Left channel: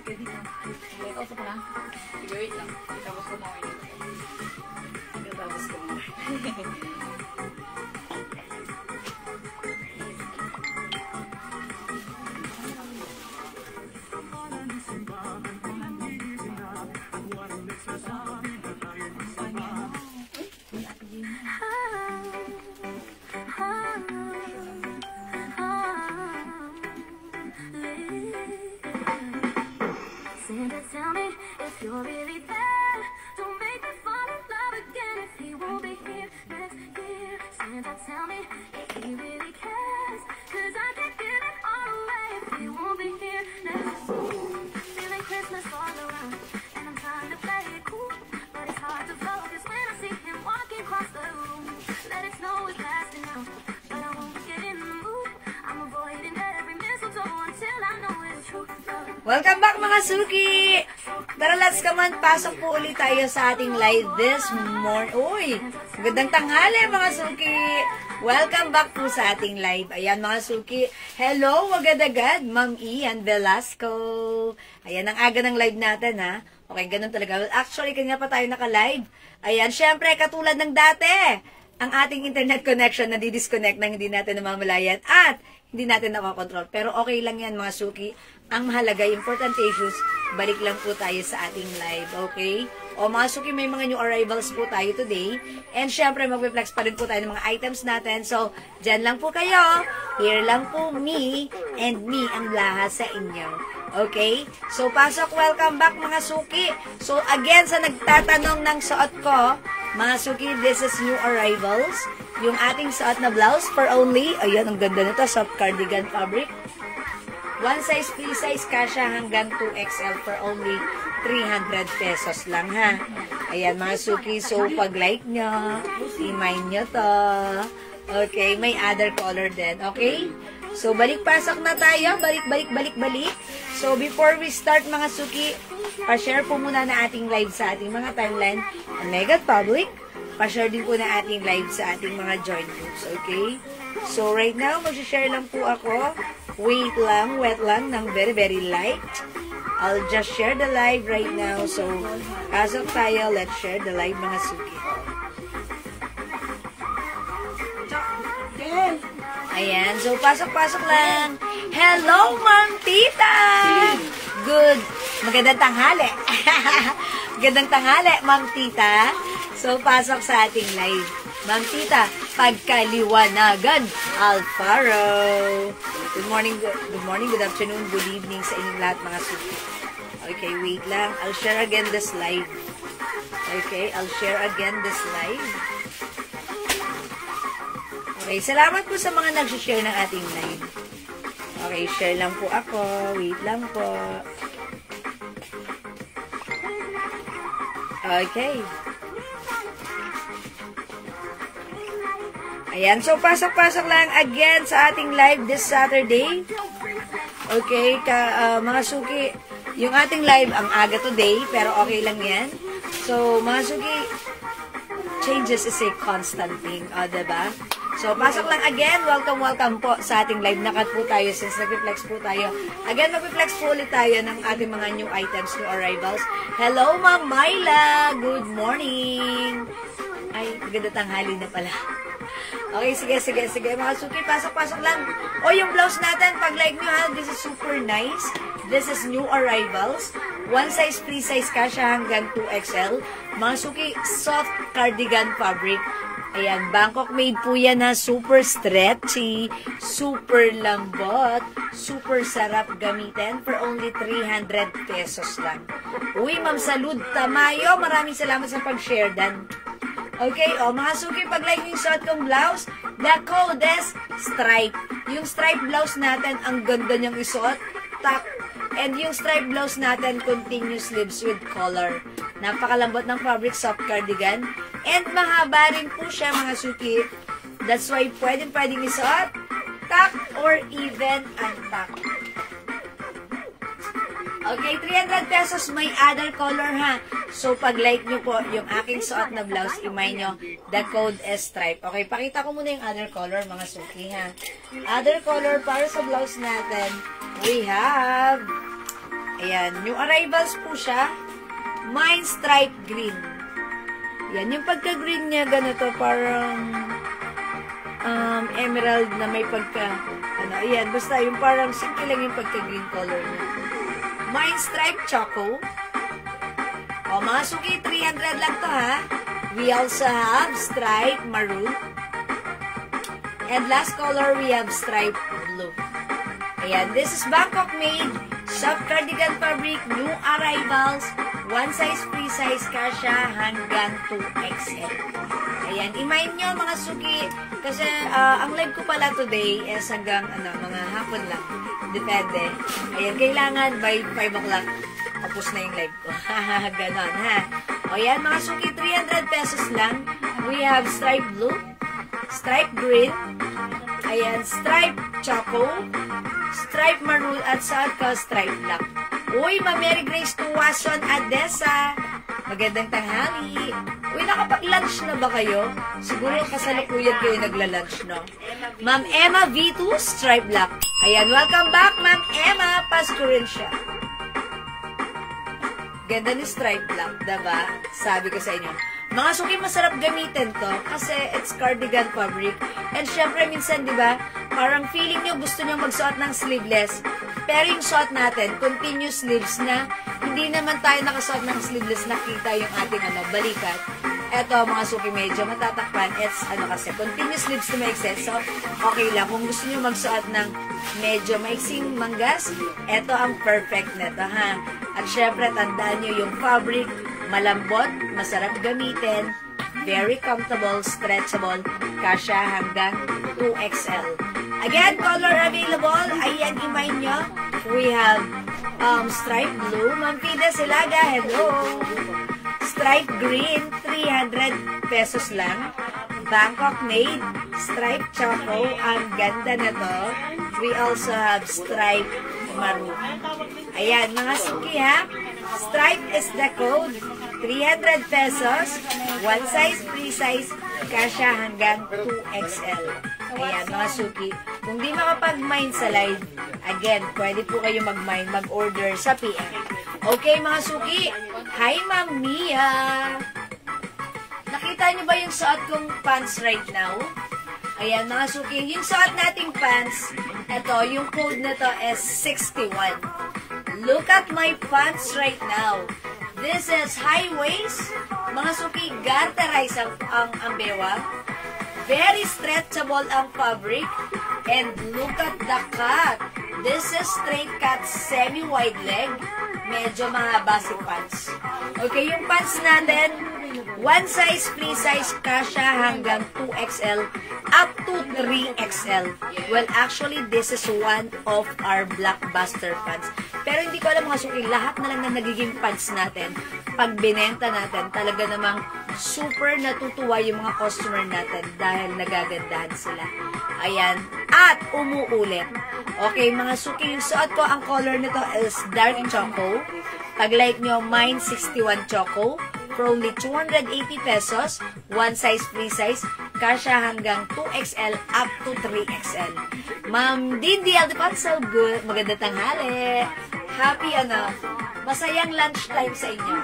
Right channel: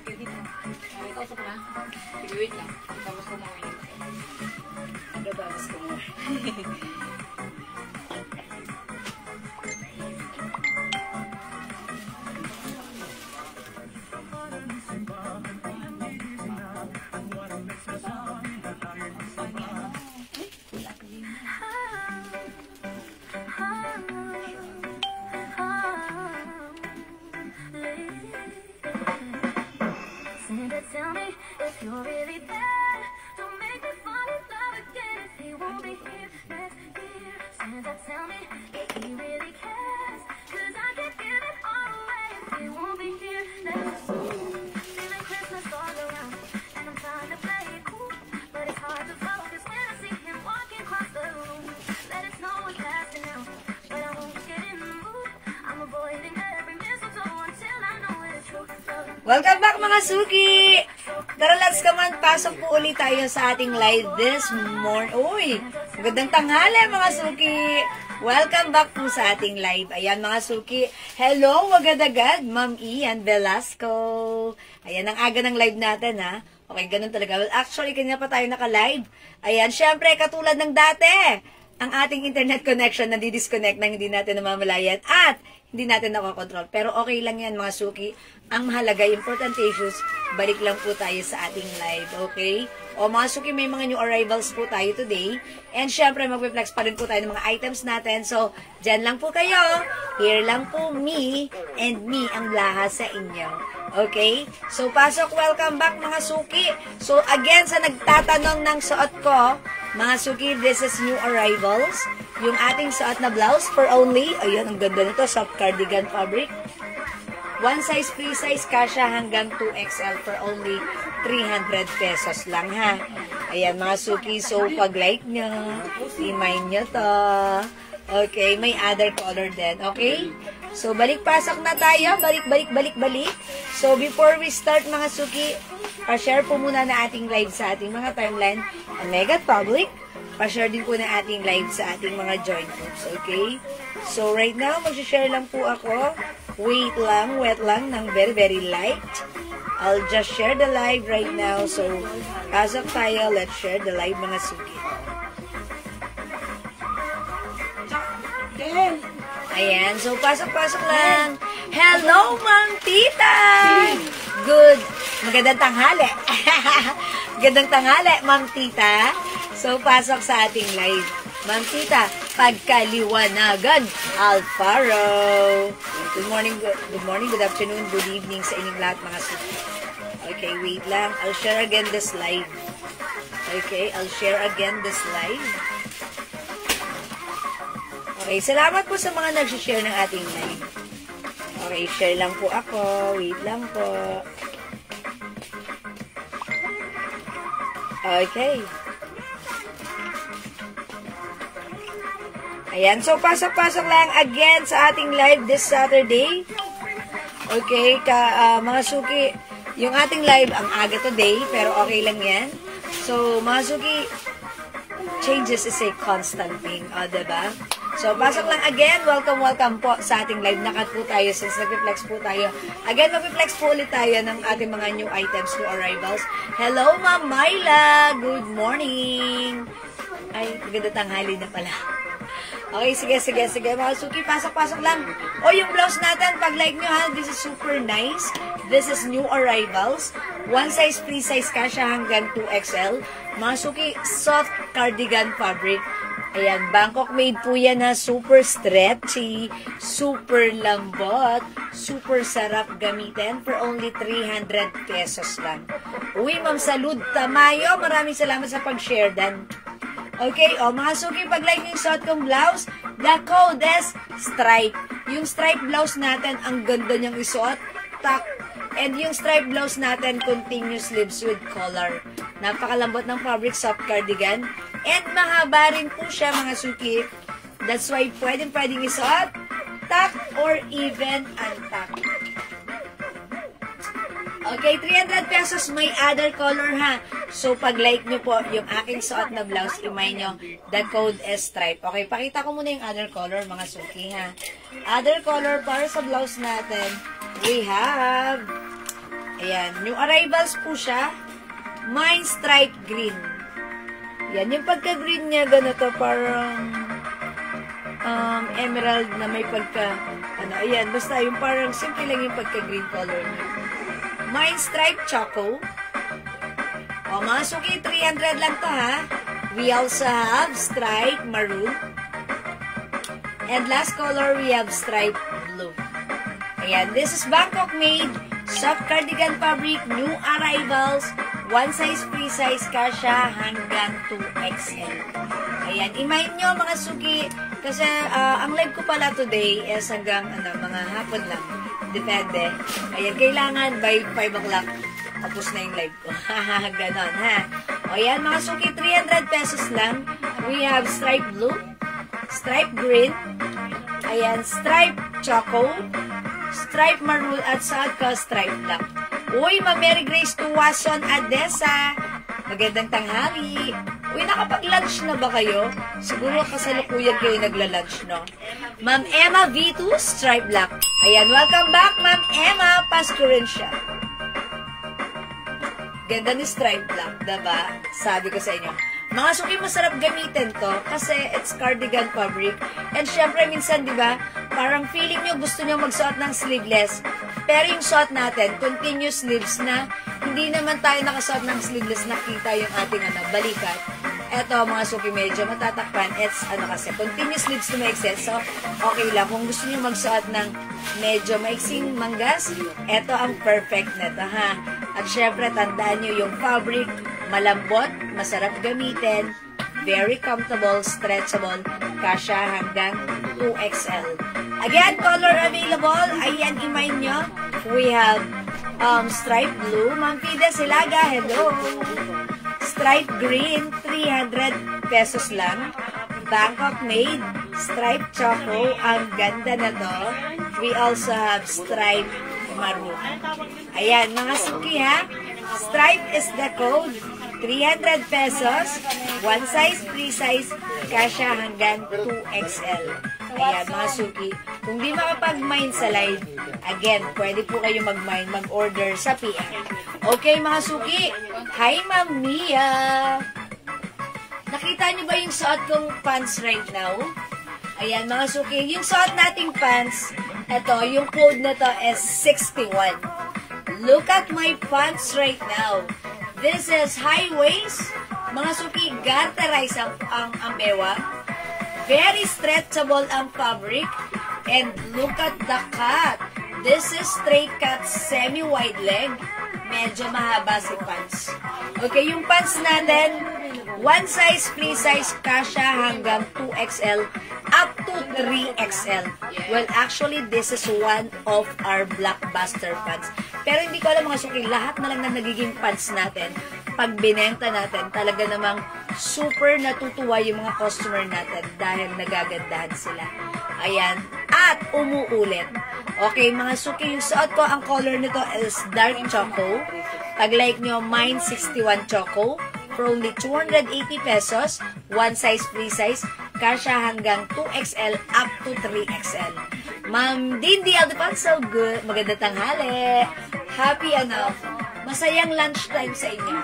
Okay, dito. Ito sa pala. Sige, wait lang. Tapos kumawin ito. Tapos kumawin. Tell me if you're really there. Don't make me fall in love again if he won't be here next year. Santa, tell me if he really cares. Cause I can't give it all away if he won't be here next year. Feeling Christmas all around, and I'm trying to play it cool, but it's hard to focus when I see him walking across the room. Let it snow is passing now, but I won't get in the mood. I'm avoiding every mistletoe until I know it's true. Welcome back mga suki! Tara, let's come on. Pasok po ulit tayo sa ating live this morning. Uy! Magandang tanghali mga suki! Welcome back po sa ating live. Ayan mga suki. Hello, agad-agad. Ma'am Ian Velasco. Ayan, ang aga ng live natin ha. Okay, ganun talaga. Well, actually, kanina pa tayo naka-live. Ayan, syempre, katulad ng dati. Ang ating internet connection na di-disconnect nang hindi natin namamalayan at hindi natin nakakontrol. Pero okay lang yan mga suki. Ang mahalaga, important issues, balik lang po tayo sa ating live, okay? O mga suki, may mga new arrivals po tayo today. And syempre, mag-flex pa rin po tayo ng mga items natin. So, dyan lang po kayo. Here lang po me and me ang lahat sa inyo. Okay? So, pasok, welcome back mga suki. So, again, sa nagtatanong ng suot ko, mga suki, this is new arrivals. Yung ating suot na blouse for only, ayan, ang ganda nito, soft cardigan fabric. One size, free size, kasha hanggang 2XL for only 300 pesos lang ha. Ayan mga suki, so pag like nyo, imay nyo to. Okay, may other color din, okay? So balik-pasok na tayo, balik. So before we start mga suki, pa-share po muna na ating live sa ating mga timeline, ang Mega Public. Pa-share din po na ating live sa ating mga join groups, okay? So right now, mag-share lang po ako. Wait lang ng very light. I'll just share the live right now. So, pasok tayo. Let's share the live mga suki. Ayan. So, pasok lang. Hello, Ma'am Tita! Good. Magandang tanghali. Magandang tanghali, Ma'am Tita. So, pasok sa ating live. Ma'am Tita, pagkaliwanagan, Alfaro. Good morning, good afternoon, good evening sa inyong lahat mga suki. Okay, wait lang. I'll share again this live. Okay, I'll share again this live. Okay, salamat po sa mga nag-share ng ating live. Okay, share lang po ako. Wait lang po. Okay. Ayan, so pasok lang again sa ating live this Saturday. Okay, mga suki, yung ating live ang aga today, pero okay lang yan. So, mga suki, changes is a constant thing, diba? So, pasok lang again, welcome po sa ating live. Nakat po tayo since nag-reflex po tayo. Again, mag-reflex po ulit tayo ng ating mga new items, new arrivals. Hello, Ma'am Myla! Good morning! Ay, ganda tanghali na pala. Okay, sige. Mga suki, pasok lang. O, yung blouse natin, pag like nyo ha, this is super nice. This is new arrivals. One size, free size, kasha hanggang 2XL. Mga suki, soft cardigan fabric. Ayan, Bangkok made po yan na super stretchy, super lambot, super sarap gamitin for only 300 pesos lang. Uy, Ma'am Salud Tamayo, maraming salamat sa pag-share dan. Okay, mga suki, pag like yung suot kong blouse, the code is stripe. Yung stripe blouse natin, ang ganda niyang isuot. And yung stripe blouse natin, continuous sleeves with collar. Napakalambot ng fabric, soft cardigan. And mahaba rin po siya, mga suki. That's why pwedeng isuot, tuck, or even untuck. Okay, 300 pesos, may other color ha. So, pag like nyo po yung aking suot na blouse, imay nyo, the code is stripe. Okay, pakita ko muna yung other color, mga suki ha. Other color para sa blouse natin, we have Ayan, new arrivals po siya. Mine stripe green. Yan, yung pagka-green niya, ganito, parang emerald na may pagka, ayan, basta yung parang simple lang yung pagka-green color niya. Mine stripe choco. O, mga suki, 300 lang to, ha? We also have stripe maroon. And last color, we have stripe blue. Ayan, this is Bangkok made. Soft cardigan fabric, new arrivals. One size, free size, kasha hanggang 2XL. Ayan, imayin nyo mga suki. Kasi ang live ko pala today is hanggang mga hapon lang. Depende. Ayan, kailangan by 5 o'clock. Tapos na yung live ko. Ganon, ha? Ayan, mga suki, 300 pesos lang. We have stripe blue, stripe green, ayan, stripe choco, stripe maroon, at saka stripe black. Uy, Mary Grace Tuwason, Adessa. Magandang tanghali. Uy, nakapag-lunch na ba kayo? Siguro kasalukuyan kayo nagla-lunch, no? Ma'am Emma V2, stripe black. Ayan, welcome back, Ma'am Emma. Pasko rin siya. Ganda ni stripe black, diba? Sabi ko sa inyo. Mga suki, masarap gamitin to kasi it's cardigan fabric. And syempre, minsan, diba, parang feeling nyo gusto nyo magsuot ng sleeveless. Pero yung suot natin, continuous sleeves na hindi naman tayo nakasuot ng sleeveless, nakita yung ating balikat. Eto, mga suki, medyo matatakpan. It's, kasi, continuous sleeves na maikse. So, okay lang. Kung gusto nyo magsuot ng medyo maiksing manggas, eto ang perfect neto, ha? At syempre, tandaan nyo yung fabric, malambot, masarap gamitin, very comfortable, stretchable, kasha hanggang 2XL. Again, color available, ayan, imayin nyo. We have stripe blue, Ma'am Fida Silaga, hello. Stripe green, 300 pesos lang. Bangkok made, stripe choco, ang ganda na to. We also have stripe maroon. Ayan, mga suki, ha? Stripe is the code. 300 pesos. One size, free size. Kasha hanggang 2XL. Ayan, mga suki. Kung di makapag-mine sa live, again, pwede po kayo mag-mine, mag-order sa PM. Okay, mga suki. Hi, Ma'am Mia. Nakita niyo ba yung suot kong pants right now? Ayan, mga suki. Yung suot nating pants, eto, yung code na to is 61. Look at my pants right now. This is high waist. Mga suki, garterize ang bewang. Very stretchable ang fabric. And look at the cut. This is straight cut, semi-wide leg. Medyo mahaba si pants. Okay, yung pants natin, one size, free size, kasha hanggang 2XL up to 3XL. Well, actually, this is one of our blockbuster pants. Pero hindi ko alam mga suki, lahat na lang na nagiging pants natin, pag binenta natin, talaga namang super natutuwa yung mga customer natin dahil nagagandahan sila. Ayan. At umuulit. Okay, mga suki, yung suot ko, ang color nito is dark choco. Pag like nyo, mine 61 choco. For only 280 pesos. One size, free size. Kasha hanggang 2XL up to 3XL. Ma'am Dindy Aldepanso, good. Maganda tanghali. Happy masayang lunchtime sa inyo.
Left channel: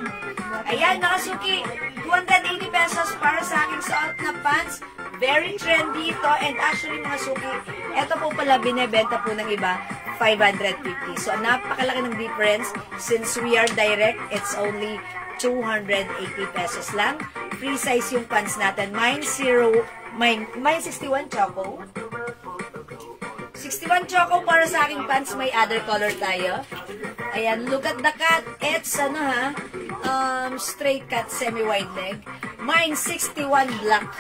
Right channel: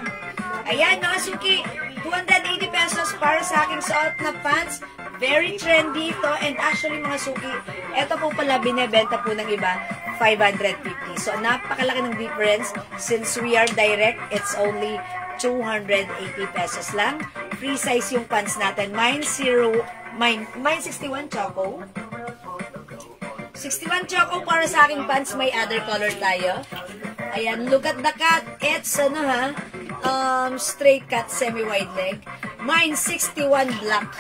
Ayan, mga suki, 280 pesos para sa aking suot na pants. Very trendy ito. And actually, mga suki, ito po pala binebenta po ng iba, 550. So, napakalaki ng difference. Since we are direct, it's only 280 pesos lang. Free size yung pants natin. Mine 61 choco. 61 choco para sa aking pants. May other color tayo. Ayan, look at the cut. It's, straight cut, semi-wide leg. Mine 61 black.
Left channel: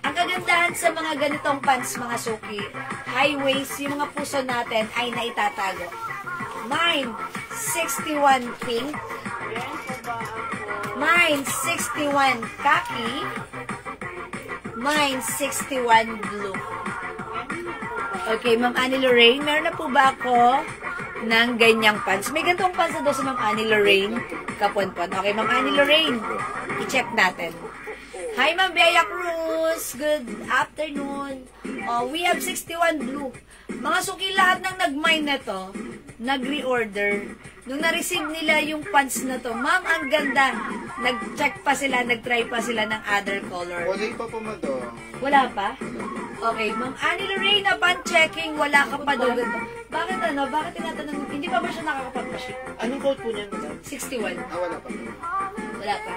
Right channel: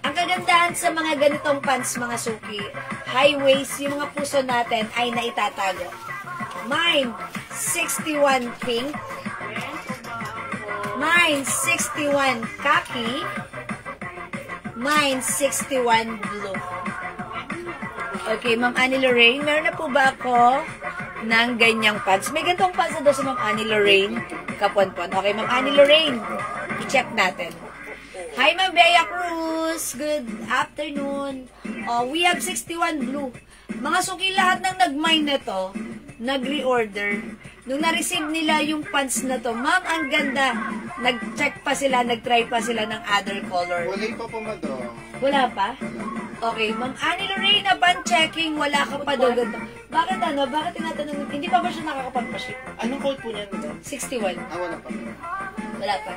Ang kagandahan sa mga ganitong pants, mga suki, high waist, yung mga puso natin ay naitatago. Mine 61 pink. Mine 61 khaki. Mine 61 blue. Okay, Ma'am Annie Lorraine, meron na po ba ako ng ganyang pants? May ganitong pants na daw sa Ma'am Annie Lorraine. Kaponpon. Okay, Ma'am Annie Lorraine, i-check natin. Hi, Ma'am Bea Cruz. Good afternoon. Oh, we have 61 blue. Mga suki, lahat ng nag-mine na to, nag-reorder. nung na-receive nila yung pants na to, ma'am, ang ganda. Nag-check pa sila, nag-try pa sila ng other color. Wala pa po, madam. Wala pa? Okay, Ma'am Annie Lorraine, upon checking, wala ka pa daw ganito. Bakit ano? Bakit tinatanong? Hindi pa ba siya nakakapag-ship? Anong code po niyan, madam? 61. Wala pa po. Wala pa.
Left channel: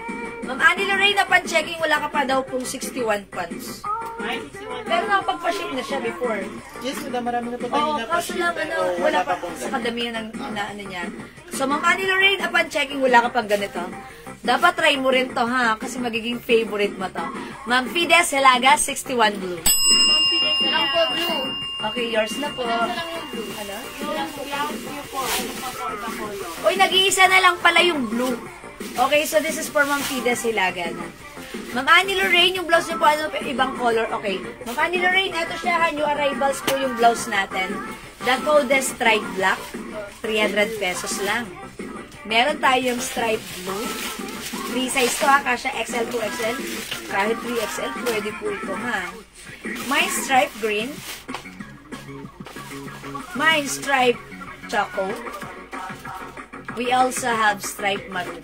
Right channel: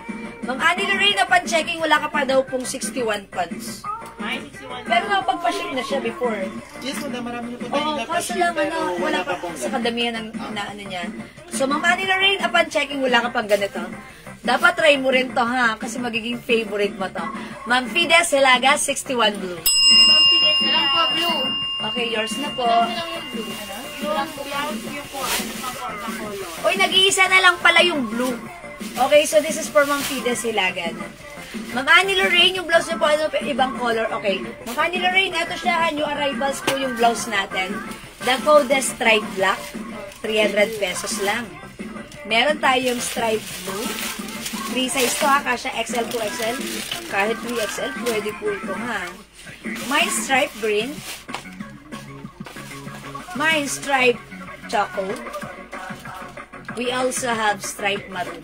Ma'am Annie Lorraine, upon checking, wala ka pa daw pong 61 pants. Ay, 61. Pero nakapag-ship na siya before. Yes, madam. Marami na po tayo Oo, kaso lang, ano, wala pa sa kadamihan ng na, ano niya. So, Ma'am Annie Lorraine, upon checking, wala ka pang ganito. Dapat try mo rin to, ha? Kasi magiging favorite mo to. Ma'am Fides Helaga, 61 blue. Ilang po blue. Okay, yours na po. Ilang yung blue. Ano? Ilang po yung po. Ano pa po na color? Uy, nag-iisa na lang pala yung blue. Okay, so this is for Ma'am Fides Hilaga. Ma'am Annie Lorraine, yung blouse niyo po, ano, ibang color. Okay. Ma'am Annie Lorraine, eto siya, new arrivals po yung blouse natin. The code is stripe black. 300 pesos lang. Meron tayong stripe blue. 3 size to, ha? Kasha XL to XL. Kahit 3XL, pwede po ito, ha? May stripe green. May stripe choco. We also have stripe maroon.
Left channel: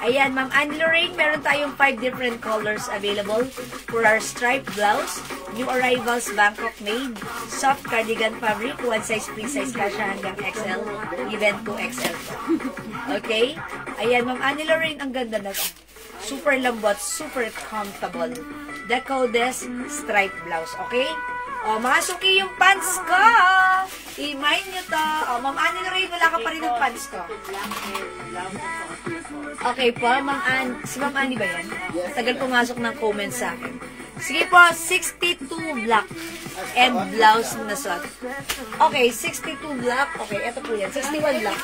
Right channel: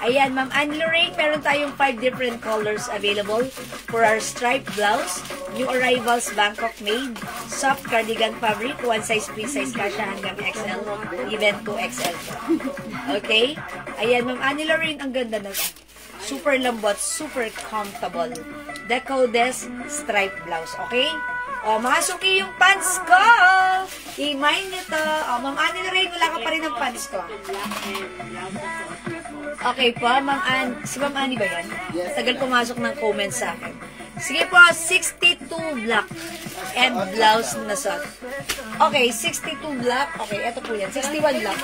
Ayan, Ma'am Annie Lorraine, meron tayong 5 different colors available for our striped blouse. New arrivals, Bangkok made. Soft cardigan fabric, 1 size, 3 size, kasha hanggang XL. Even 2XL. Okay? Ayan, Ma'am Annie Lorraine, ang ganda na. Super lambot, super comfortable. The code is striped blouse. Okay? O, mga suki yung pants ko. I-mind nyo to. O, Ma'am Annie Lorraine, wala ka pa rin ng pants ko. Okay po, Ma'am Annie. Si Ma'am Annie ba yan? Tagal pumasok ng comments sa akin. Sige po, 62 black and blouse na suot. Okay, 62 black. Okay, eto po yan. 61 black.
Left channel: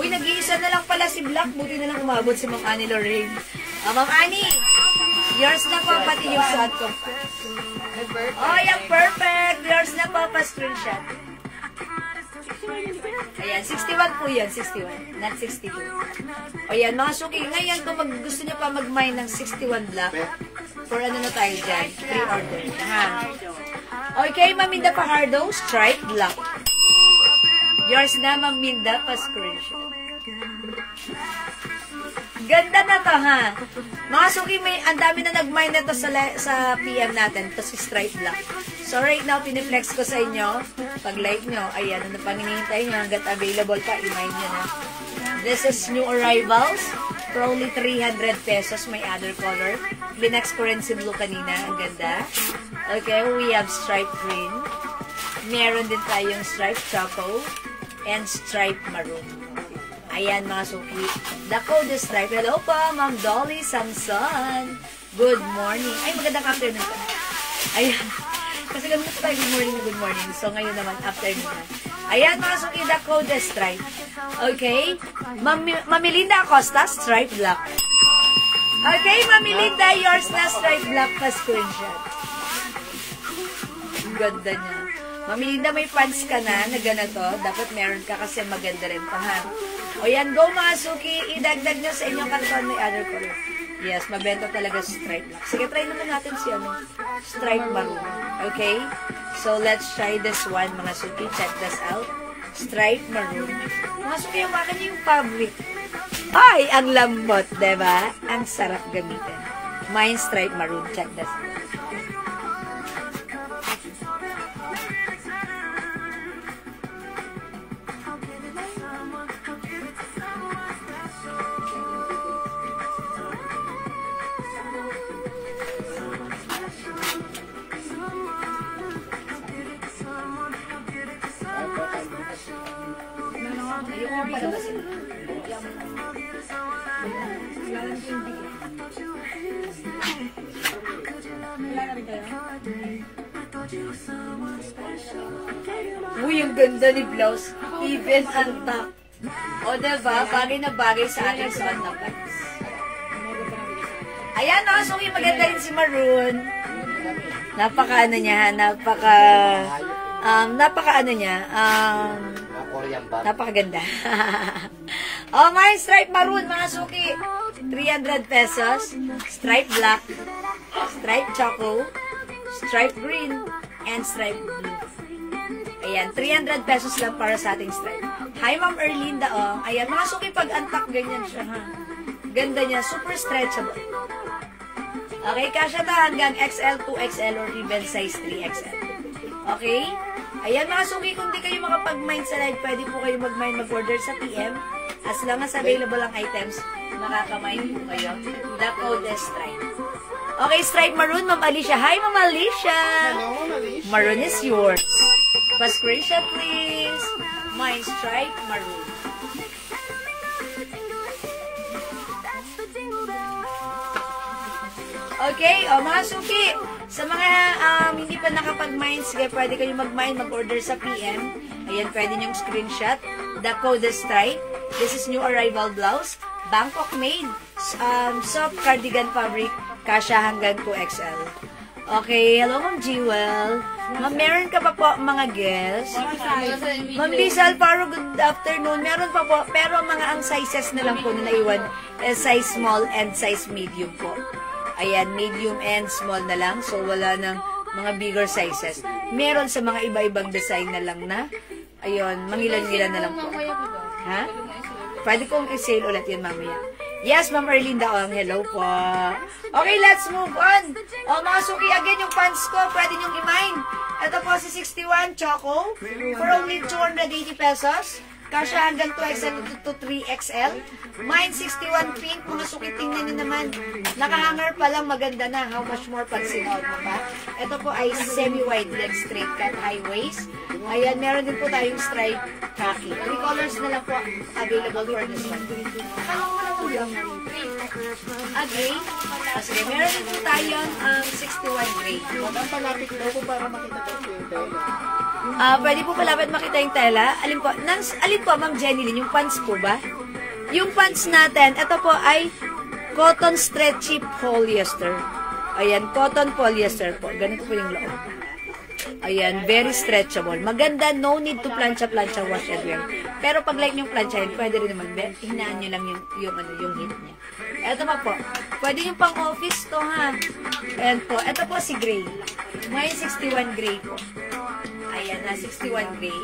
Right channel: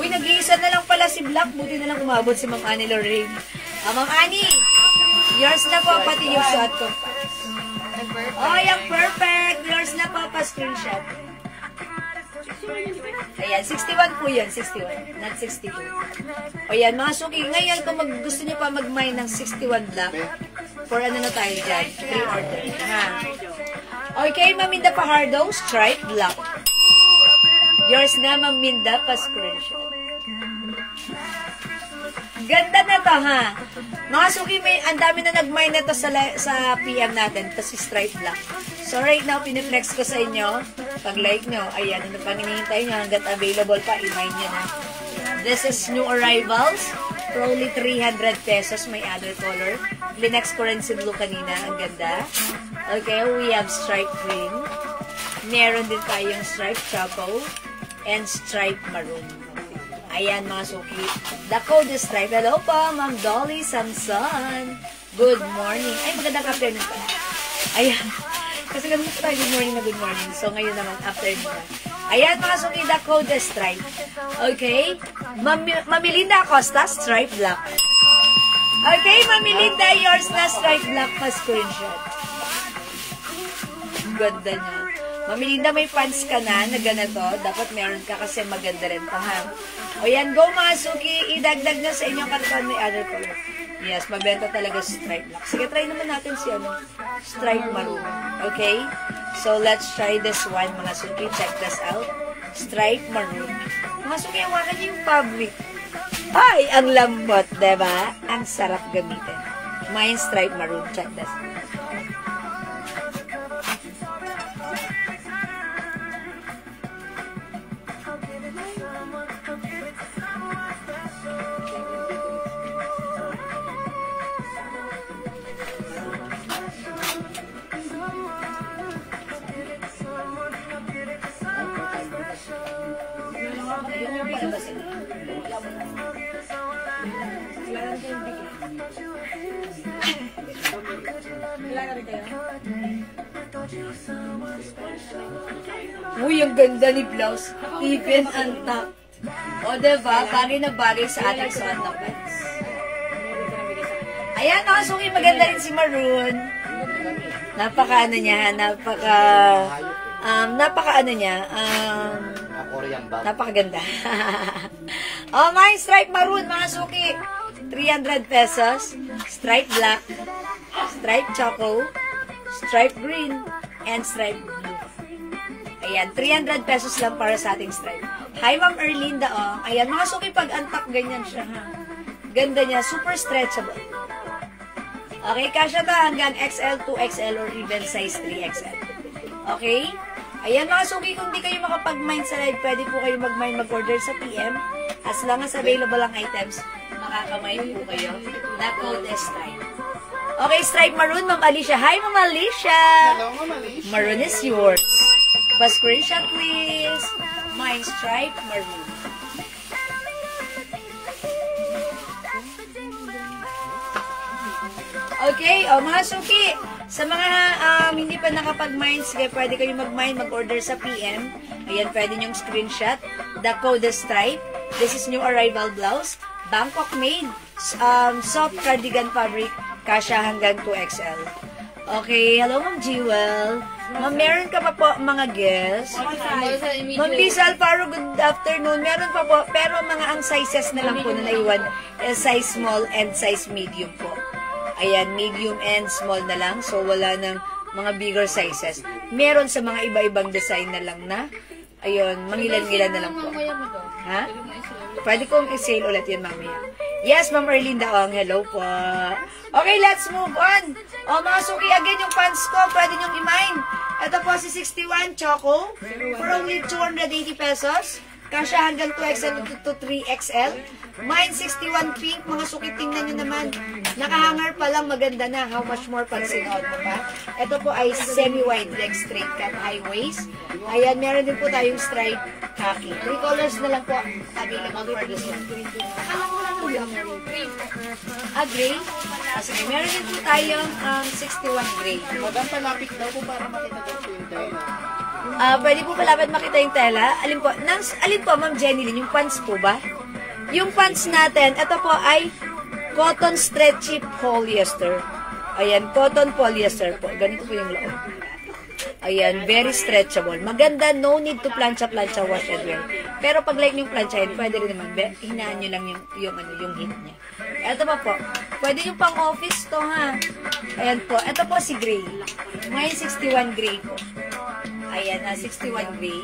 Uy, nag-iisa na lang pala si black. Buti na lang umabot si Ma'am Annie Lorraine. O, Ma'am Annie, yours na po pati yung suot ko. Oh, yung perfect. Yours na po pa-screenshot. Ayan, 61 po yan, 61. Not 62. O yan, mga suki, ngayon kung gusto nyo pa mag-mine ng 61 black, for ano na tayo dyan? Pre-order. Ha? Okay, Ma'am Minda Pajardo, stripe black. Yours na, Ma'am Minda, pa-screenshot. Ganda na to, ha? Mga suki, ang dami na nag-mine na to sa PM natin. Ito si stripe black. So, right now, piniflex ko sa inyo. Pag-like nyo, ayan, ano pang hinihintay nyo, hanggat available pa, i-mine nyo na. This is new arrivals. For only 300 pesos, may other color. Linex ko rin si blue kanina. Ang ganda. Okay, we have stripe green. Meron din tayong stripe choco and stripe maroon. Ayan, mga suki. The code is stripe. Hello po, Ma'am Dolly Samson. Good morning. Ay, magandang afternoon pa. Ayan. Kasi ganun po tayo, good morning na good morning. So, ngayon naman, afternoon na. Ayan, mga suki, the code is stripe. Okay? Mamilinda Acosta, stripe black. Okay, Mamilinda, yours na stripe black pa screenshot. Ganda niya. Mamilinda, may pants ka na ganito. Dapat meron ka kasi maganda rin pa, ha? O yan, go mga suki, idagdag na sa inyong karton may other color. Yes, mabenta talaga stripe black. Sige, try naman natin si stripe maroon. Okay? So, let's try this one, mga suki. Check this out. Stripe maroon. Mga suki, ang wakan yung fabric. Ay, ang lambot, diba? Ang sarap gamitin. Mine stripe maroon. Check this out. Uy, yung ganda ni blouse. Even ang top. O, diba? Bagay na bagay sa ating Santa Pants. Ayan, mga suki, maganda rin si Maroon. Napaka ano niya, napakaganda. Oh, my stripe maroon, mga suki. 300 pesos. Stripe black, stripe choco, stripe green, and stripe blue. Ayan, 300 pesos lang para sa ating stripe. Hi, Ma'am Erlinda, oh. Ayan, mga suki, pag unpack, ganyan siya, ha. Ganda niya, super stretchable. Okay, kasya to hanggang XL, 2XL, or even size 3XL. Okay? Ayan, mga suki, kung di kayo makapag-mind sa live, pwede po kayo mag-mind, mag-order sa PM. As long as available ang items, makakamind po kayo. The code is stripe. Okay, stripe maroon, Ma'am Alicia. Hi, Ma'am Alicia! Hello, Ma'am Alicia. Maroon is yours. Pa-screenshot, please. Mine, stripe maroon. Okay, mga suki, sa mga hindi pa nakapag-mine, sige, pwede kayo mag-mine, mag-order sa PM. Ayan, pwede nyong screenshot. The code is stripe. This is new arrival blouse. Bangkok made. Soft cardigan fabric. Kasya hanggang 2XL. Okay, hello Ma'am Jewel. Ma'am, meron ka pa po mga guests? Ma'am Lisa Alfaro, good afternoon. Meron pa po, pero mga ang sizes na lang po na naiwan, size small and size medium po. Ayan, medium and small na lang. So, wala ng mga bigger sizes. Meron sa mga iba-ibang design na lang na. Ayun, mangilan-ngilan na lang po. Ha? Pwede kong i-sale ulit yan mamaya. Yes, Ma'am Erlinda Ong. Hello po. Okay, let's move on. Mga suki, again, yung pants ko, pwede nyong i-mine. Ito po si 61 Choco for only 280 pesos. Kasya hanggang 2XL to 3XL. Mine 61 pink. Mga suki, tingnan nyo naman. Nakahanger pa lang, maganda na. How much more pansin out mo pa? Ito po ay semi-wide leg straight cut high waist. Ayan, meron din po tayong stripe khaki. 3 colors na lang po available for this one. Akalang mo lang ang lang na rin. Gray. Sige, meron din po tayong 61 gray. Madam, palapit daw po para makita daw po yung tela. Pwede po palapit makita yung tela. Alin po, Ma'am Jenny Lynn, yung pants po ba? Yung pants natin, ito po ay cotton stretchy polyester. Ayan, cotton polyester po. Ganito po yung loob. Ayan, very stretchable. Maganda, no need to plancha-plancha, wash and wear. Pero pag like yung plancha yun, pwede rin naman, hinaan nyo lang yung heat niya. Ito pa po. Pwede yung pang office to, ha? Ayan po. Ito po si gray. May 61 gray po. Ayan, 61 gray.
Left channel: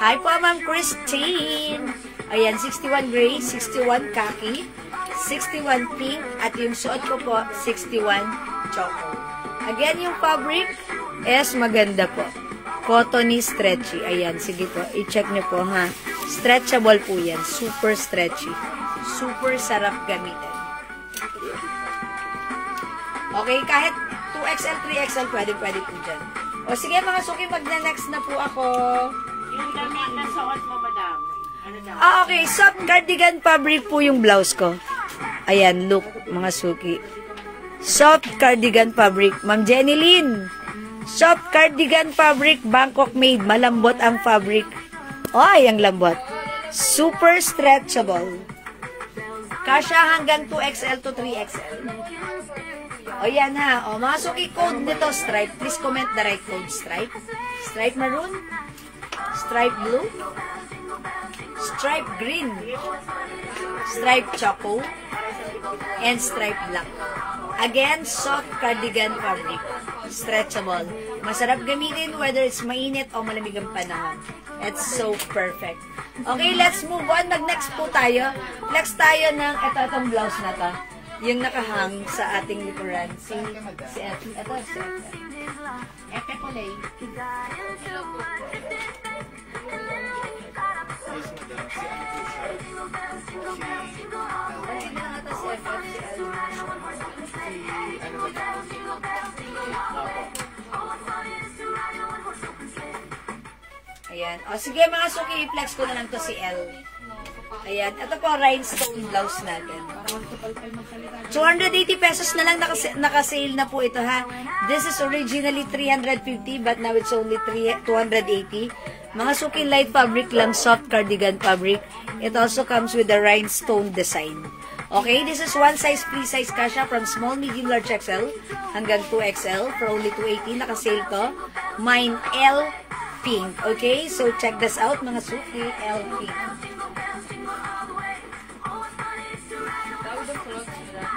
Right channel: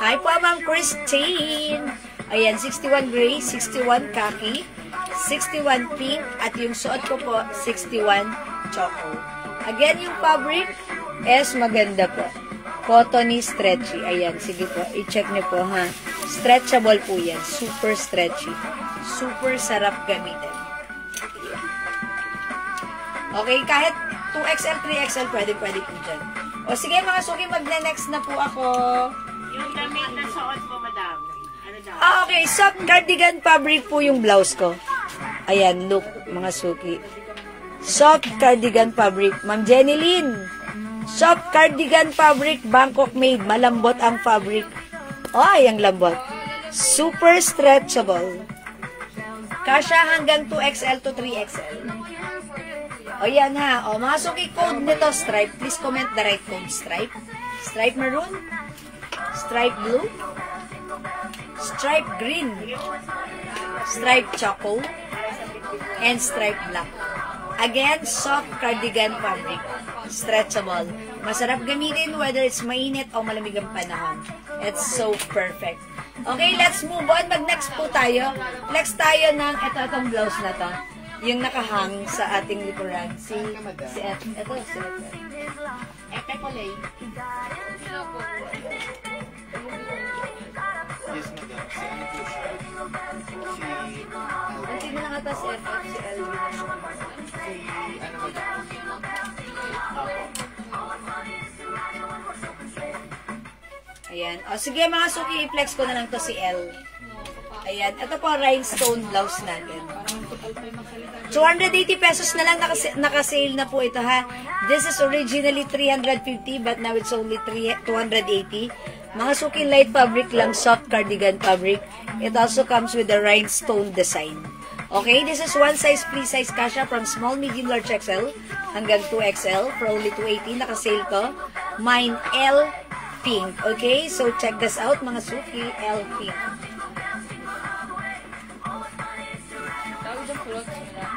Hi po, Ma'am Christine. Ayan, 61 gray, 61 khaki, 61 pink, at yung suot ko po, 61 choco. Again, yung fabric is maganda po. Cottony, stretchy. Ayan, sige po, i-check nyo po, ha. Stretchable po yan. Super stretchy. Super sarap gamitin. Okay, kahit 2XL, 3XL, pwede po dyan. O sige, mga suki, magna-next na po ako. Yung damit na suot mo, madam. Ano daw? Okay. Soft cardigan fabric po yung blouse ko. Ayan, look, mga suki. Soft cardigan fabric. Ma'am Jenny Lynn. Soft cardigan fabric, Bangkok made. Malambot ang fabric. Ay, ang lambot. Super stretchable. Kasya hanggang 2XL to 3XL. O yan ha. O mga suki, code nito stripe. Please comment the right code. Stripe. Stripe maroon. Stripe blue. Stripe green. Stripe choco. And stripe black. Again, soft cardigan fabric. Stretchable. Masarap gamitin whether it's mainit o malamig ang panahon. It's so perfect. Okay, let's move on. Mag-next po tayo. Next tayo ng itong blouse na to. Yung nakahang sa ating likuran. Si F. Ito, si F. Epe kulay. Yes, madam. Si ano po siya? Kasi na nga ito si F. Si ano madam? Ayan. O sige mga suki, i-flex ko na lang to si L. Ayan. Ito po, rhinestone blouse natin. 280 pesos na lang naka-sale na po ito, ha. This is originally 350 but now it's only 280. Mga suki, light fabric lang, soft cardigan fabric. It also comes with a rhinestone design. Okay, this is one size, free size kasha from small, medium, large XL hanggang 2XL for only 280. Naka-sale to. Mine L pink. Okay, so check this out mga suki, L pink. Tawag ang clothes mo lang.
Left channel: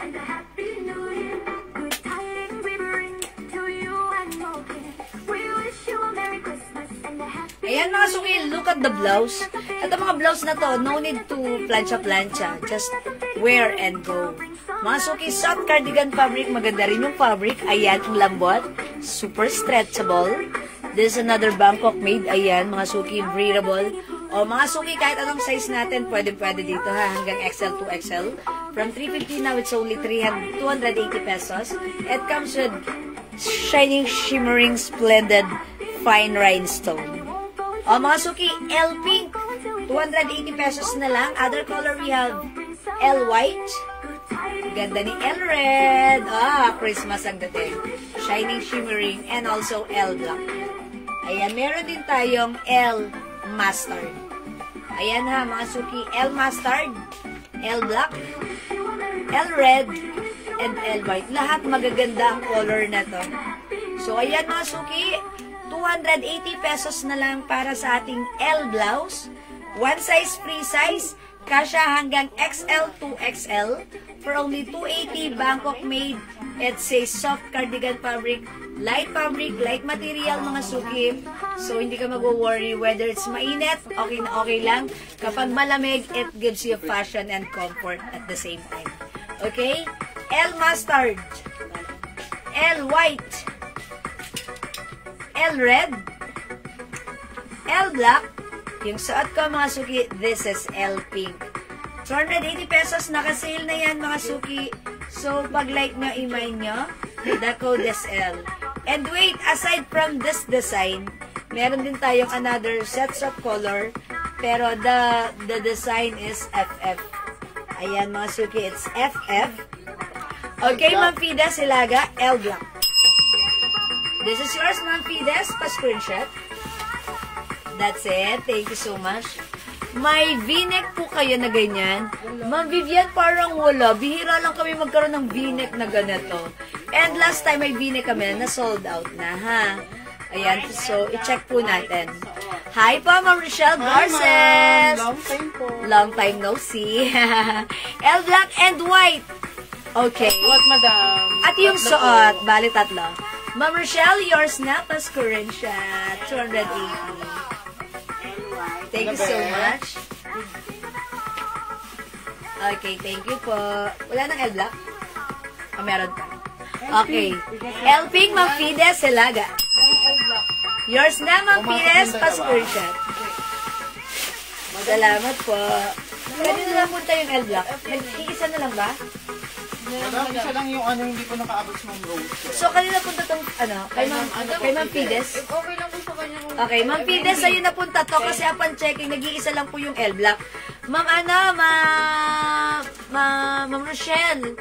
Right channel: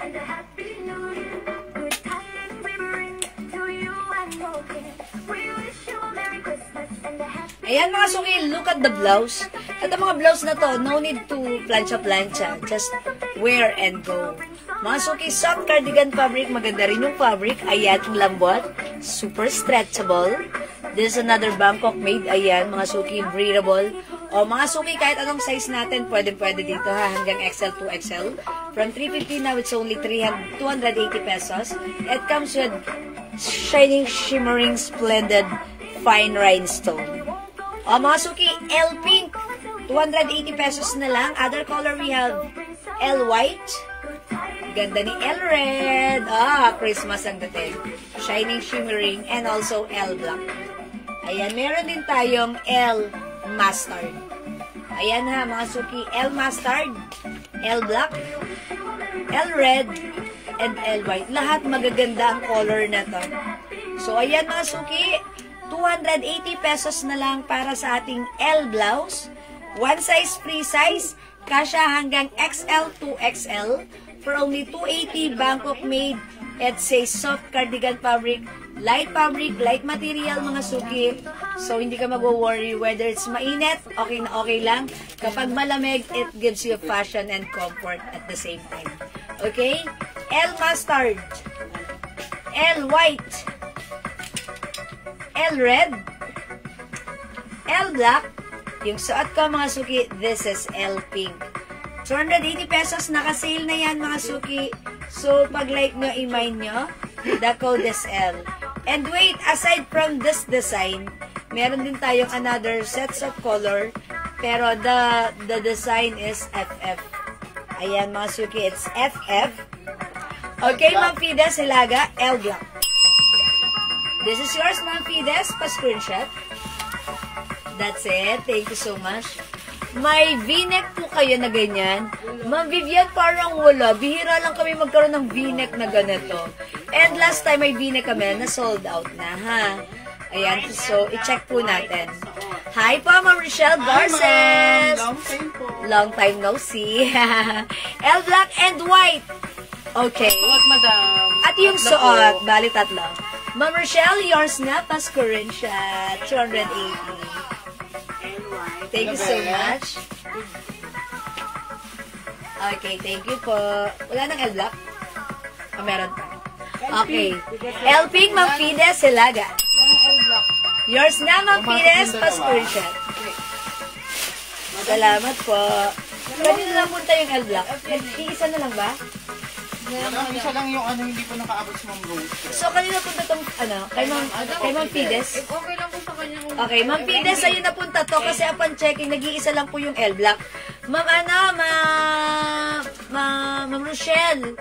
and a happy new year. Good tidings we bring to you and your kin. We wish you a Merry Christmas and a happy. Ayan mga suki, look at the blouse. At ang mga blouse na to, no need to plancha-plancha. Just wear and go. Mga suki, soft cardigan fabric. Maganda rin yung fabric. Ayan, ang lambot. Super stretchable. This is another Bangkok made. Ayan, mga suki, breathable. O mga suki, kahit anong size natin, pwede dito ha. Hanggang XL to XL. From 350 now, it's only 280 pesos. It comes with shining, shimmering, splendid, fine rhinestone. O mga suki, L pink, 280 pesos na lang. Other color we have L white. Ganda ni L red. Christmas ang dating. Shining, shimmering, and also L black. Ayan, meron din tayong L mustard. Ayan ha, mga suki, L mustard, L black, L red, and L white. Lahat magaganda ang color na to. So, ayan mga suki, 280 pesos na lang para sa ating L blouse. One size, free size. Kasha hanggang XL to XL. For only 280, Bangkok made. It's a soft cardigan fabric. Light fabric, light material mga suki. So, hindi ka mag-worry whether it's mainit, okay na okay lang. Kapag malamig, it gives you fashion and comfort at the same time. Okay? L mustard. L white. L red, L black, yung suot ko mga suki, this is L pink. 280 pesos, naka-sale na yan mga suki. So, pag like nyo, i-mine nyo, the code is L. And wait, aside from this design, meron din tayong another sets of color, pero the design is FF. Ayan mga suki, it's FF. Okay, Ma'am Fides, Hilaga, L black. This is yours, Ma'am Fides. Pa-screenshot. That's it. Thank you so much. May v-neck po kayo na ganyan. Ma'am Vivian, parang wala. Bihira lang kami magkaroon ng v-neck na ganito. And last time may v-neck kami na sold out na, ha? Ayan. So, i-check po natin. Hi po, Ma'am Rochelle Garces. Long time po. Long time no see. L black and white. Okay. What, madam? At yung suot, bali tatlo. Ma'am Rochelle, yours na, pa-screenshot, 280. Thank you so much. Okay, thank you po. Wala nang L black? Meron pa. Okay. L pink, Ma'am Fides, Hilaga. L block. Yours na, Ma'am Fides, pa-screenshot. Salamat po. Kanina lang punta yung L black. Nag-iisa na lang ba? Madam, isa lang yung hindi po nakaabot sa Ma'am Rose. So, kanina punta tong, kay Ma'am Fides. If okay lang po sa kanya kung... Okay, Ma'am Fides, ayun na punta to kasi upon checking, nag-iisa lang po yung L black. Ma'am, Ma'am Rochelle,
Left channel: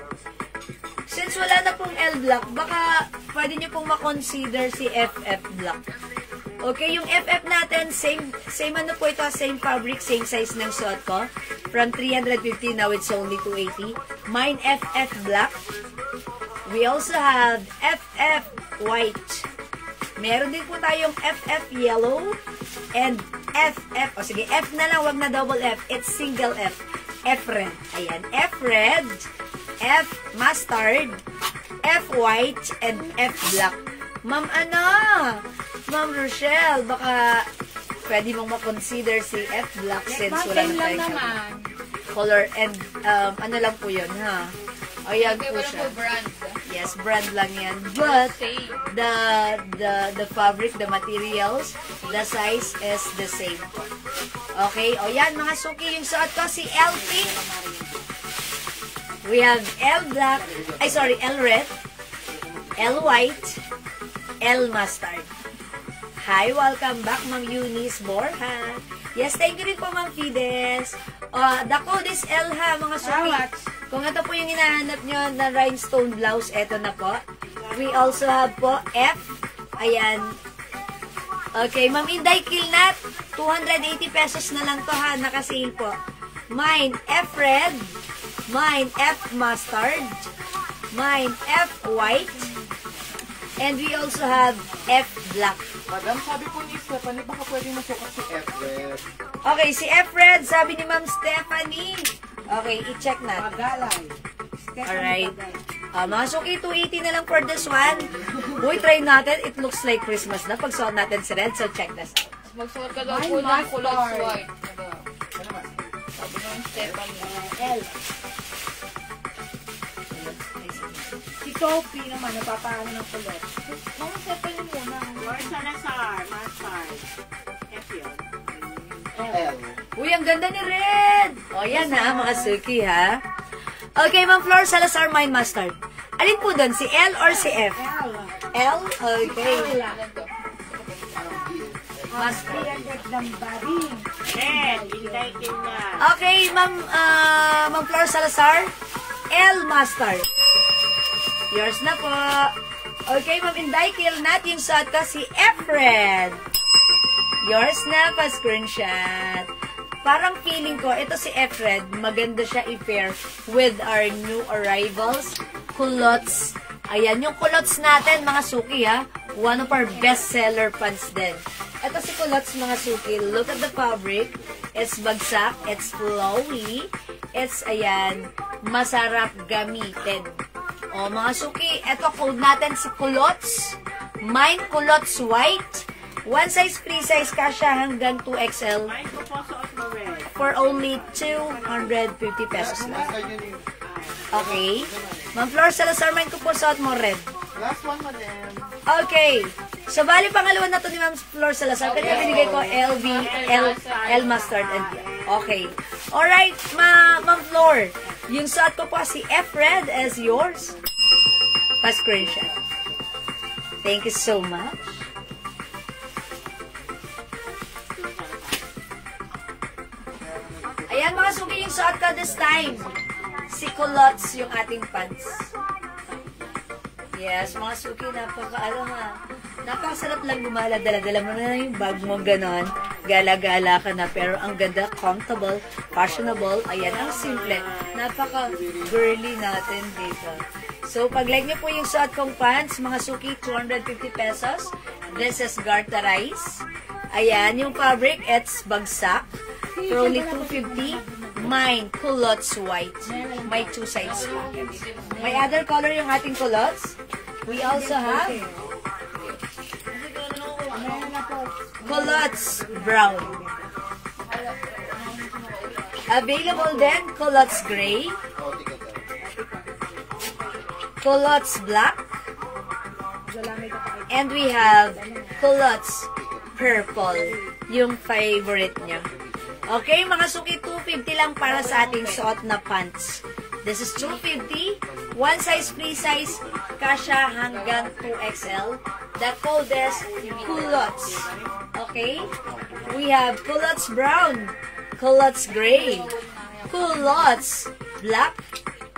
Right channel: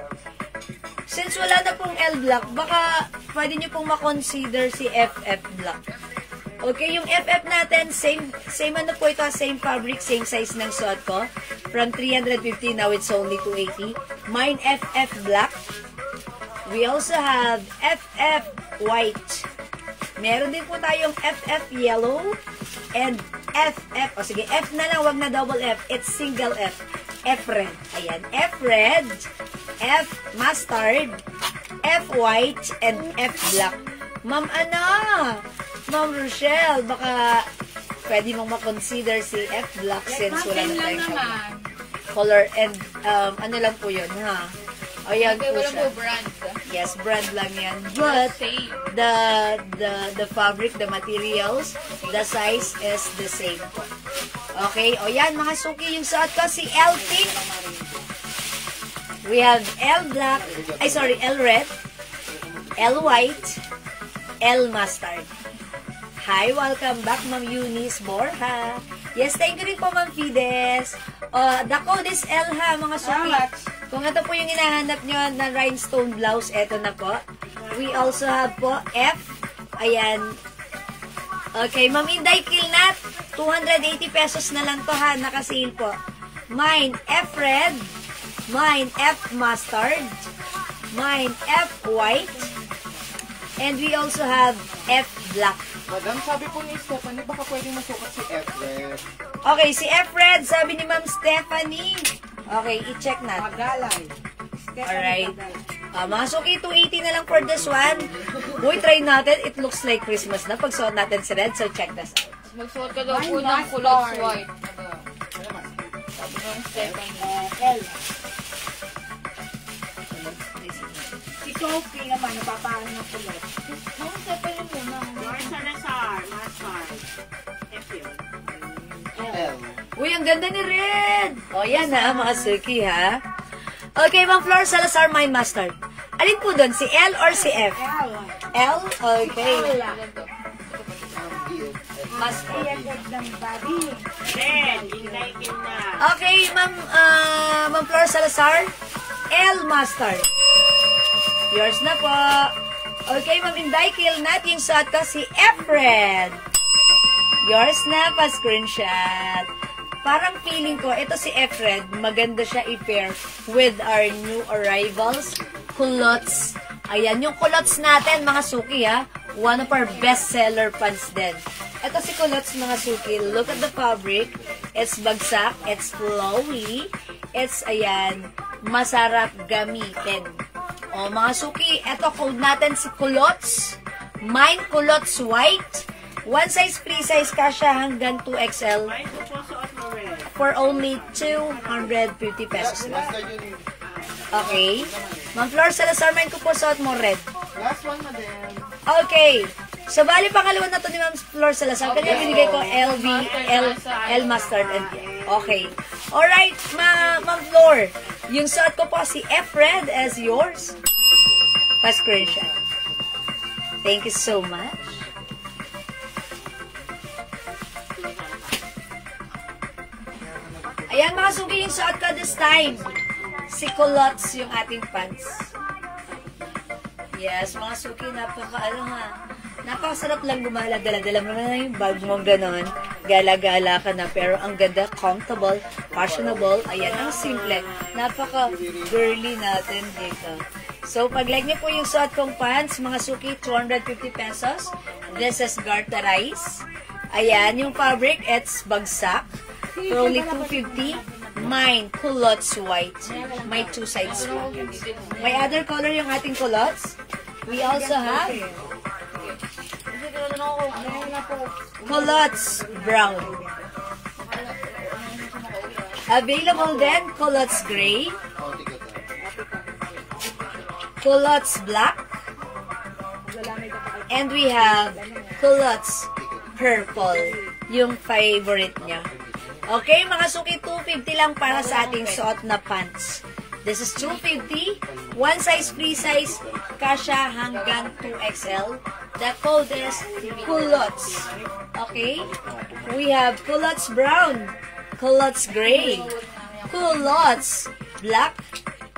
since wala na pong L black, baka pwede nyo pong makonsider si FF black. Okay, yung FF natin, same ano po ito, same fabric, same size ng suot ko. From 350, now it's only 280. Mine FF black. We also have FF white. Meron din po tayong FF yellow and FF, sige, F na lang, wag na double F. It's single F. F red. Ayan, F red, F mustard, F white, and F black. Ma'am Ma'am Rochelle, baka pwede mong makonsider si F black since wala na lang tayong naman. color and ano lang po yun, ha? Ayan Okay, po wala siya. po brand. Yes, brand lang yan. But Same. the fabric, the materials, the size is the same. Okay, o yan mga suki, yung suot ko si L pink. We have L black, L red, L white, L mustard. Hi, welcome back, Ma'am Eunice Borja. Yes, thank you rin po, Ma'am Fides. The code is L, ha, mga suki. Kung ito po yung hinahanap nyo na rhinestone blouse, eto na po. We also have po F. Ayan. Okay, Ma'am Inday Kilnat, 280 pesos na lang to, ha, nakasale po. Mine, F red. Mine, F mustard. Mine, F white. And we also have F black. Madam, sabi po ni Stephanie, baka pwedeng masukat si F red. Okay, si F red, sabi ni Ma'am Stephanie. Okay, i-check natin. Magalay. Alright. Mga suki, 280 na lang for this one. Uy, try natin. It looks like Christmas na. Pag suot natin si Red, so check this out. Magsuot ka daw po ng culottes white. Sabi ng Stephanie. Si Kopi naman, napapaano ng kulot. Mga Stephanie muna. George Salazar, Master. F yun. L. Uy, ang ganda ni Red! O, yan ha, mga suki ha. Okay, Ma'am Flor Salazar, my mustard. Alin po doon? Si L or si F? L. L? Okay. Mustard. ng body. Red, hinday na. Okay, Ma'am Flor Salazar. L mustard. Yours na po. Okay, Ma'am Inday, kill natin sa ito si F-Red. Yours na pa, screenshot. Parang feeling ko, ito si F-Red, maganda siya i-pair with our new arrivals, culottes. Ayan, yung culottes natin, mga suki ha. One of our best-seller pants din. Ito si culottes, mga suki. Look at the fabric. It's bagsak. It's flowy. It's, ayan, masarap gamitin. O, mga suki, ito code natin si culottes. Mine culottes white. One size, free size, kasha hanggang 2XL. Mine ko po suot mo red. For only 250 pesos lang. Okay. Ma'am Flor Salazar, mine ko po suot mo red. Last one na din. Okay. So, bali pangalawa na to ni Ma'am Flor Salazar. Kaya binigay ko L mustard and okay. Alright, Ma'am Flor. Yung suot ko po si F-Red as yours. Pa-screenshot. Thank you so much. Ayan mga sugi, yung suot ko this time. Si culottes yung ating pants. Yes, mga suki, napakasarap lang gumala. Dala-dala mo na yung bag mo, ganon. Gala-gala ka na, pero ang ganda, comfortable, fashionable. Ayan, ang simple. Napaka-girly natin dito. So, pag-like nyo po yung suot kong pants, mga suki, 250 pesos. This is Garterize. Ayan, yung fabric, it's bagsak. For only 250. Mine, culottes white. May two sides po. May other color yung ating culottes. We also have culottes brown. Available then, culottes gray. Culottes black. And we have culottes purple. Yung favorite niya. Okay, mga suki, 250 lang para sa ating suot na pants. This is 250. One size, free size, kasha hanggang 2XL. The code is culottes. Okay? We have culottes brown, culottes gray, culottes black,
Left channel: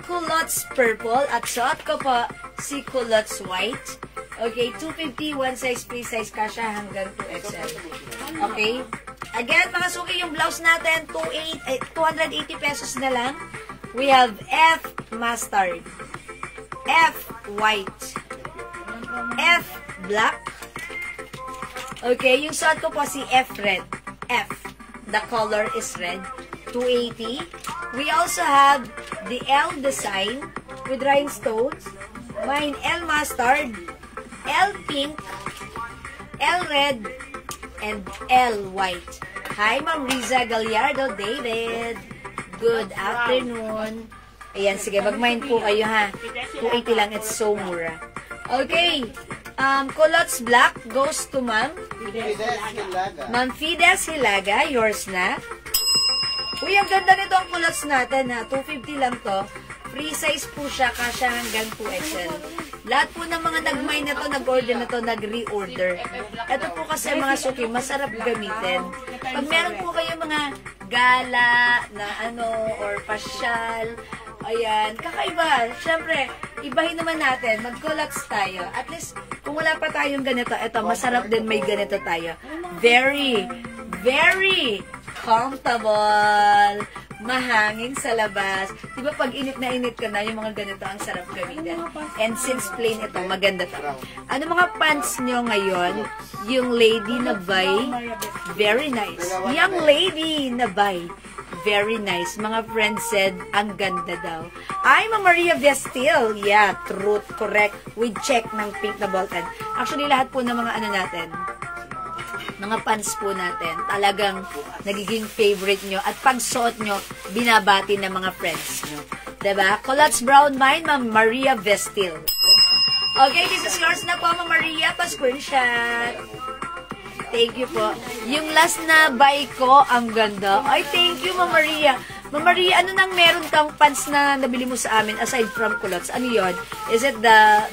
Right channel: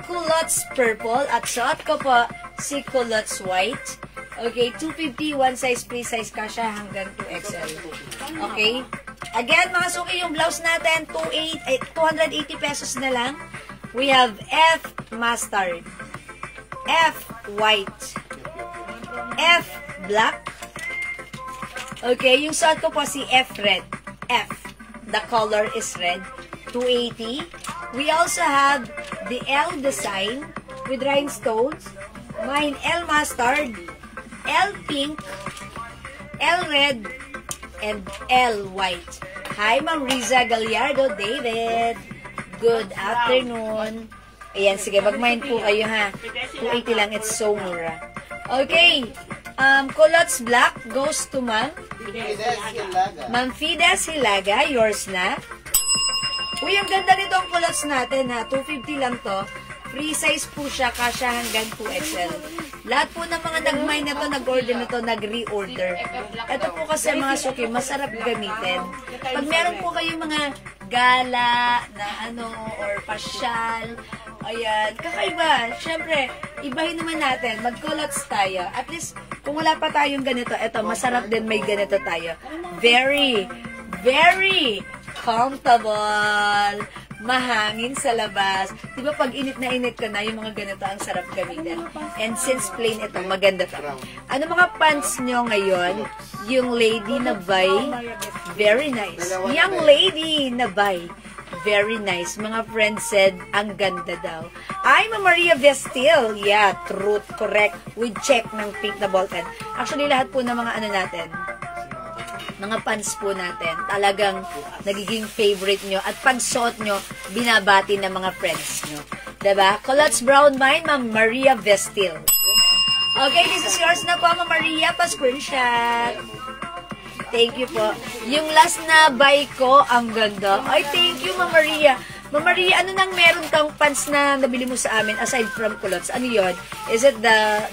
culottes purple, at suot ko po si culottes white. Okay, 250, one size, free size, kasha hanggang 2XL. Okay? Again, mga suki, yung blouse natin, 280 pesos na lang. We have F mustard, F white, F black. Okay, yung suot ko po si F red. F. The color is red. 280. We also have the L design with rhinestones. Mine, L mustard, L pink, L red, and L white. Hi, Ma'am Riza Gallardo David. Good afternoon. Ayan, sige, mag-mind po kayo ha. 280 lang, it's so mura. Okay, culottes black goes to Ma'am Fides Hilaga. Yours na. Uy, ang ganda nito ang culottes natin ha. 250 lang to. Free size po siya, kasya hanggang 2XL. Lahat po ng mga nag-mine na to, nag-order na to, nag-reorder. Ito po kasi mga suki, masarap gamitin. Pag meron po kayong mga gala na or pasyal, ayan, kakaiba. Siyempre, ibahin naman natin, mag-culottes tayo. At least, kung wala pa tayong ganito, ito, masarap din may ganito tayo. Very, very comfortable. Mahangin sa labas. Diba pag init na init ka na, yung mga ganito ang sarap gamitin. And since plain ito, maganda to. Ano mga pants nyo ngayon? Yung lady na buy, very nice. Young lady na buy, very nice. Mga friends said, ang ganda daw. Ay, Ma'am Maria Vestil. Yeah, truth, correct. With check ng pink na Bolton. Actually, lahat po ng mga ano natin, mga pants po natin, talagang nagiging favorite nyo. At pag suot nyo, binabati ng mga friends nyo. Diba? Culottes Brown mine, Ma'am Maria Vestil. Okay, this is yours na po, Ma'am Maria. Pa-screenshot. Thank you po. Yung last na buy ko, ang ganda. Ay, thank you, Ma'am Maria. Ma'am Maria, ano nang meron kang pants na nabili mo sa amin aside from culottes? Ano yon? Is it the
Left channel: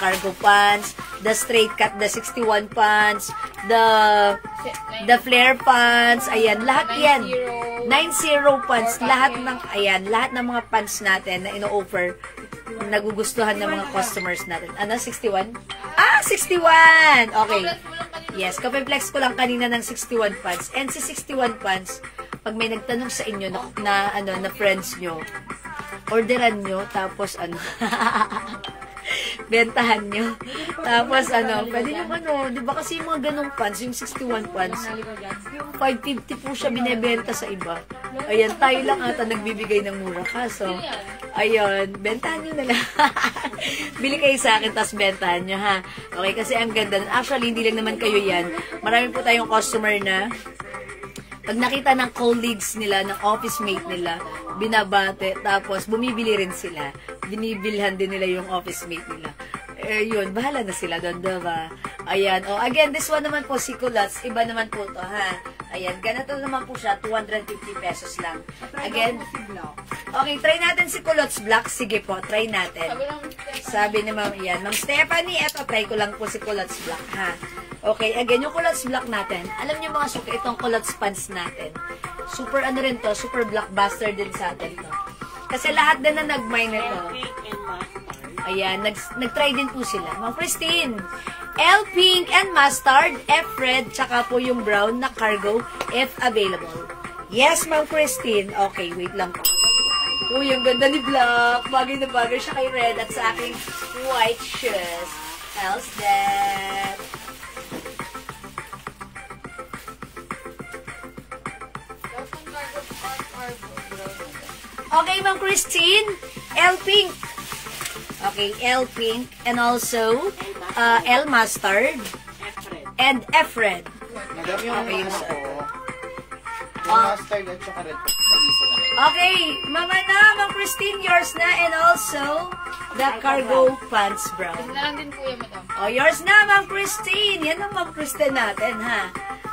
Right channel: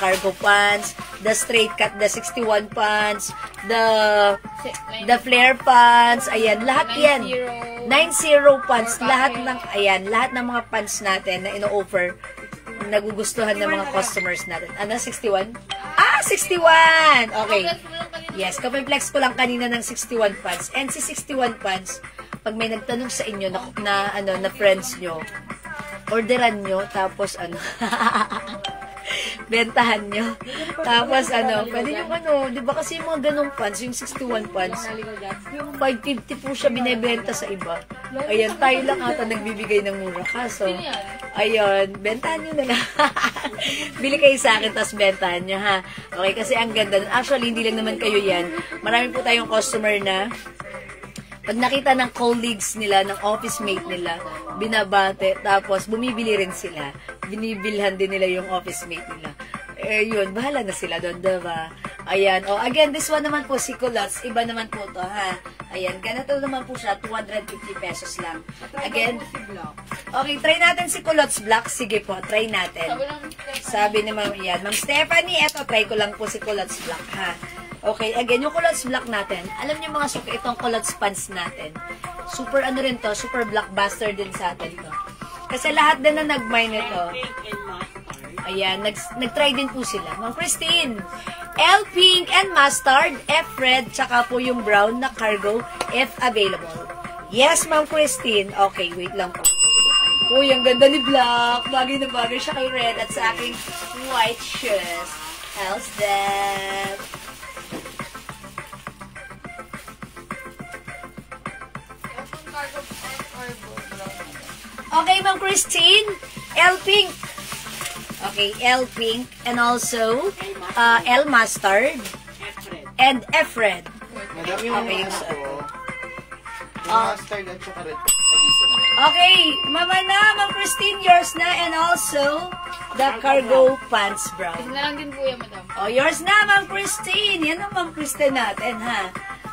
cargo pants, the straight cut, the 61 pants, the flare pants, ayan, lahat yan. 90 pants, lahat ng mga pants natin na ino-offer, nagugustuhan ng mga customers natin. Ano, 61? Ah, 61! Okay. Yes, kapag-flex ko lang kanina ng 61 pants. And si 61 pants, pag may nagtanong sa inyo na friends nyo, orderan nyo, tapos bentahan nyo. Tapos pwede yung di ba kasi yung mga ganong pants, yung 61 pants, 550 po siya binibenta sa iba. Ayan, tayo lang ata nagbibigay ng mura. Kaso, ayun, bentahan nyo na lang. Bili kayo sa akin, tapos bentahan nyo, ha? Okay, kasi ang ganda. Actually, hindi lang naman kayo yan. Marami po tayong customer na pag nakita ng colleagues nila, ng office mate nila, binabate, tapos bumibili rin sila. Binibilhan din nila yung office mate nila. Yun, bahala na sila doon, diba? Ayan. Oh, again, this one naman po, si culottes. Iba naman po to, ha? Ayan, ganito naman po siya, 250 pesos lang. Again, okay, try natin si culottes black. Sige po, try natin. Sabi ni Ma'am, yan. Ma'am Stephanie, eto, try ko lang po si culottes black, ha? Okay, again, yung culottes black natin. Alam niyo mga suki, itong culottes pants natin. Super rin to, super blockbuster din sa atin to. Kasi lahat din na nag-mine nito. Ayan, nag-try din po sila. Ma'am Christine, L pink and mustard, F red, tsaka po yung brown na cargo, if available. Yes, Ma'am Christine. Okay, wait lang po. Uy, ang ganda ni Black. Bagay na bagay siya kay red at sa aking white shoes. How's that? Okay, Ma'am Christine, L pink. Okay, L pink and also L mustard and F red. Madam, yung Okay, ano so, ko, yung mustard at saka red, nag-isa na. Okay, Ma'am Christine, yours na, and also the cargo pants brown. Isa na lang din po yan, madam. Oh, yours na, Ma'am Christine. Yan ang Ma'am Christine natin, ha?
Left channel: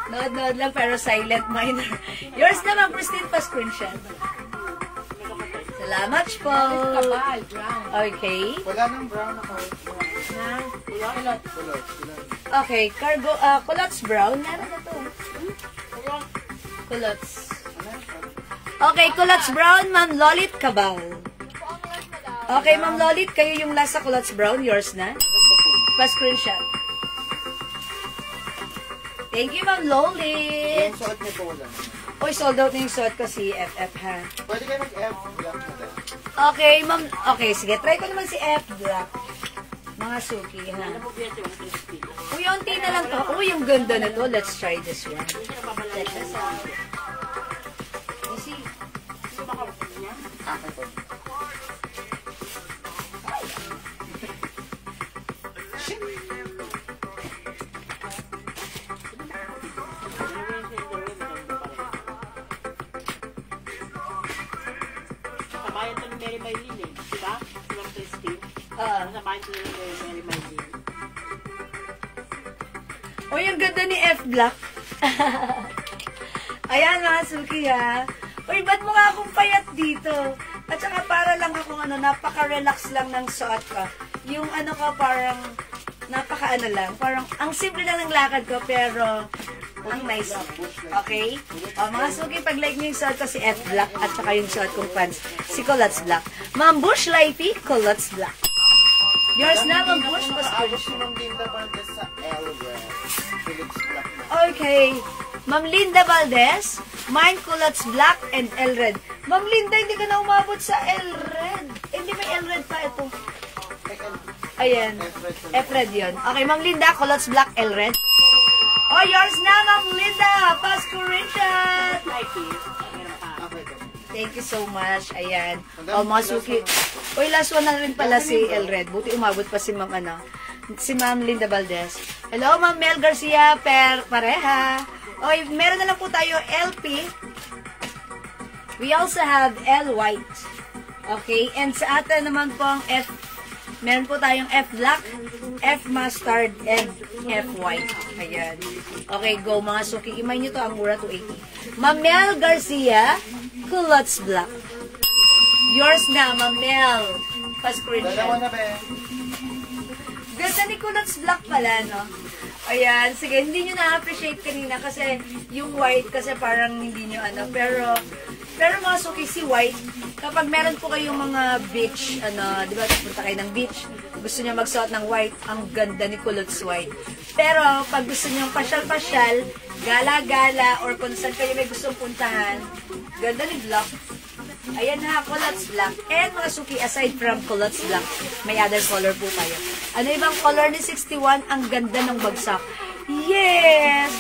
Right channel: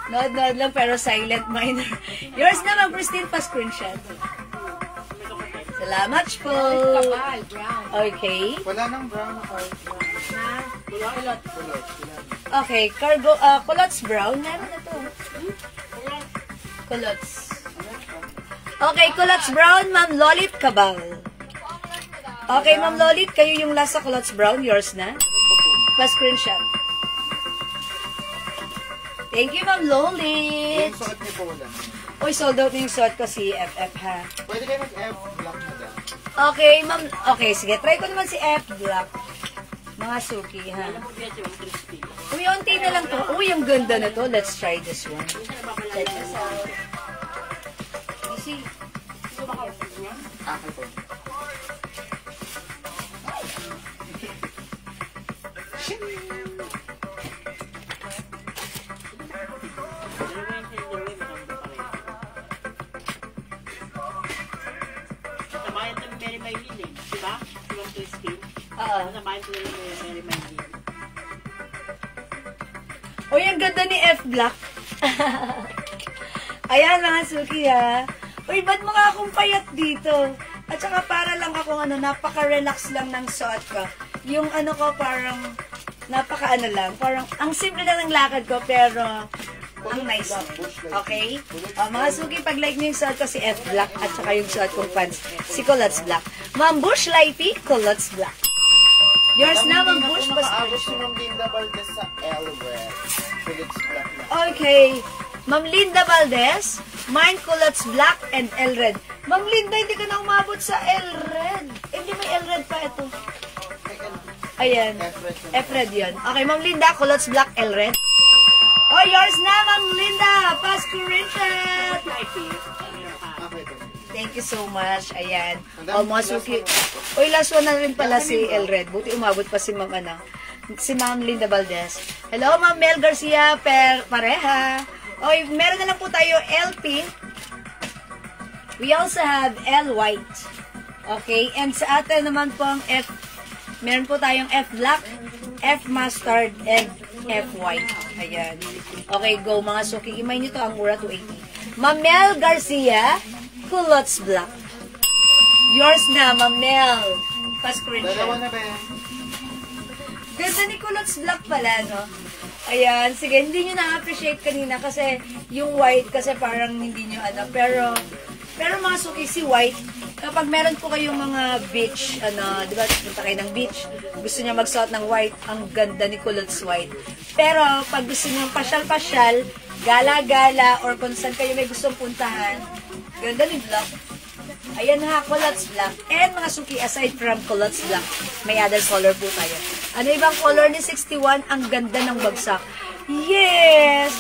Nood lang, pero silent minor. Yours na, Ma'am Christine, pa-screenshot. Salamat po. Kabal, brown. Okay. Wala nang brown ako. Kulot. Okay, cargo, culottes brown. Meron na to. Culottes. Okay, culottes brown, Ma'am Lolit Cabal. Okay, Ma'am Lolit, kayo yung last sa culottes brown. Yours na. Pa-screenshot. Thank you, Ma'am Lolit. Yung suot niyo po wala. Uy, sold out na yung suot ko si FF, ha? Pwede kayo mag-F black na din. Okay, Ma'am. Okay, sige. Try ko naman si F Black. Mga suki, ha? Uy, unti na lang to. Uy, yung ganda na to. Let's try this one. Check this out. Easy. Okay po. Sabayan ito ni Mary Maylin eh. Diba? Silang Christine. Sabayan ito ni Mary Maylin. Uy, ang ganda ni F Black. Ayan, mga suki, ha? Uy, ba't mukha akong payat dito? At saka para lang akong napaka-relax lang ng suot ko. Yung ko, parang napaka lang. Parang, ang simple lang ng lakad ko, pero ang nice. Okay? Mga suki, pag like nyo yung suot ko si F Black at saka yung suot kong pants, si Culottes Black. Ma'am Bush Lifey, Culottes Black. Yours na, Ma'am Bush. Abot si Ma'am Linda Valdez sa L-Red. Culottes black na. Okay. Ma'am Linda Valdez, mine culottes black and L-Red. Ma'am Linda, hindi ka na umabot sa L-Red. Hindi may L-Red pa ito. Ayan. F-Red yun. Okay, Ma'am Linda, culottes black, L-Red. Oh, yours na, Ma'am Linda. Pass Corinthians. Thank you so much. Ayan. O, mga suki. Uy, last one na rin pala si El Red. Buti umabot pa si Ma'am si Ma'am Linda Valdez. Hello, Ma'am Mel Garcia pareha. Okay, meron na lang po tayo LP. We also have L White. Okay, and sa atin naman pong F, meron po tayong F Black, F Mustard, and F White. Ayan. Okay, go mga suki. Imay nyo to, ang mura 280. Ma'am Mel Garcia, Culottes Black. Yours na, Ma'am Mel. Pa-screen Dalawa siya. na ba? Ganda ni Culottes Black pala, no? Ayan, sige, hindi nyo na-appreciate kanina kasi yung white kasi parang hindi nyo anak. Pero mga suki, si white, kapag meron po kayong mga beach, di ba, punta kayo ng beach, gusto nyo magsuot ng white, ang ganda ni Culottes White. Pero, pag gusto nyo pasyal-pasyal, gala-gala, or kung saan kayo may gustong puntahan, ganda ni Black. Ayan ha, Culottes Black. And mga suki, aside from Culottes Black, may other color po tayo. Ano ibang color ni 61? Ang ganda ng bagsak. Yes!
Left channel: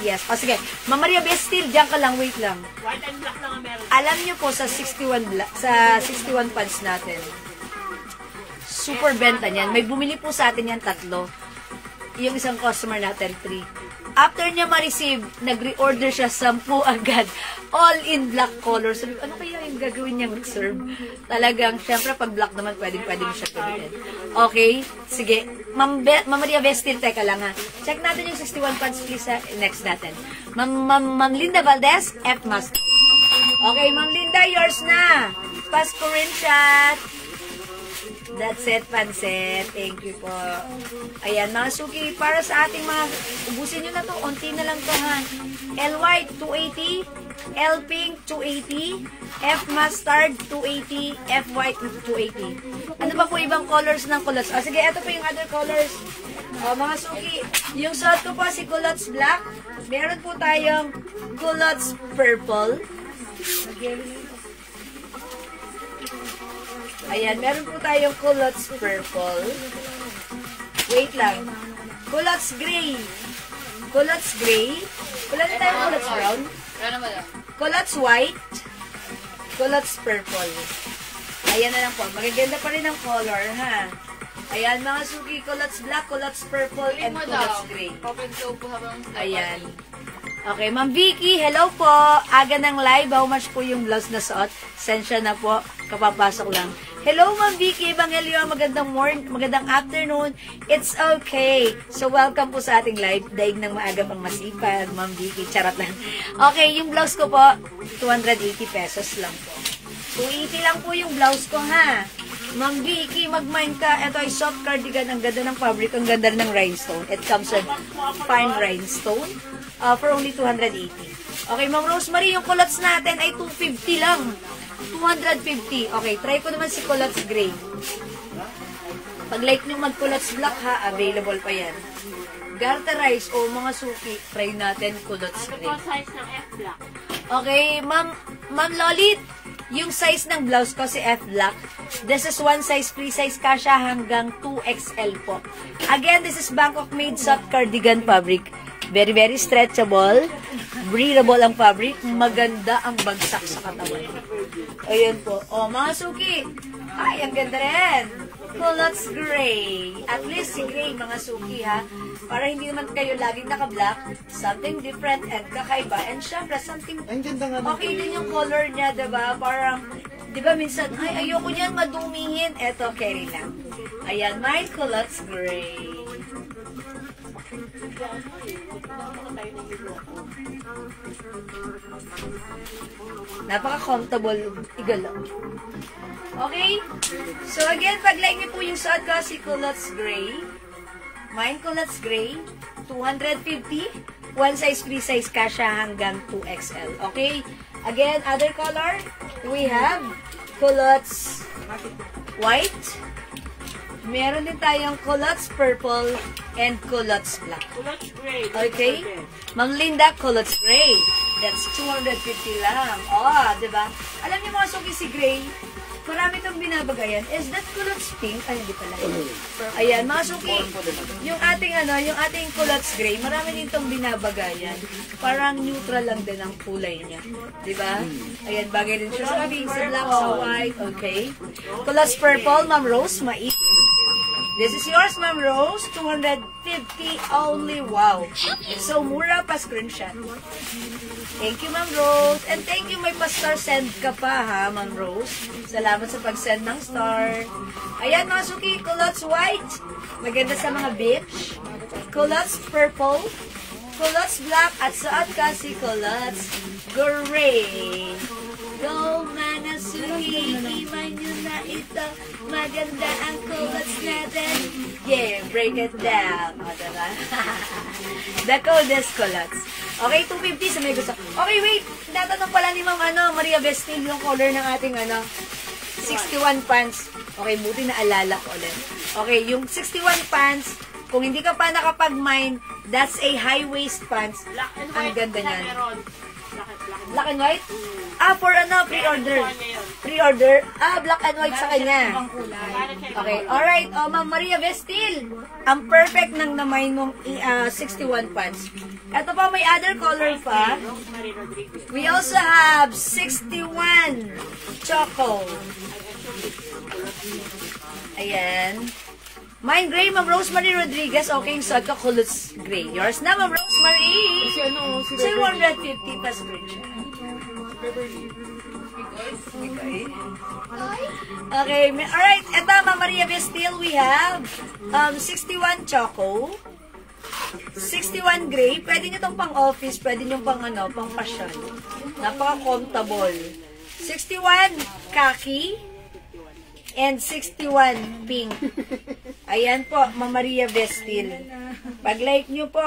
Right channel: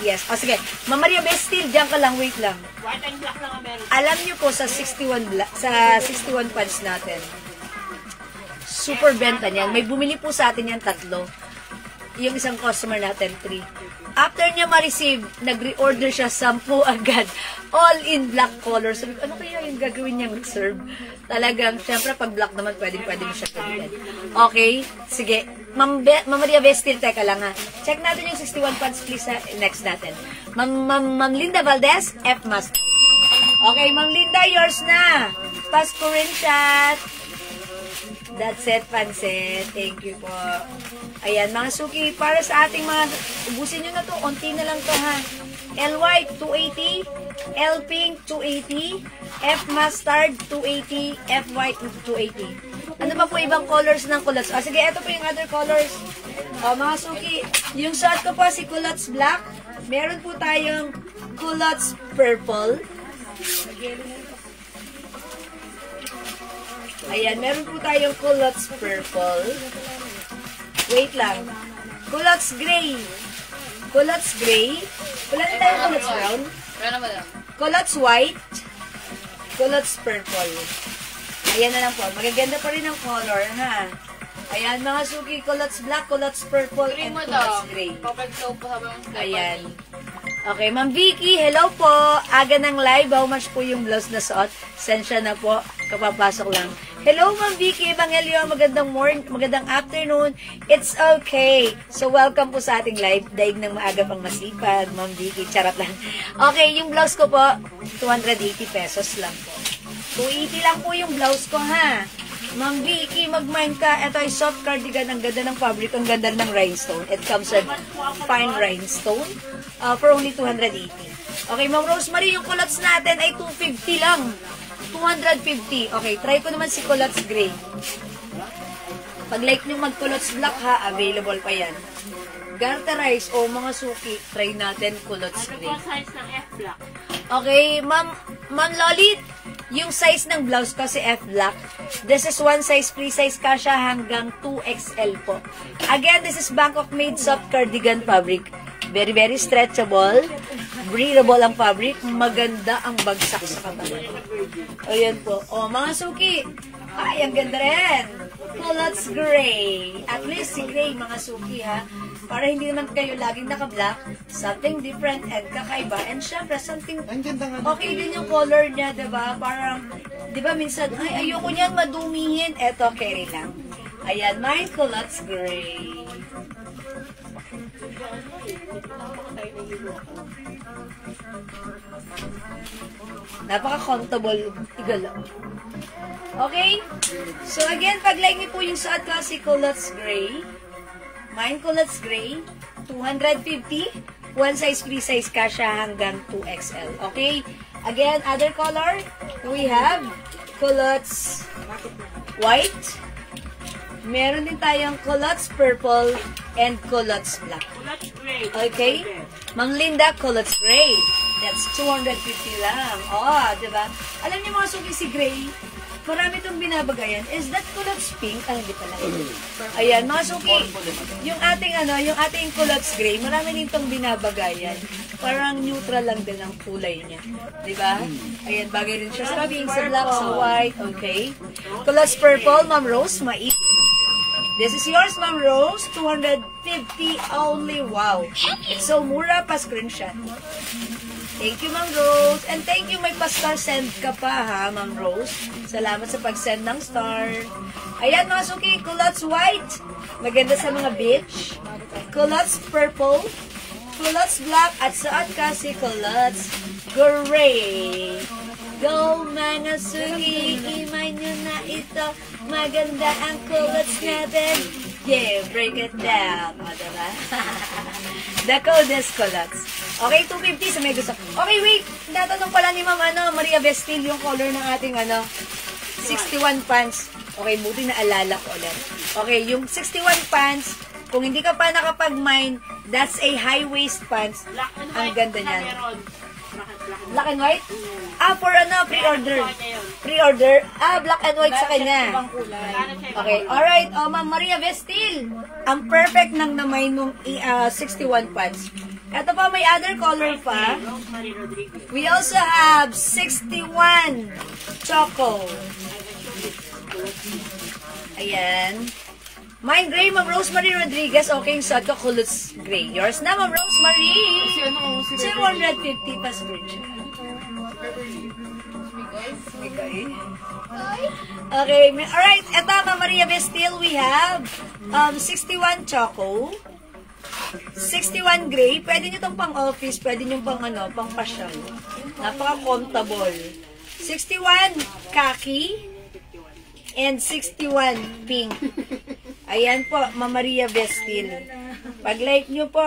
Yes. O sige, Ma'am Maria Bestil, diyan ka lang, wait lang. White and black lang ang meron. Alam niyo po sa 61 pants natin, super benta niyan. May bumili po sa atin yan 3. Yung isang customer natin, 3. After niya ma-receive, nag-reorder siya 10 agad. All in black color. Sabi ko, ano kaya yung gagawin niyang reserve? Talagang, syempre, pag black naman, pwedeng mo siya gawin. Okay? Sige. Ma'am Maria Vestil, teka lang ha. Check natin yung 61 pants, please, ha. Next natin. Ma'am Linda Valdez, F Master. Okay, Ma'am Linda, yours na. Pa-screenshot. That's it, Pansit. Thank you po. Ayan, mga suki, para sa ating mga, ubusin nyo na to, onti na lang to ha. L White, 280. L Pink, 280. F Mustard, 280. F White, 280. Ano ba po ibang colors ng Culottes? Sige, ito po yung other colors. Mga suki, yung suot ko po si Culottes Black. Meron po tayong Culottes Purple. Ayan, meron po tayong Culottes Purple. Wait lang. Culottes Gray. Culottes Gray. Wala na tayong Culottes Brown. Culottes White. Culottes Purple. Ayan na lang po. Magaganda pa rin ang color, ha? Ayan, mga suki. Culottes Black, Culottes Purple, and Culottes Gray. Ayan. Okay, Ma'am Vicky, hello po. Aga ng live. How much po yung blouse na suot? Sensya na po. Kapapasok lang. Hello, Ma'am Vicky Evangelio. Magandang morning, magandang afternoon. It's okay. So, welcome po sa ating live. Daig ng maaga pang masipag, Ma'am Vicky. Charot lang. Okay, yung blouse ko po, 280 pesos lang po. 280 lang po yung blouse ko, ha? Ma'am Vicky, mag-mind ka. Ito ay soft cardigan. Ang ganda ng fabric. Ang ganda ng rhinestone. It comes with fine rhinestone for only 280. Okay, Ma'am Rosemary, yung culottes natin ay 250 lang. 250. Okay, try ko naman si Culottes Gray. Pag like nyo mag-Culottes Black ha, available pa yan. Garterize o mga suki, try natin Culottes Gray. Size ng F Black. Okay, Ma'am Lolit, yung size ng blouse ko si F Black. This is one size, free size kasha hanggang 2XL po. Again, this is Bangkok made soft cardigan fabric. Very, very stretchable. Breathable ang fabric. Maganda ang bagsak sa katawan. Ayan po. Mga suki. Ay, ang ganda rin. Culottes Gray. At least si Gray, mga suki ha. Para hindi naman kayo laging naka-black. Something different and kakaiba. And syempre, something okay din yung color niya, diba? Parang, diba minsan, ay, ayoko niyan madumihin. Eto, carry lang. Ayan, my Culottes Gray. Napaka-comfortable igalaw. Okay? So again, pag-like niyo po yung suot ko si Culottes Gray. Mine Culottes Gray, 250. One size, free size kasha hanggang 2XL. Okay? Again, other color, we have Culottes White. Meron din tayong Culottes Purple and Culottes Black. Culottes Gray. Okay? Ma'am Linda, Culottes Gray. That's 250 lang. Diba? Alam niyo mga suki si Gray, marami itong binabagayan. Is that culottes pink? Ay, hindi pala. Ayan, mga suki, yung ating culottes gray, marami din itong binabagayan. Parang neutral lang din ang kulay niya. Diba? Ayan, bagay rin siya sa pink, sa black, sa white. Okay. Culottes purple, Ma'am Rose, mais. This is yours, Ma'am Rose. 250 only. Wow. It's so mura pa screenshot. Thank you, Ma'am Rose. And thank you, may pa-star send ka pa, ha, Ma'am Rose. Salamat sa pag-send ng star. Ayan, mga suki, culottes white. Maganda sa mga beach. Culottes purple. Culottes black. At suot ka si culottes gray. Go, Manasuki, imay nyo na ito. Maganda ang culottes natin. Yeah, break it down. O, diba? The code is culottes. Okay, 250 sa may gusto. Okay, wait. Tatanong pala ni Ma'am Maria Vestil yung color ng ating 61 pants. Okay, buti na alala ko ulit. Okay, yung 61 pants, kung hindi ka pa nakapag-mine, that's a high-waist pants. Ang ganda niyan. Black and white? For pre-order. Pre-order? Black and white sa kanya. Okay, alright. Ma'am Maria Vestil. Ang perfect ng namay mong 61 pants. Ito pa, may other color pa. We also have 61 Choco. Ayan. Mine gray, Ma'am Rosemary Rodriguez. Okay, yung suot ko, culottes gray. Yours na, Ma'am Rosemary. 750 pa screenshot. Okay, alright. Ito, Ma'am Maria Vestil, we have 61 Choco. 61 gray. Pwede nyo itong pang-office. Pwede nyo pang pasyal. Napaka-comfortable. 61 khaki. And 61 pink. Ayan po, Ma'am Maria Vestil. Pag-like nyo po,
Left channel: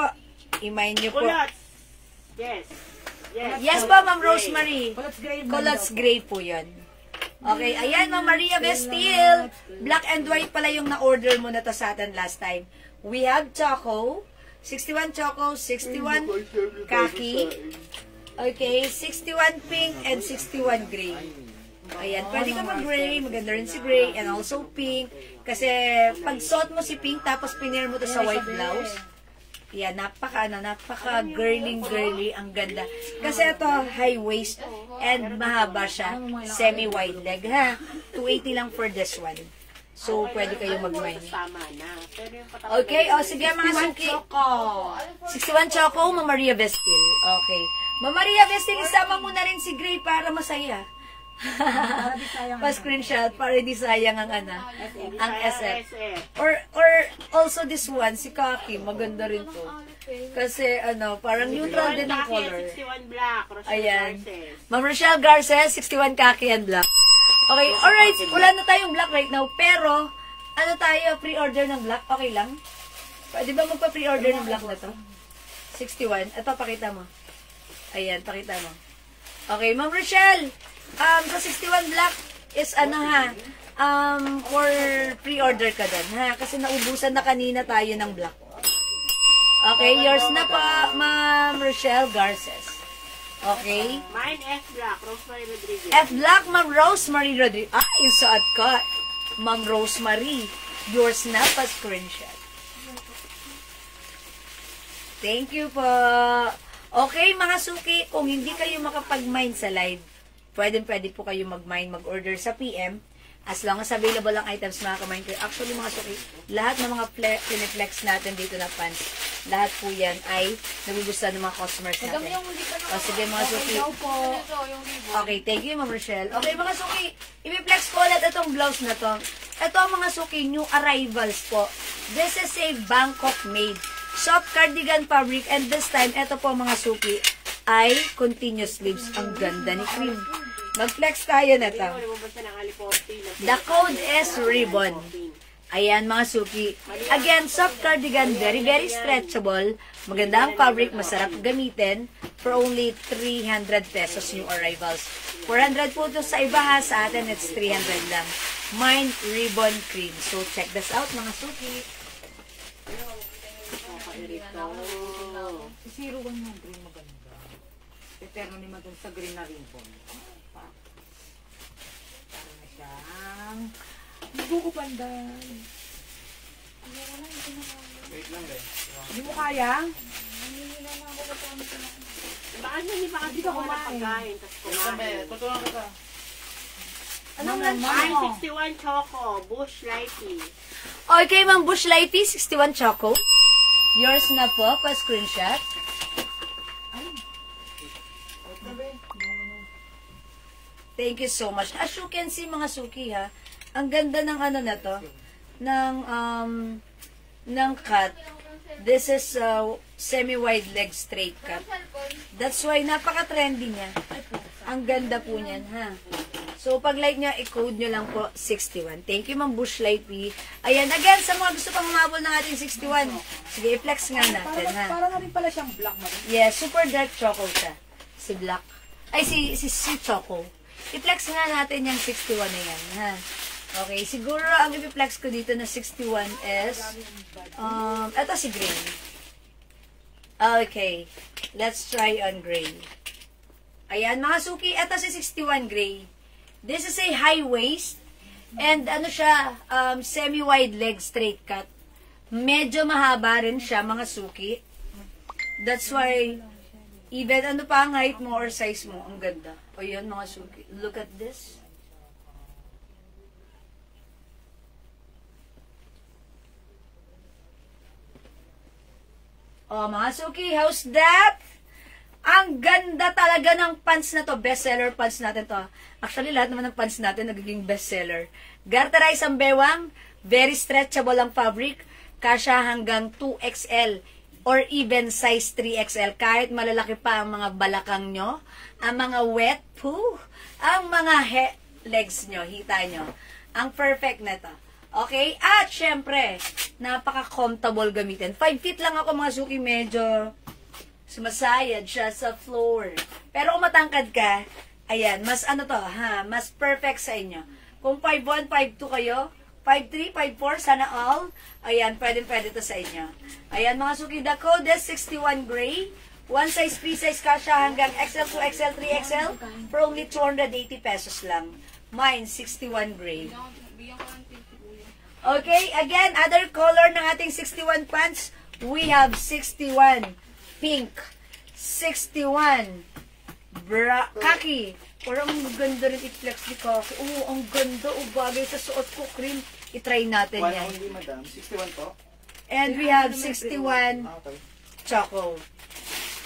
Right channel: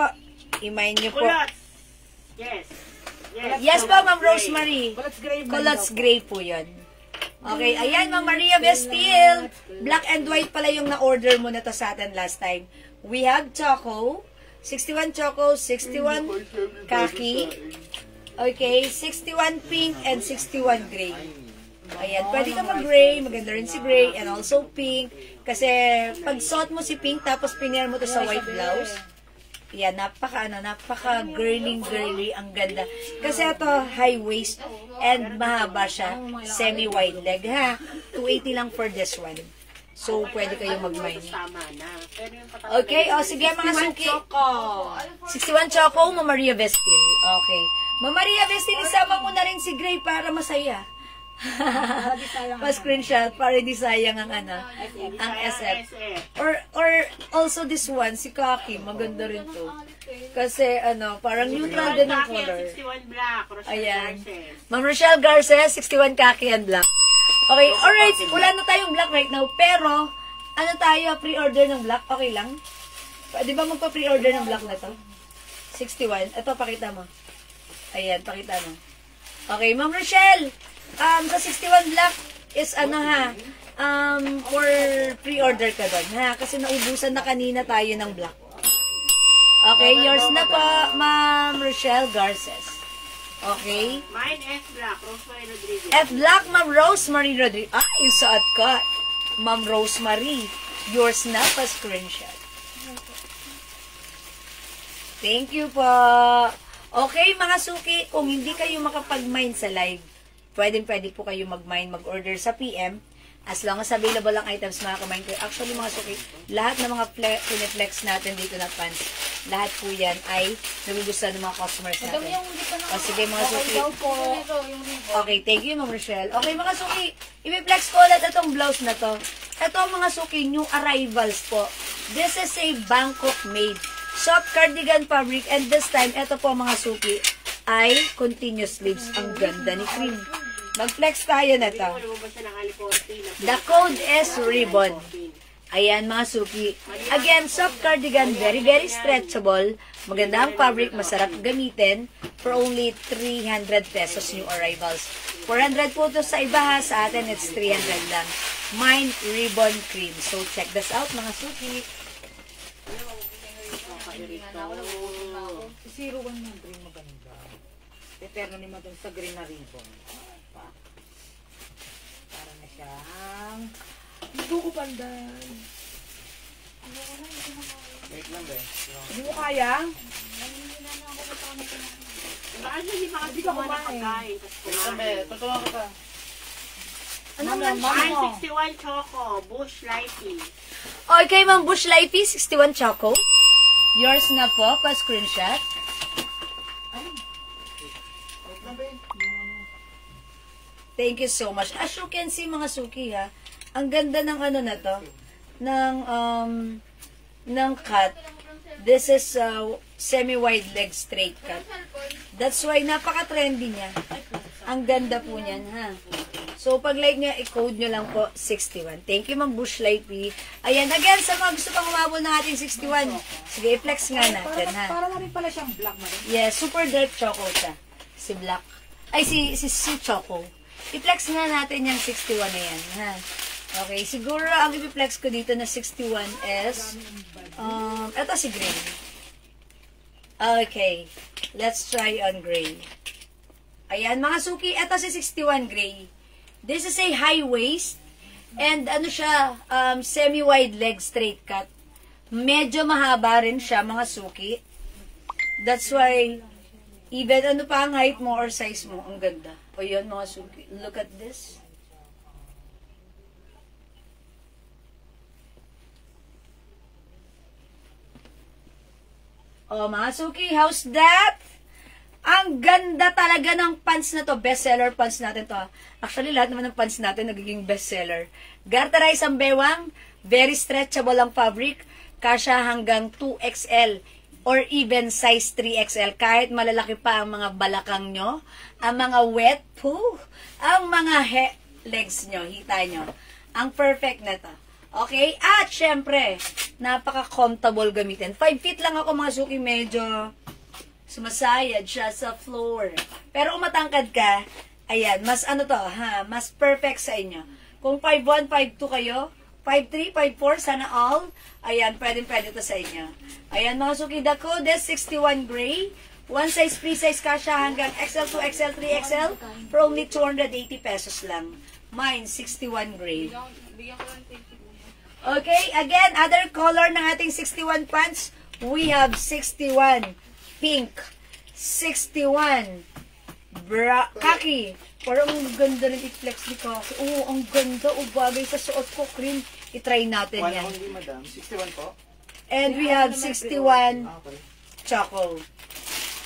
imay nyo po. Yes. Yes po, Ma'am Rosemary. Culottes gray po yun. Okay, ayan, Ma'am Maria Vestil. Black and white pala yung na-order mo na to sa atin last time. We have Choco. 61 Choco, 61 khaki. Okay, 61 pink and 61 gray. Ayan, pwede ka mag-gray, maganda rin si gray, and also pink. Kasi, pag suot mo si pink, tapos pinair mo to sa white blouse, yan, napaka-girly, ang ganda. Kasi ito, high waist, and mahaba siya, semi-wide leg, ha? 280 lang for this one. So, pwede kayo mag-mine. Okay, sige mga suki. 61 Choco, Ma'am Maria Vestil. Okay. Ma'am Maria Vestil, isama mo na rin si Gray para masaya. Pa-screenshot para di sayang ang ang SF. Or also this one, si Kaki, maganda rin to. Kasi parang neutral din ang color. Ayan. Ma'am Rochelle Garces, 61 Kaki and black. Okay, alright, wala na tayong black right now, pero tayo, pre-order ng black, okay lang? Pwede ba magpa-pre-order ng black na to? 61. Ito, pakita mo. Ayan, pakita mo. Okay, Ma'am Rochelle, sa 61 black is for pre-order ka doon, ha? Kasi naubusan na kanina tayo ng black. Okay, yours na pa, Ma'am Rochelle Garces. Okay? Mine F black, Rosemary Rodriguez. F black, Ma'am Rosemary Rodriguez. Yung suot ko, Ma'am Rosemary. Yours na pa screenshot. Thank you po. Okay, mga suki, kung hindi kayo makapag-mine sa live, pwede po kayo mag-mine, mag-order sa PM. As long as available ang items, makaka-mine kayo. Actually, mga suki, lahat ng mga piniplex natin dito na pants, lahat po yan ay nagugustuhan ng mga customers natin. O sige, mga suki. Okay, thank you, Ma'am Rochelle. Okay, mga suki, ipiplex ko ulit itong blouse na to. Ito ang mga suki, new arrivals po. This is a Bangkok made soft cardigan fabric, and this time, ito po mga suki, ay continuous sleeves. Ang ganda ni Cream. Mag-flex tayo na to. The code is ribbon. Ayan mga suki. Again, soft cardigan, very stretchable. Maganda ang fabric, masarap gamitin. For only 300 pesos new arrivals. 400 po ito sa iba ha. Sa atin, it's 300 lang. Mine Ribbon Cream. So, check this out mga suki. 01 ng green maganda. Eterno ni madun sa green na ribbon. Para na siyang buko pandan. Wait lang guys. Hindi mo kaya? Bakit hindi pa kasi kumain ng pagkain? Tapos Wait lang be, tutulungan ko ka. Anong lunch Mine, mo? 61 choco, Bush Lighty. Okay, Ma'am Bush Lighty, 61 choco. Yours na po, pa-screenshot. Thank you so much. As you can see, mga suki, ha, ang ganda ng ano na to, ng cut. This is semi-wide leg straight cut. That's why napaka-trendy niya. Ang ganda po niyan, ha. So, pag like nyo, i-code nyo lang po 61. Thank you, Ma'am Bush Lighty. Ayan, again, sa mga gusto pang umabol ng ating 61, sige, i-flex nga natin, ha. Para na rin pala siyang black na rin. Yes, super dark choco siya. Si Black. Ay, si Choco. I-flex nga natin yung 61 na yan, ha. Okay, siguro ang i-flex ko dito na 61 is, eto si Green. Okay, let's try on gray. Ayan, mga suki, eto si 61 gray. This is a high waist, and ano siya, semi-wide leg straight cut. Medyo mahaba rin siya, mga suki. That's why, even ano pa ang height mo or size mo, ang ganda. O yun, mga suki. Look at this. Oh, mga suki, how's that? Ang ganda talaga ng pants na to. Bestseller pants natin to. Actually, lahat naman ng pants natin nagiging bestseller. Garterize ang bewang. Very stretchable ang fabric. Kasya hanggang 2XL or even size 3XL. Kahit malalaki pa ang mga balakang nyo, ang mga wet poo, ang mga legs nyo, hita nyo. Ang perfect na to. Okay? At syempre, napaka-comfortable gamitin. 5 feet lang ako, mga suki, medyo sumasayad siya sa floor. Pero kung matangkad ka, ayan, mas ano to, ha, mas perfect sa inyo. Kung 5'1", 5'2 kayo, 5'3", 5'4", sana all, ayan, pwede to sa inyo. Ayan, mga suki, the code is 61 gray. One size, free size kasha hanggang XL, 2XL, 3XL for only 280 pesos lang. Mine, 61 gray. Okay, again, other color ng ating 61 pants, we have 61 pink, 61 khaki. Parang ganda rin i-flex ni khaki. Oh, ang ganda. Oh, bagay sa suot ko, cream. I-try natin yan. Only, madam. 61 po? And we have 61 choco.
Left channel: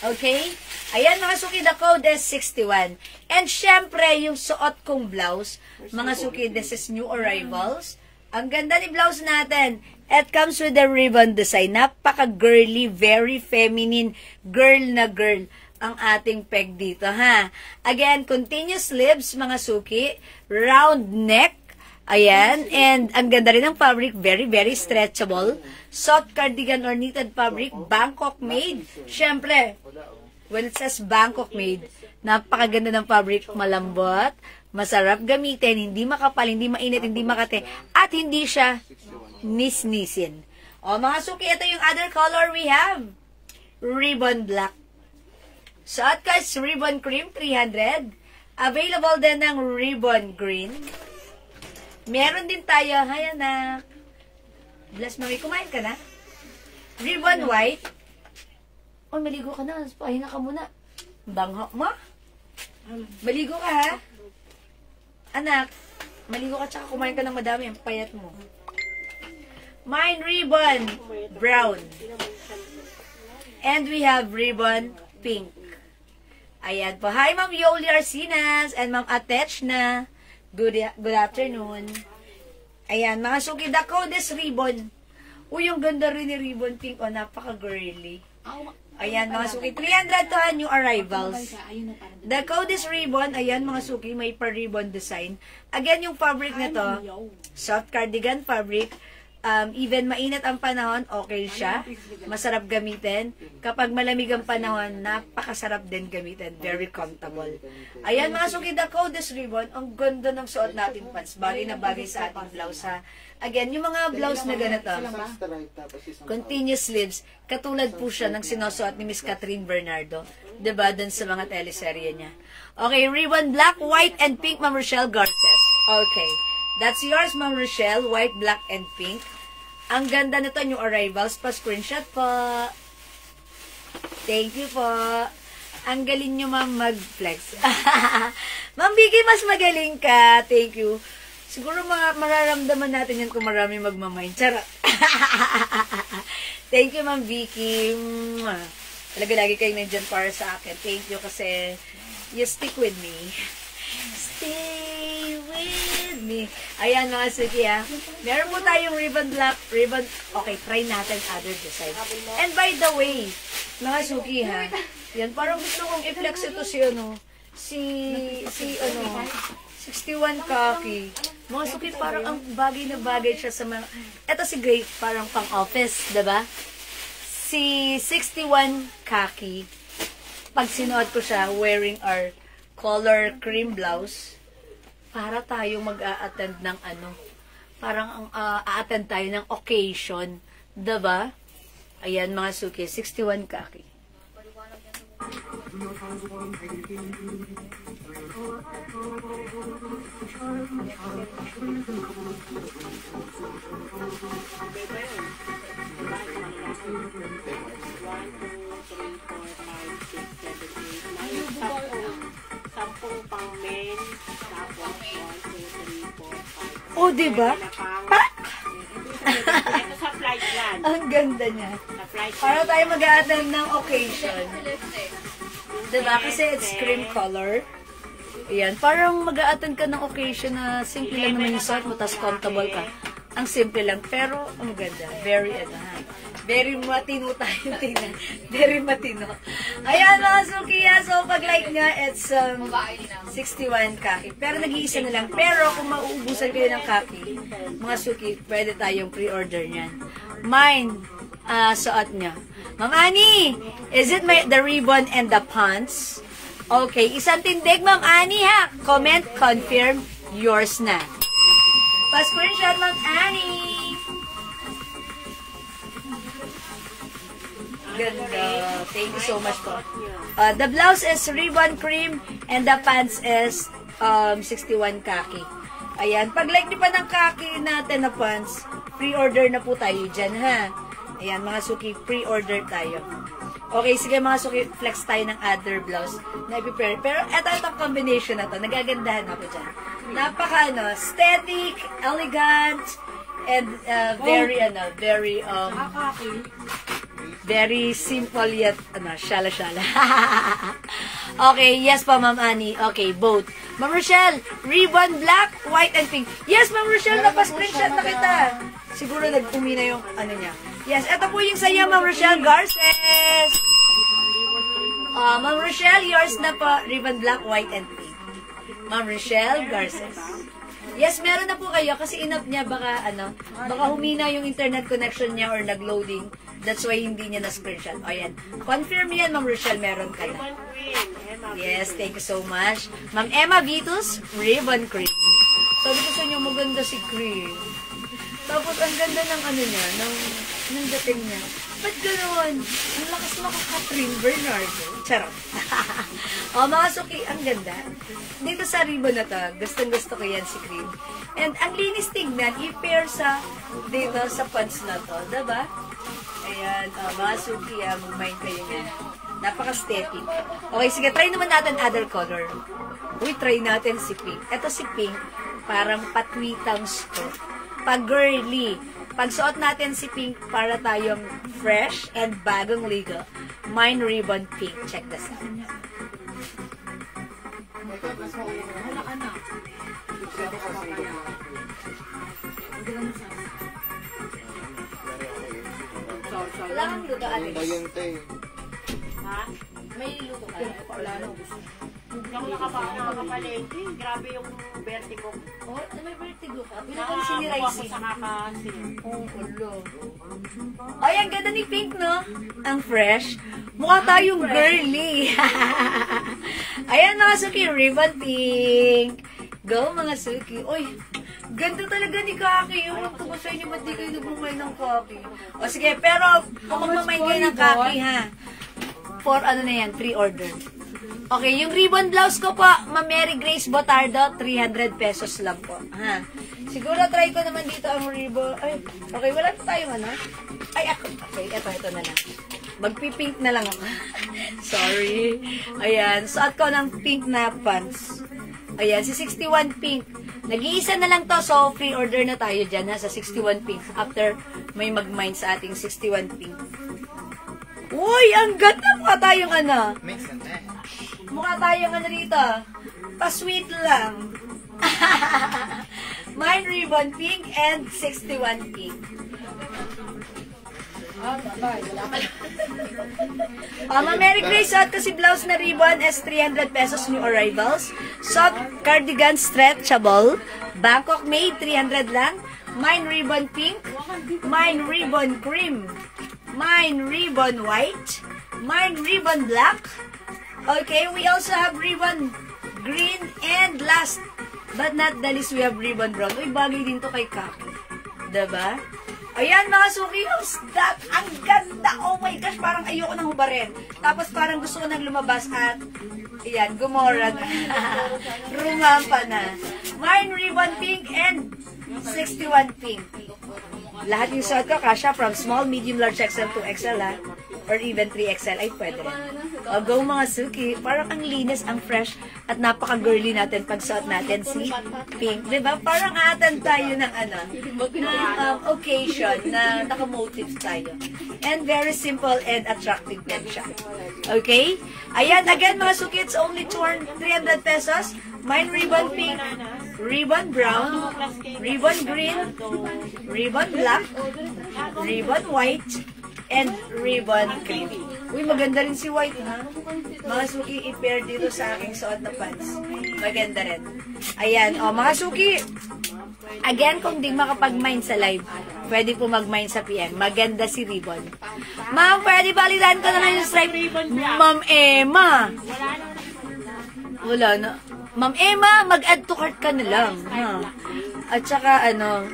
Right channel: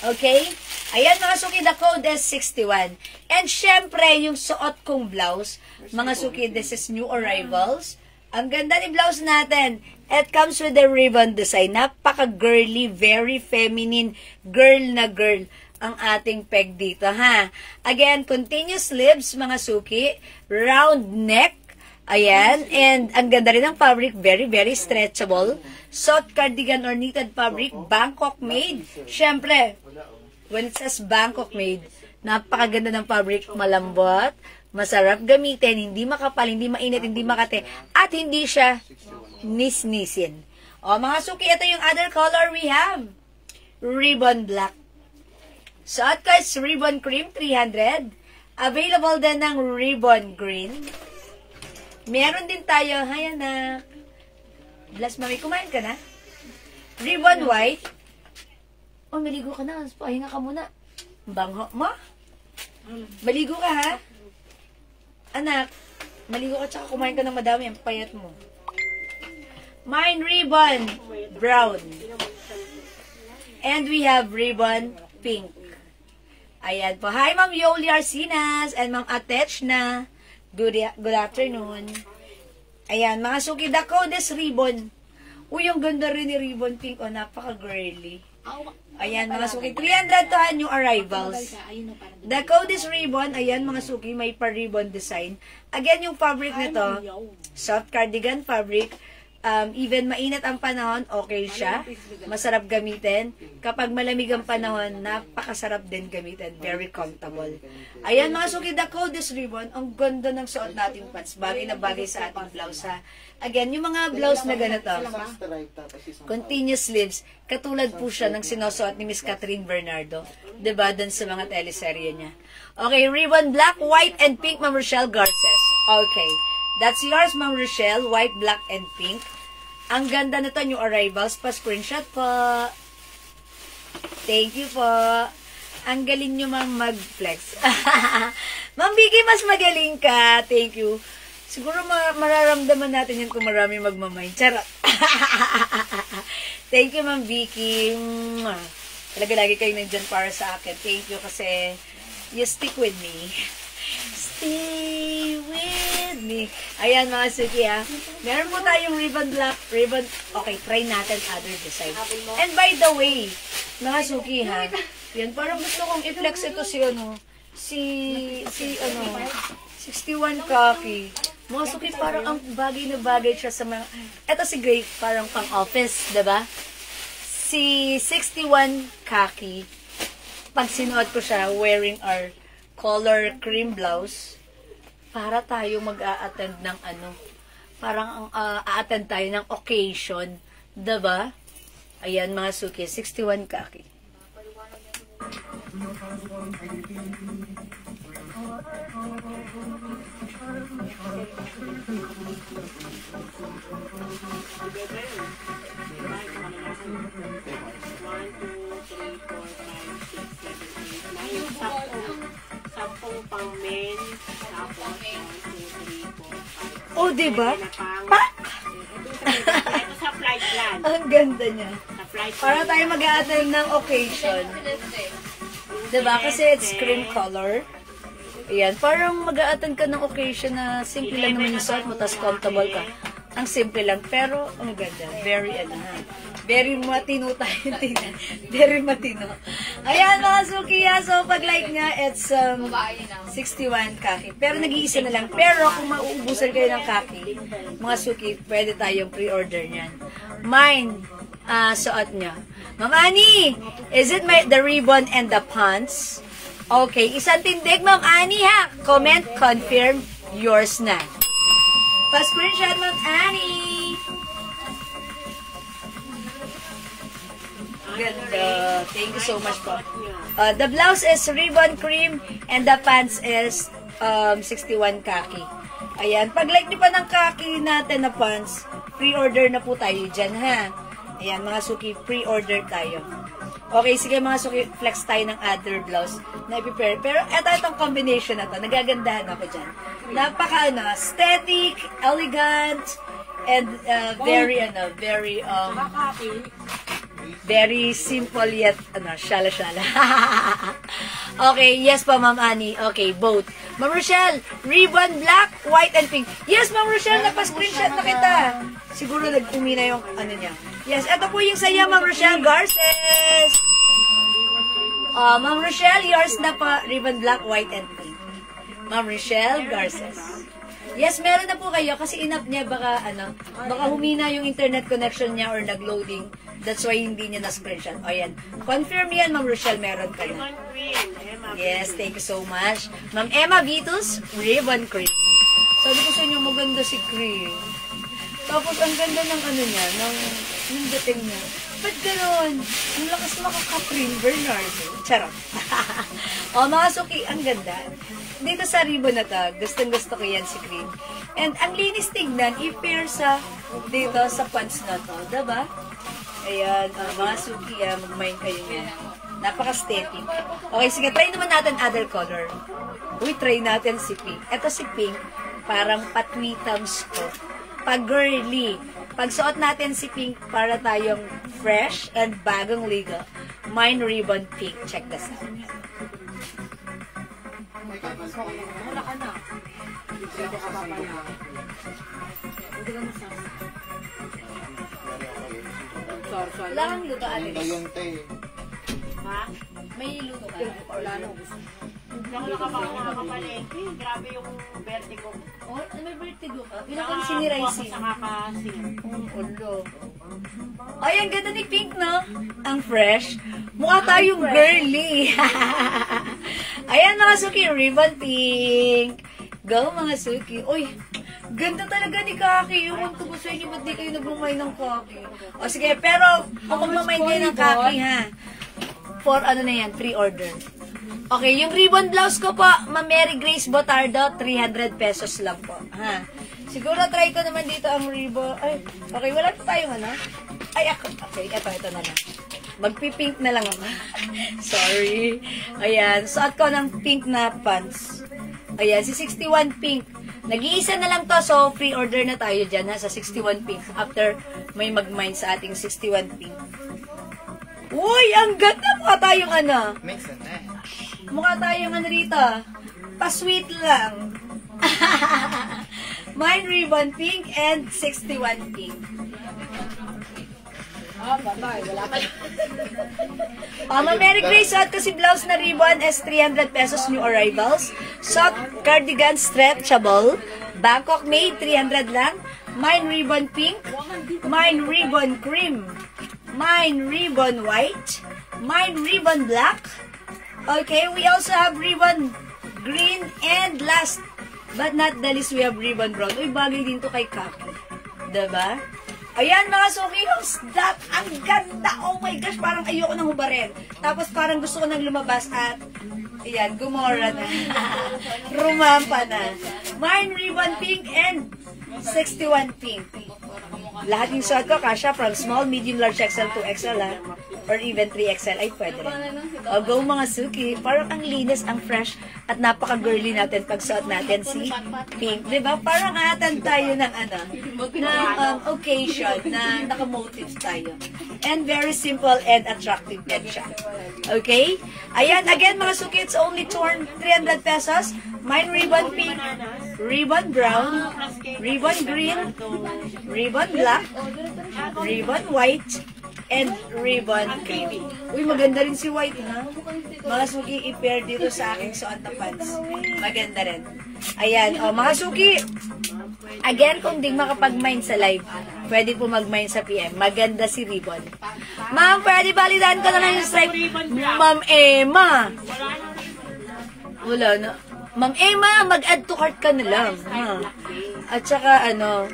Okay? Ayan, mga suki, the code is 61. And syempre, yung suot kong blouse, mga suki, this is new arrivals. Ang ganda ni blouse natin. It comes with a ribbon design. Napaka-girly, very feminine, girl na girl ang ating peg dito, ha? Again, continuous sleeves, mga suki. Round neck. Ayan. And ang ganda rin ng fabric. Very, very stretchable. Soft cardigan or knitted fabric. Bangkok made. Siyempre, when it says Bangkok made, napakaganda ng fabric. Malambot. Masarap gamitin, hindi makapal, hindi mainit, hindi makate, at hindi siya nisnisin. O, mga suki, ito yung other color we have. Ribbon black. Suot ko is ribbon cream, 300. Available din ng ribbon green. Meron din tayo, hay anak. Bless Marie, kumain ka na? Ribbon white. O, maligo ka na. Pahinga ka muna. Bangho mo. Maligo ka, ha? Anak, maligo ka tsaka kumain ka ng madami, ang payat mo. Mine ribbon brown. And we have ribbon pink. Ayan po. Hi, Ma'am Yoli Arsinas and Ma'am Atechna. Good afternoon. Ayan, mga suki, the code is ribbon. Uy, yung ganda rin ni ribbon pink. O, napaka-girly. Ayan, mga suki. 300 to new arrivals. The code is ribbon. Ayan, mga suki. May pa-ribbon design. Again, yung fabric na to, soft cardigan fabric. Even mainit ang panahon, okay siya. Masarap gamitin. Kapag malamig ang panahon, napakasarap din gamitin. Very comfortable. Ayan, mga suki. The code is ribbon. Ang ganda ng suot nating pants. Bagay na bagay sa ating blouse, ha. Again, yung mga blouse na ganito, continuous sleeves, katulad po siya ng sinusuot ni Miss Catherine Bernardo. Diba? Dun sa mga teleserye niya. Okay, ribbon black, white, and pink, Ma'am Rochelle Garces. Okay. That's yours, Ma'am Rochelle. White, black, and pink. Ang ganda nito, new arrivals. Pa-screenshot po. Thank you po. Ang galing nyo, Ma'am, mag-flex. Ma'am Vicky, mas magaling ka. Thank you. Siguro mararamdaman natin yun kung marami magmamind. Charot. Thank you, Ma'am Vicky. Talaga lagi kayo nandyan para sa akin. Thank you kasi you stick with me. Stay with me. Ayan mga Suki ha. Meron po tayong ribbon black, ribbon. Okay, try natin other design. And by the way, mga Suki ha. Yan, parang gusto kong i-flex ito si ano. Si 61 khaki. Mga Suki, parang ang bagay na bagay siya sa mga... Ito si Grape, parang pang-office, diba? Si 61 khaki, pag sinuot ko siya, wearing our color cream blouse, para tayo mag-a-attend ng ano, parang a-attend tayo ng occasion, diba? Ayan mga Suki, 61 khaki. Sampung pang men, tapos 1, 2, 3, 4, 5. Oh, diba? Ito sa flight yan. Ang ganda niya. Sa flight Para tayo mag-a-attend ng occasion. Diba? Kasi it's cream color. Ayan. Parang mag-a-attend ka ng occasion na simple lang naman yung suot mo, tapos comfortable ka. Ang simple lang. Pero, ang ganda. Very, very matino tayo tingnan. Very matino. Ayan mga Suki. So, pag like nga, it's 61 khaki. Pero nag-iisa na lang. Pero, kung mauubusan kayo ng khaki, mga Suki, pwede tayong pre-order niyan. Mine, suot niya. Ma'am Annie, is it the ribbon and the pants? Okay, isang tindig, Ma'am Annie, ha? Comment, confirm, yours na. Pa-screenshot, Ma'am Annie. Ganda. Thank you so much po. The blouse is ribbon cream and the pants is 61 khaki. Ayan. Pag like di pa ng khaki natin na pants, pre-order na po tayo dyan, ha? Ayan, mga Suki, pre-order tayo. Okay, sige mga Suki, flex tayo ng other blouse na i-prepare. Pero itong combination na to, nagagandahan ako dyan. Napaka, aesthetic, elegant, and very simple yet, shala-shala. Okay, yes pa, Ma'am Annie. Okay, both. Ma'am Rochelle, ribbon black, white, and pink. Yes, Ma'am Rochelle, napa-screenshot na kita. Siguro nag-umi na yung niya. Yes, ito po yung saya, Ma'am Rochelle Garces. Ma'am Rochelle, yours na pa, ribbon black, white, and pink. Ma'am Rochelle Garces. Yes, meron na po kayo kasi inap niya baka humina yung internet connection niya or nag-loading. That's why hindi niya na-screenshot. O yan. Confirm yan, Ma'am Rochelle, meron ka na. Yes, thank you so much. Ma'am Emma Vitus, ribbon cream. Sabi ko sa inyo, maganda si cream. Tapos, ang ganda ng niya, ng dating niya. Ba't gano'n? Ang lakas makaka-cream, Bernardo. Charot. O, mga Suki, ang ganda. Dito sa ribbon na to, gustong-gusto ko yan si cream. And ang linis tignan, i-pair dito sa pants na to. Diba? Ayan, mga Suki, mag-mind kayo niya. Napaka-aesthetic. Okay, sige, try naman natin other color. Uy, try natin si pink. Ito si pink, parang patwitams ko. Pag-girly. Pag-suot natin si pink para tayong fresh and bagong ligo. Mine ribbon pink. Check this out. Wala ka na. Wala kang luto, Alex. Yung tay. Ha? May luto ka. Wala na. Ako nakapalengke. Grabe yung vertigo. Oh, may vertigo ka? Pinakang siniraising. Sa kakasin. Ulo. Ay, ang ganda ni Pink, no? Ang fresh. Mukha tayong girly. Ayan, mga Suki, ribbon pink. Go, mga Suki. Uy, ganda talaga ni Kaki. Ewan ko ba sa inyo, ba't di kayo nagmamay ng Kaki? O sige, pero kung magmamay nyo ng Kaki, ha? For na yan, pre-order. Okay, yung ribbon blouse ko po, Ma'am Mary Grace Botardo, 300 pesos lang po. Ha. Siguro try ko naman dito ang ribbon. Ay, okay, wala na tayong ano. Ay, ako. Okay, ito na lang. Magpipink na lang ako. Sorry. Ayan, suot ko ng pink na pants. Ayan, si 61 pink. Nag-iisa na lang to, so free order na tayo dyan ha, sa 61 pink. After may mag-mind sa ating 61 pink. Uy, ang ganda! Mukha tayong ano. Mix and match. Mukha tayong ano rito. Pa-sweet lang. Mine ribbon pink and 61 pink. Merry Grace, suot ko si blouse na ribbon is 300 pesos new arrivals. Soft cardigan stretchable. Bangkok made, 300 lang. Mine ribbon pink. Mine ribbon cream. Mine ribbon white. Mine ribbon black. Okay, we also have ribbon green. And last but not the least, we have ribbon brown. Uy, bagay din to kay Kaki. Diba? Ayan mga suki, ang ganda. Oh my gosh, parang ayoko nang hubarin. Tapos parang gusto ko nang lumabas at ayan, gumora na. Rumampa na. Mine ribbon pink and 61 pink. Lahat yung shot ko, kasha from small, medium, large XL to XL ha. Or even 3XL, ay pwede rin. O go mga suki, parang ang linis, ang fresh, at napaka-girly natin pag suot natin si pink. Diba? Parang atan tayo ng ano, ng occasion na nakamotive tayo. And very simple and attractive din siya. Okay? Ayan, again mga suki, it's only 300 pesos. Mine ribbon pink, ribbon brown, ribbon green, ribbon black, ribbon white, and ribbon cream. Uy, maganda rin si white, ha? Mga suki, i-pair dito sa aking suot na pants. Maganda rin. Ayan, o, mga suki. Again, kung di makapag-mine sa live, pwede po mag-mine sa PM. Maganda si ribbon. Ma'am, pwede balidan ko na yung stripe. Ma'am Emma. Wala na. Ma'am Emma, mag-add to cart ka na lang. Ha? At saka, ano,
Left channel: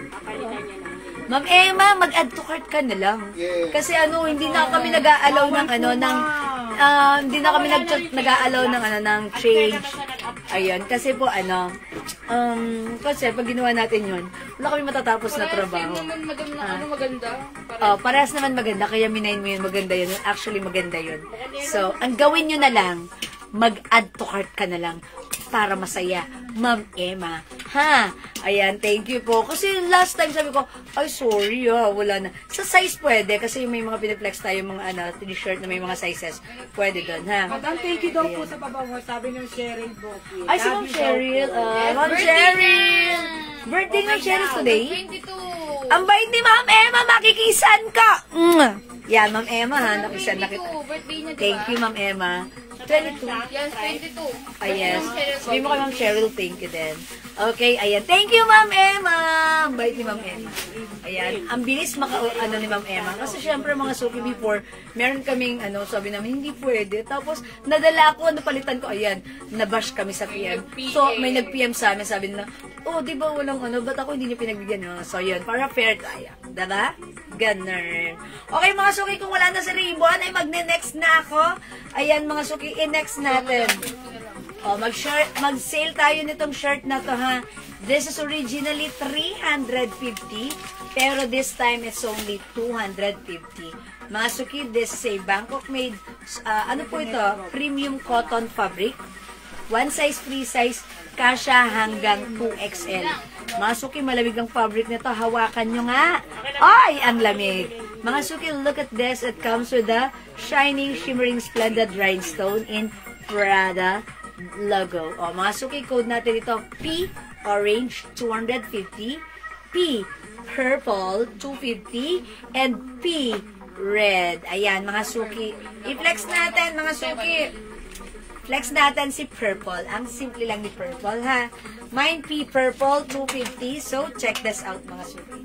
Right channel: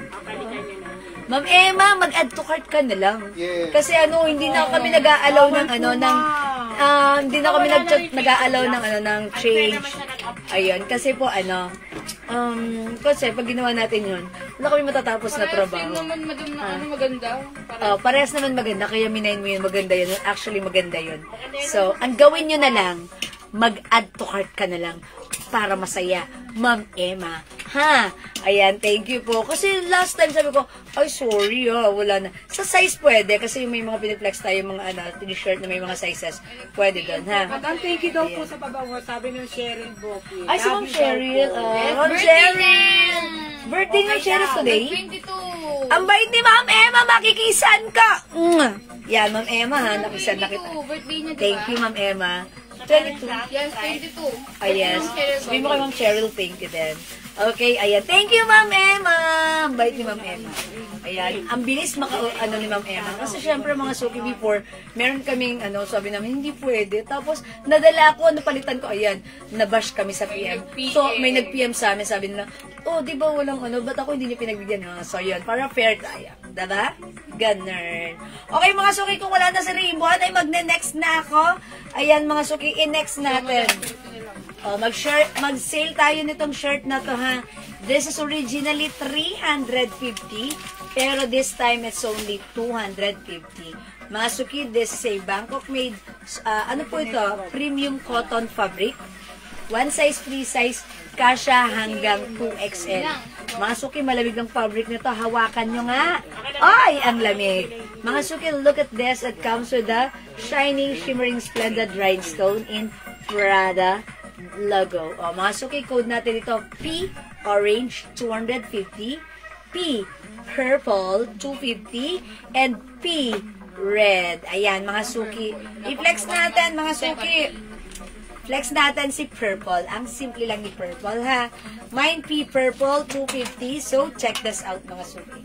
Ma'am Emma, mag-add to cart ka na lang. Yeah. Kasi ano, hindi na kami nag-a-allow ng ano, ng hindi na kami nag-a-allow ng ano, ng change. Ayun, kasi po ano, kasi pag ginawa natin yun, wala kami matatapos na trabaho. naman, madam, na ano maganda. Parehas naman maganda, kaya minayin mo yun, maganda yun. Actually, maganda yun. So, ang gawin nyo na lang, mag-add to cart ka na lang para masaya. Ma'am Emma. Ha? Ayan, thank you po. Kasi last time sabi ko, ay sorry wala na. Sa size pwede, kasi may mga piniplex tayo, mga ano, t-shirt na may mga sizes. Pwede doon, ha? Madam, thank you daw po sa pabawa. Sabi ng Cheryl Boki. Ay, si Ma'am Cheryl. Ma'am Cheryl! Birthday ng Cheryl today? 22. Ang bait ni Ma'am Emma, makikisan ka! Yan, Ma'am Emma, ha? Nakisan na kita. Birthday niya, diba? Thank you, Ma'am Emma. 22. Yes, 22. Yes. Sabi mo kay Ma'am Cheryl, thank you din. Okay, ayan. Thank you, Ma'am Emma. Ang bait ni Ma'am Emma. Ayan. Ang bilis ano ni Ma'am Emma. Kasi syempre mga suki before, meron kaming, ano, sabi namin, hindi pwede. Tapos, nadala ko, napalitan ko, ayan, nabash kami sa PM. So, may nag-PM sa amin, sabi nila, oh, di ba walang ano, ba't ako hindi niyo pinagbigyan? So, yun, para fair tayo. Diba? Ganun. Okay, mga suki, kung wala na si Ribbon, ay magne-next na ako. Ayan, mga suki, i-next natin. Oh, mag-sale tayo nitong shirt na to, ha. This is originally 350, pero this time it's only 250. Mga suki, this is a Bangkok made, ano po ito? Premium cotton fabric. One size, free size, kasha hanggang 2XL. Mga suki, malamig ng fabric nito. Hawakan nyo nga. Ay, ang lamig. Mga suki, look at this. It comes with a shining, shimmering, splendid rhinestone in Prada logo. O, mga suki, code natin ito. P, orange, 250. P, purple, 250. And P, red. Ayan, mga suki. I-flex natin, mga suki. Flex natin si purple. Ang simple lang ni purple, ha. Mine P purple, 250. So, check this out, mga suki.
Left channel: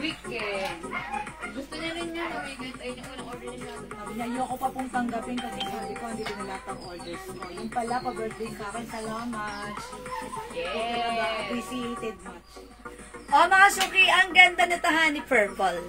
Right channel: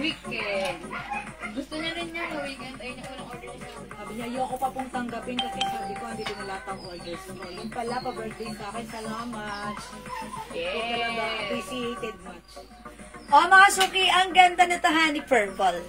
Weekend. niya, ayoko pa pong tanggapin kasi sabi ko, hindi ko na lahat ang orders mo. Yung pala, pa-birthday ka akin, salamat. Talaga, appreciated much. Oh, mga suki, ang ganda nito, honey purple.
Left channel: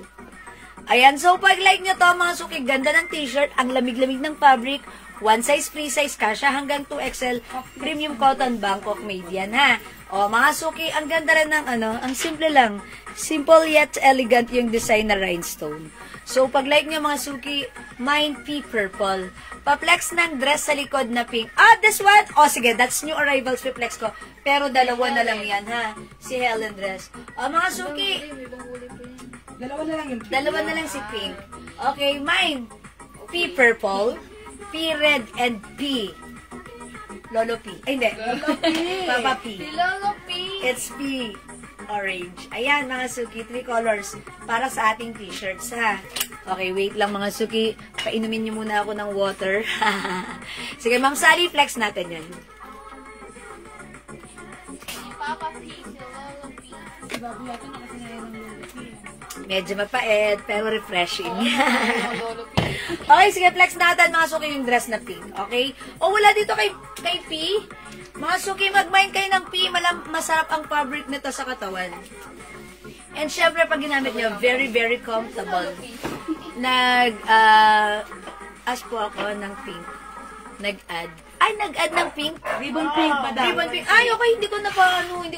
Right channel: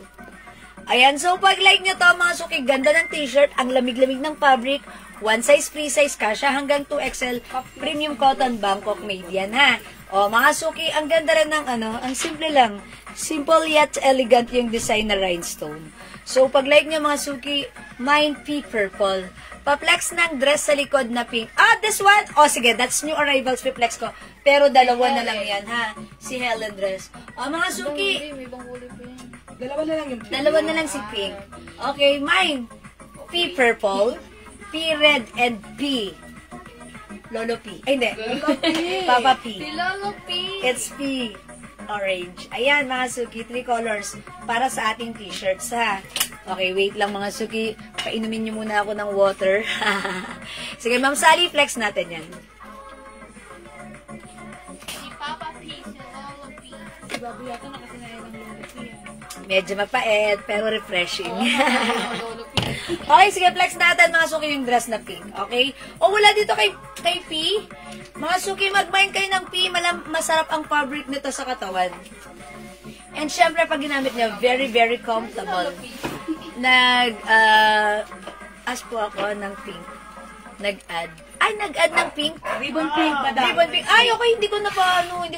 Ayan, so pag like nyo to, mga suki, ganda ng t-shirt, ang lamig-lamig ng fabric, one size, free size, kasha hanggang 2XL, premium cotton, Bangkok made yan, ha? O, mga suki, ang ganda rin ng ang simple lang. Simple yet elegant yung design na rhinestone. So, pag like nyo, mga suki, mine pea purple. Pa-flex ng dress sa likod na pink. Ah, this one? O, sige, that's new arrivals pa-flex ko. Pero dalawa na lang yan, ha? Si Helen dress. O, mga suki, Dalawa na lang yung dalawa na lang si pink. Okay, mine. Pea purple, pea red, and pea. Lolo P. Ay, hindi. Papa P. Lolo P. It's P. Orange. Ayan, mga suki. 3 colors para sa ating t-shirts, ha? Okay, wait lang, mga suki. Painumin niyo muna ako ng water. Sige, Ma'am Sally, flex natin yan. Si Papa P. Si Lolo P. Si Babu yata nakasinayan ng Lolo P. Medyo mapait, pero refreshing. Lolo P. Okay, sige, flex natin, mga suki, yung dress na pink. Okay? O, wala dito kay P. Mga suki, mag-mind kayo ng P. Masarap ang fabric nito sa katawan. And syempre, pag ginamit niya, very, very comfortable. Ask po ako ng pink. Nag-add ng pink. Ribbon pink, madam. Ribbon pink. Ay, okay, hindi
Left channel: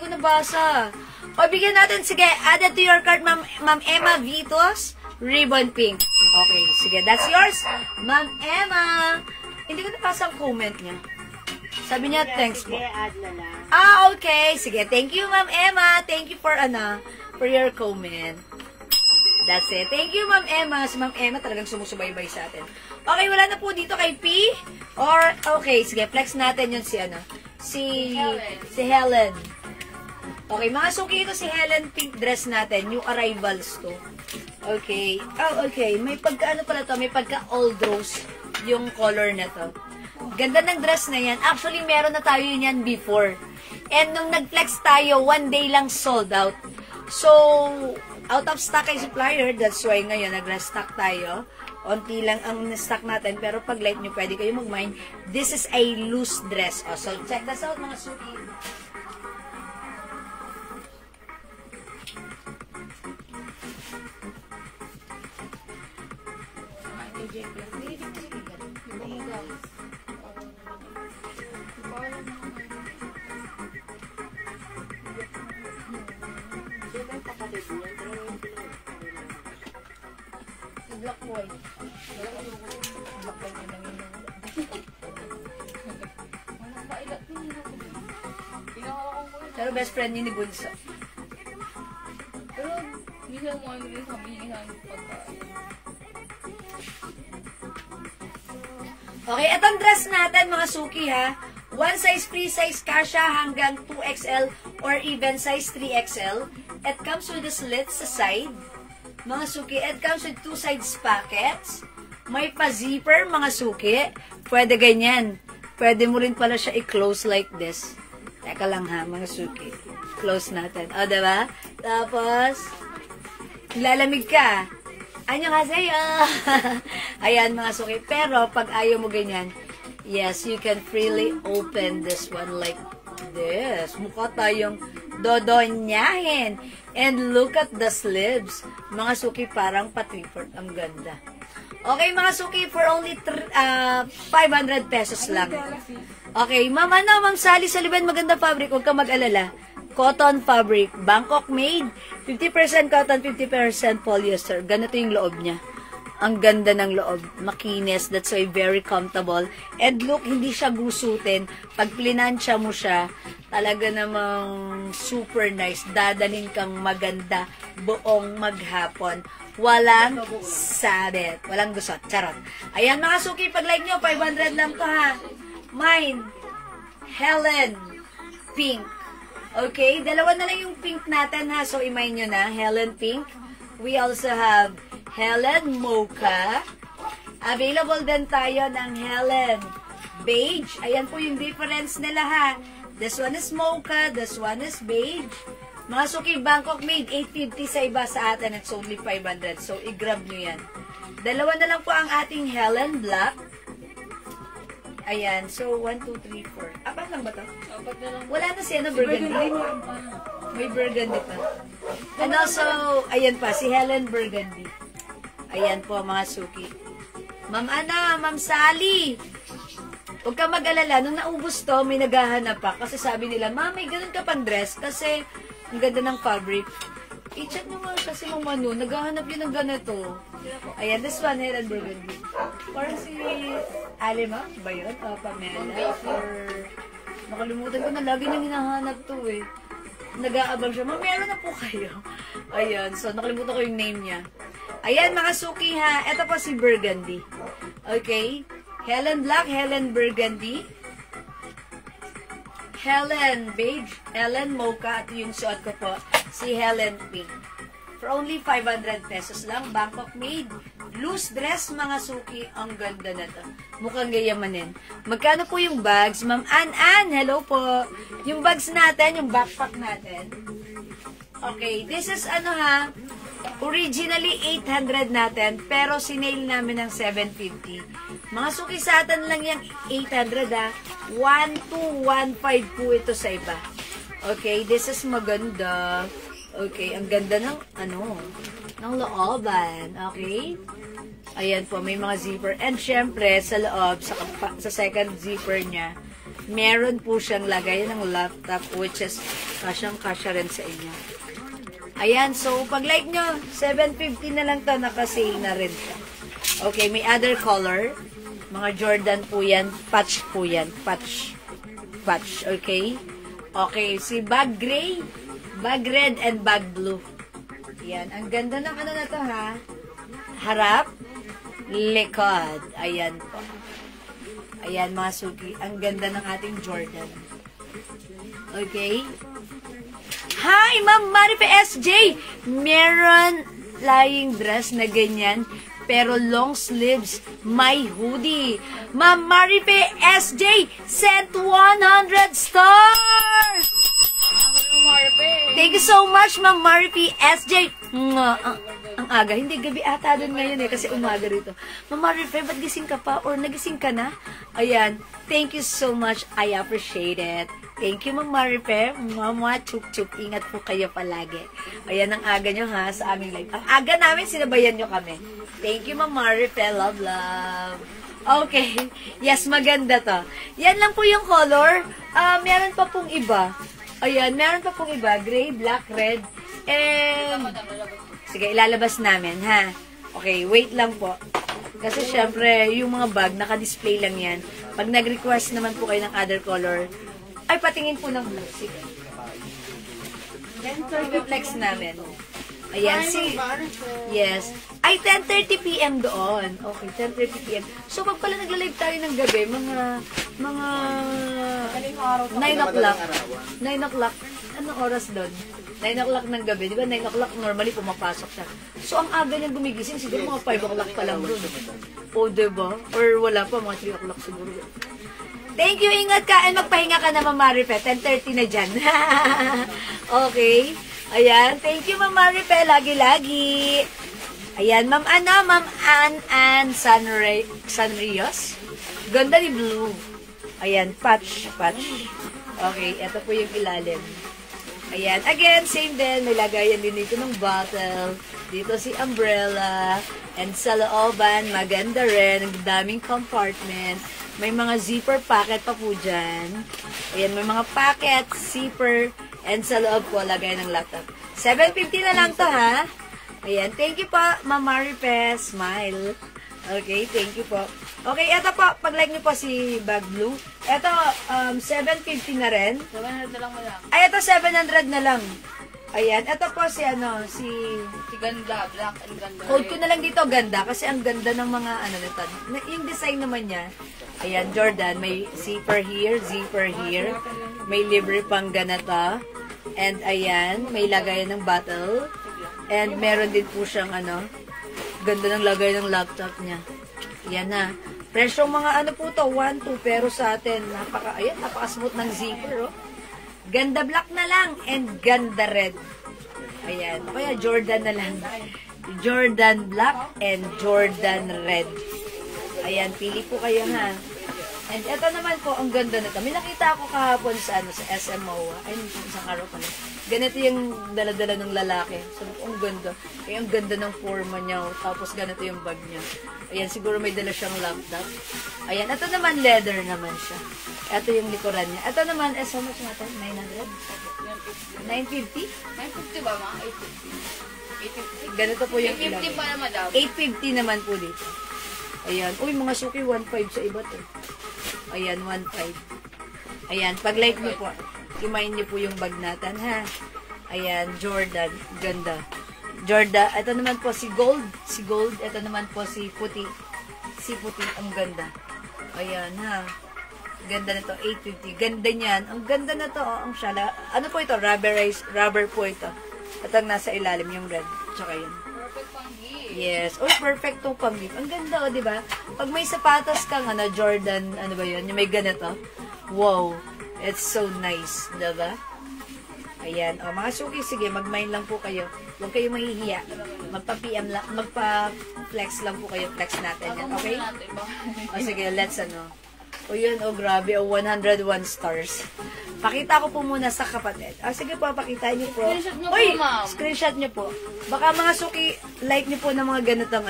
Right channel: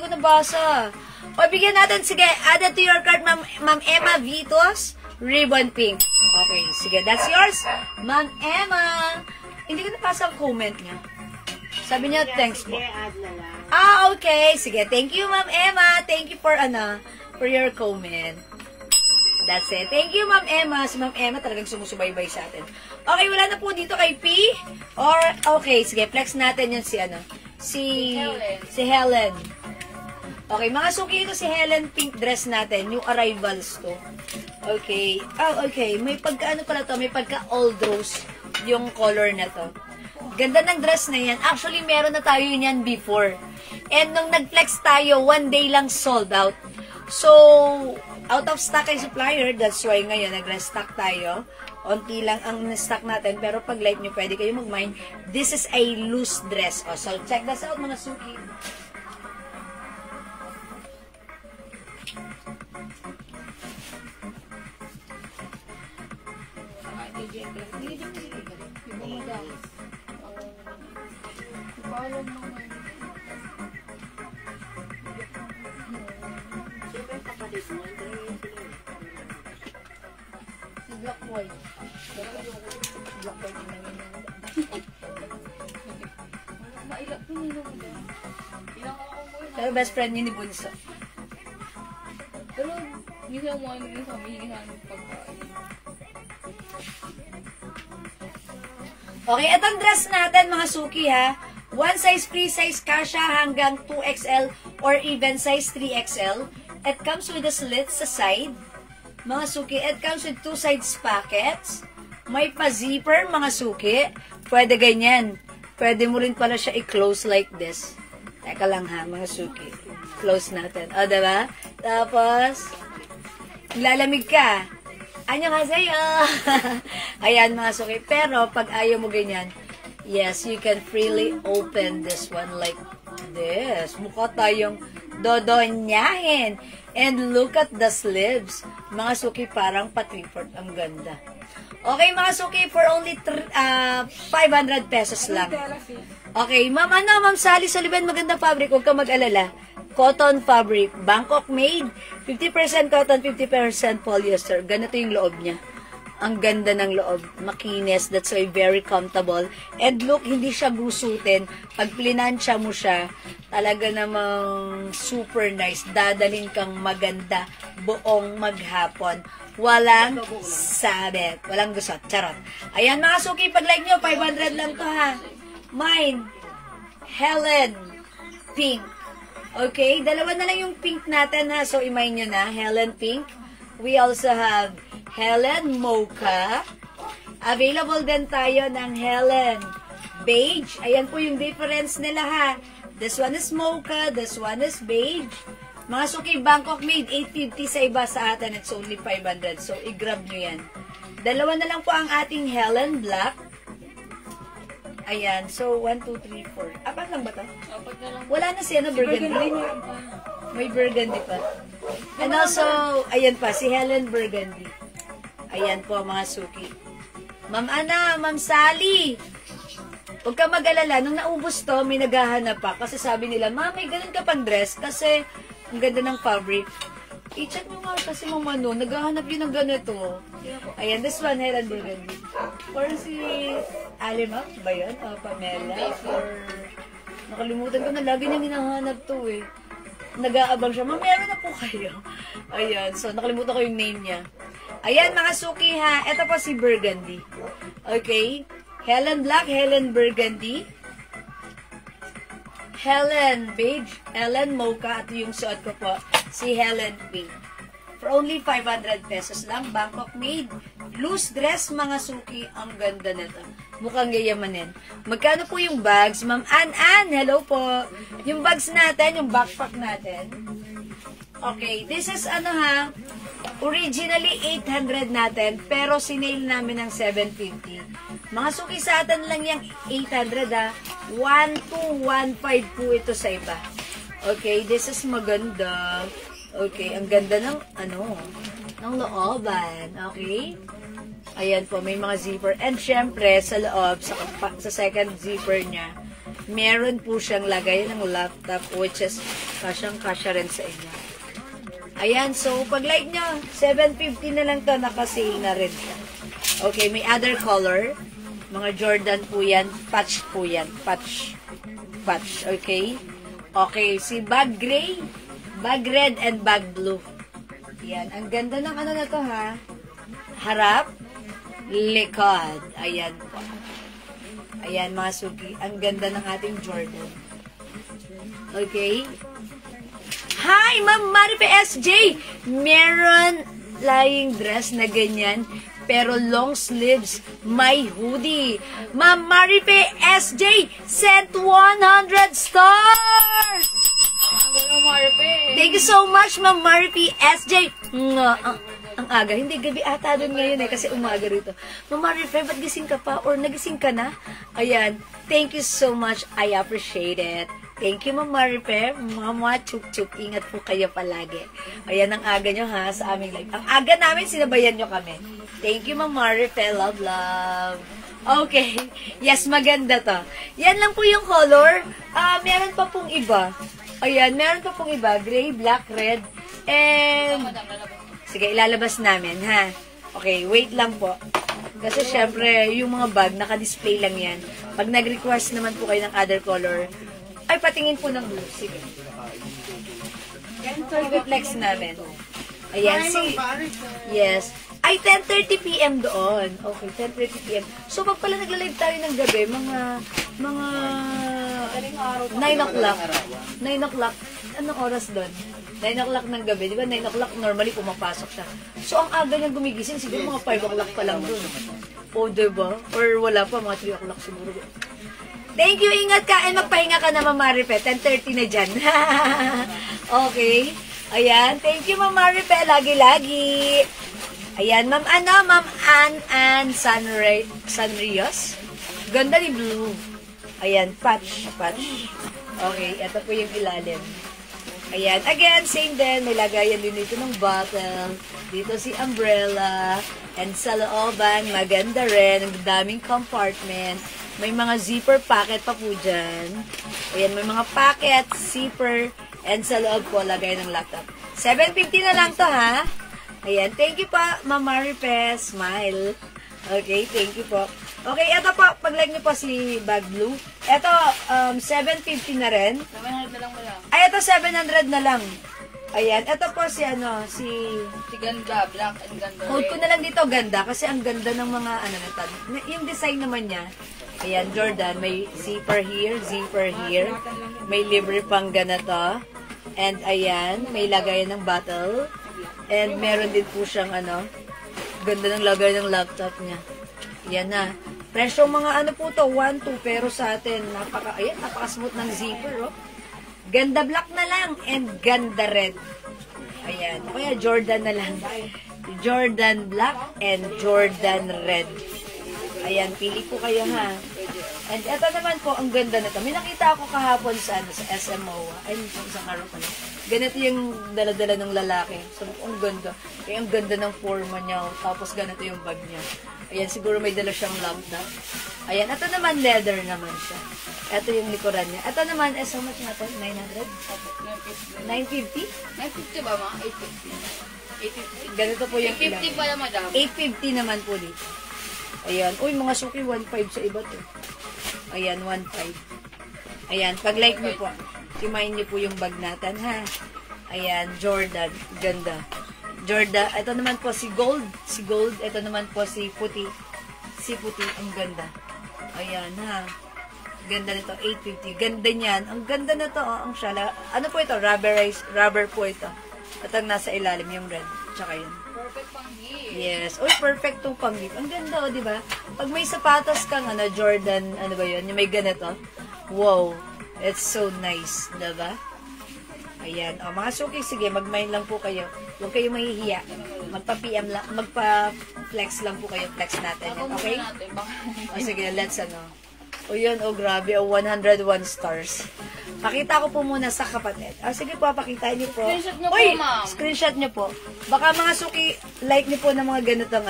ko nabasa. O, bigyan natin, sige, added to your cart, Ma'am Emma Vitos, ribbon pink. Okay, sige, that's yours, Ma'am Emma. Hindi ko nabasa ang comment niya. Sabi niya, thanks po. Sige, add na lang. Ah, okay. Sige, thank you, Ma'am Emma. Thank you for your comment. That's it. Thank you, Ma'am Emma. Si Ma'am Emma talagang sumusubaybay sa atin. Okay, wala na po dito kay P. Or, okay, sige, flex natin yun si Helen. Okay, mga suki, ito si Helen pink dress natin. Yung arrivals to. Okay. Oh, okay. May pagka, pala to? May pagka old rose yung color na to. Ganda ng dress na yan. Actually, meron na tayo yan before. And nung nag-flex tayo, one day lang sold out. So, out of stock ay supplier. That's why ngayon, nag-restock tayo. Onti lang ang stock natin. Pero pag like nyo, pwede kayo mag-mine. This is a loose dress. Oh, so, check this out, mga suki. Black boy. Black boy din lang yun. Pero best friend niya ni Bunso. Pero, minsan mo ano rin kami, pagkain. Okay, itong dress natin, mga suki, ha. One size, free size, kasha hanggang 2XL or even size 3XL. It comes with a slit sa side. Mga suki, it comes with 2 sides pockets. May pa-zipper, mga suki. Pwede ganyan. Pwede mo rin pala siya i-close like this. Teka lang ha, mga suki. Close natin. O, diba? Tapos, lalamig ka. Annyeonghaseyo. Ayan, mga suki. Pero, pag ayaw mo ganyan, yes, you can freely open this one like this. Mukha tayong dodonyahin. And look at the sleeves. Mga suki, parang pa-3/4. Ang ganda. Okay, mga suki, for only 500 pesos lang. Okay, Ma'am Sally Solivan, magandang fabric. Huwag ka mag-alala. Cotton fabric. Bangkok made. 50% cotton, 50% polyester. Ganito yung loob niya. Ang ganda ng loob. Makinis. That's why very comfortable. And look, hindi siya gusutin. Pag plinansya mo siya, talaga namang super nice. Dadalhin kang maganda buong maghapon. Walang sabit. Walang gusot. Charot. Ayan, mga suki, pag like nyo, 500 lang to, ha. Mine, Helen, pink. Okay, dalawa na lang yung pink natin, ha. So, imay nyo na, Helen pink. We also have Helen Mocha. Available din tayo ng Helen Beige. Ayan po yung difference nila, ha. This one is Mocha, this one is Beige. Mga suki, Bangkok made, 850 sa iba, sa atin it's only 500. So, i-grab nyo yan. Dalawa na lang po ang ating Helen Black. Ayan. So, 1, 2, 3, 4. Apat lang ba ito? Apat na lang. Wala na siya na burgundy. meron pa. May burgundy pa. And also, ayan pa, si Helen Burgundy. Ayan po, mga suki. Ma'am Ana, Ma'am Sally. Huwag ka mag-alala. Nung naubos to, may naghahanap pa. Kasi sabi nila, Ma'am, may ganun ka pang dress. Kasi, ang ganda ng fabric. I-check mo nga kasi mong Manu, naghahanap yun ng ganito. Ayan, this one, Helen Burgundy. Or si Alima, ba yun? O Pamela? Or, nakalimutan ko na, lagi niyang hinahanap to eh. Nag-aabang siya, Ma'am, meron na po kayo. Ayan, so nakalimutan ko yung name niya. Ayan, mga suki ha, ito po si Burgundy. Okay? Helen Black, Helen Burgundy. Helen Beige, Helen Mocha, at yung suot ko po, si Helen Pink. For only 500 pesos lang, Bangkok made. Loose dress, mga suki, ang ganda na to. Mukhang gayamanin. Magkano po yung bags? Ma'am Ann, hello po. Yung bags natin, yung backpack natin. Okay, this is ano ha, originally 800 natin, pero sinail namin ng 750. Mga suki sa atin lang yung 800 ha. 1215 po ito sa iba. Okay, this is maganda. Okay, ang ganda ng ng looban. Okay? Ayan po, may mga zipper. And syempre, sa loob, sa second zipper niya, meron po siyang lagay ng laptop, which is kasyang-kasya rin sa inyo. Ayan, so pag like nyo, 750 na lang to, naka-sale na rin. Okay, may other color. Mga Jordan po yan. Patch po yan. Patch. Okay? Okay, si bag gray, bag red, and bag blue. Yan. Ang ganda ng ano na to ha. Harap, likod. Ayan po. Ayan mga suki. Ang ganda ng ating Jordan. Okay? Hi, Ma'am Marife SJ! Meron lying dress na ganyan, pero long sleeves, may hoodie. Ma'am Marife SJ sent 100 stars! Thank you so much, Ma'am Marife SJ. Ang aga, hindi gabi ata doon ngayon eh, kasi umaga rito. Ma'am Marife, ba't gising ka pa? Or nagising ka na? Ayan, thank you so much. I appreciate it. Thank you, Ma'am Marife. Mama, chuk-chuk. Ingat po kayo palagi. Ayan ang aga nyo ha, sa aming live. Ang aga namin, sinabayan nyo kami. Thank you, Ma'am Marife. Love, love. Okay. Yes, maganda to. Yan lang po yung color. Meron pa pong iba. Ayan, meron pa pong iba. Gray, black, red, and... Sige, ilalabas namin, ha? Okay, wait lang po. Kasi syempre, yung mga bag, naka-display lang yan. Pag nag-request naman po kayo ng other color, ay patingin po ng blue. Sige. Yan, so, i-flex namin. Ayan, si... Yes. Ay, 10:30 p.m. doon. Okay, 10:30 p.m. So, pag pala nag-live tayo ng gabi, mga 9 o'clock. 9 o'clock. Anong oras doon? 9 o'clock ng gabi. Di ba 9 o'clock normally pumapasok siya. So, ang aga niyang gumigising, siguro mga 5 o'clock pa lang doon. O, diba? Or wala pa, mga 3 o'clock siguro. Thank you, ingat ka. And magpahinga ka na, Ma'am Marife. 10:30 na dyan. Okay. Ayan. Thank you, Ma'am Marife. Lagi-lagi. Ayan, Ma'am Ann Sanrios. Ganda ni blue. Ayan, patch. Okay, ito po yung ilalim. Ayan, again, same din. May lagayan din dito ng bottle. Dito si umbrella. And sa looban, maganda rin. Ang daming compartments. May mga zipper packet pa po dyan. Ayan, may mga packet, zipper, and sa loob po, lagay ng laptop. 750 na lang to, ha? Ayan, thank you po, Ma'am Marife. Smile. Okay, thank you po. Okay, ito po, pag-like niyo po si bag blue. Ito, 750 na rin. 700 na lang mo lang. Ay, ito, 700 na lang. Ayan, ito po si Si ganda, black and ganda. Code ko na lang dito, ganda. Kasi ang ganda ng mga, yung design naman niya. Ayan, Jordan, may zipper here. May libre pang ganito. And ayan, may lagayan ng bottle. And meron din po siyang ganda ng lagay ng laptop niya. Yan na. Presyo mga po to, 1-2. Pero sa atin, napaka-smooth ng zipper, oh. Ganda black na lang and ganda red. Ayan. Kaya Jordan na lang. Jordan Black and Jordan Red. Ayan, pili po kayo ha. And ito naman po, ang ganda nito. May nakita ako kahapon sa SMO. Ay, isang araw pa na. Ganito yung dala-dala ng lalaki. So, ang ganda. Kaya ang ganda ng forma niya. Tapos ganito yung bag niya. Ayan, siguro may dala siyang laptop. Ayan, ito naman leather naman siya. Ito yung likuran niya. Ito naman, so much nga ito? 900? 950? 950 ba mga? 850. Ganito po yung 850 pala, madam. 850 naman po dito. Ayan. Uy, mga suki, 1.5 sa iba to. Ayan, 1.5. Ayan, pag like nyo po, timayin nyo po yung bag natin, ha? Ayan, Jordan. Ganda. Jordan. Ito naman po si Gold. Si Gold. Ito naman po si Puti. Si Puti. Ang ganda. Ayan, ha? Ganda nito, 850. Ganda niyan. Ang ganda na to, oh, ang shala. Ano po ito? Rubber po ito. At ang nasa ilalim, yung red. Tsaka yun. Perfect pang gift. Yes. Uy, perfect tong pang-gift. Ang ganda, oh, di ba? Pag may sapatos kang, Jordan, ano ba yun? Yung may ganito. Wow. It's so nice. Diba? Ayan. O, mga suki, sige, mag-mine lang po kayo. Huwag kayo mahihiya. Magpa-PM lang, magpa-flex lang po kayo. Flex natin yan. Okay? O, sige, let's O, yun, grabe. 101 stars. Pakita ko po muna sa kapatid. Sige po, pakita niyo po. Screenshot niyo po, ma'am. Screenshot niyo po. Baka mga suki, like niyo po ng mga ganitong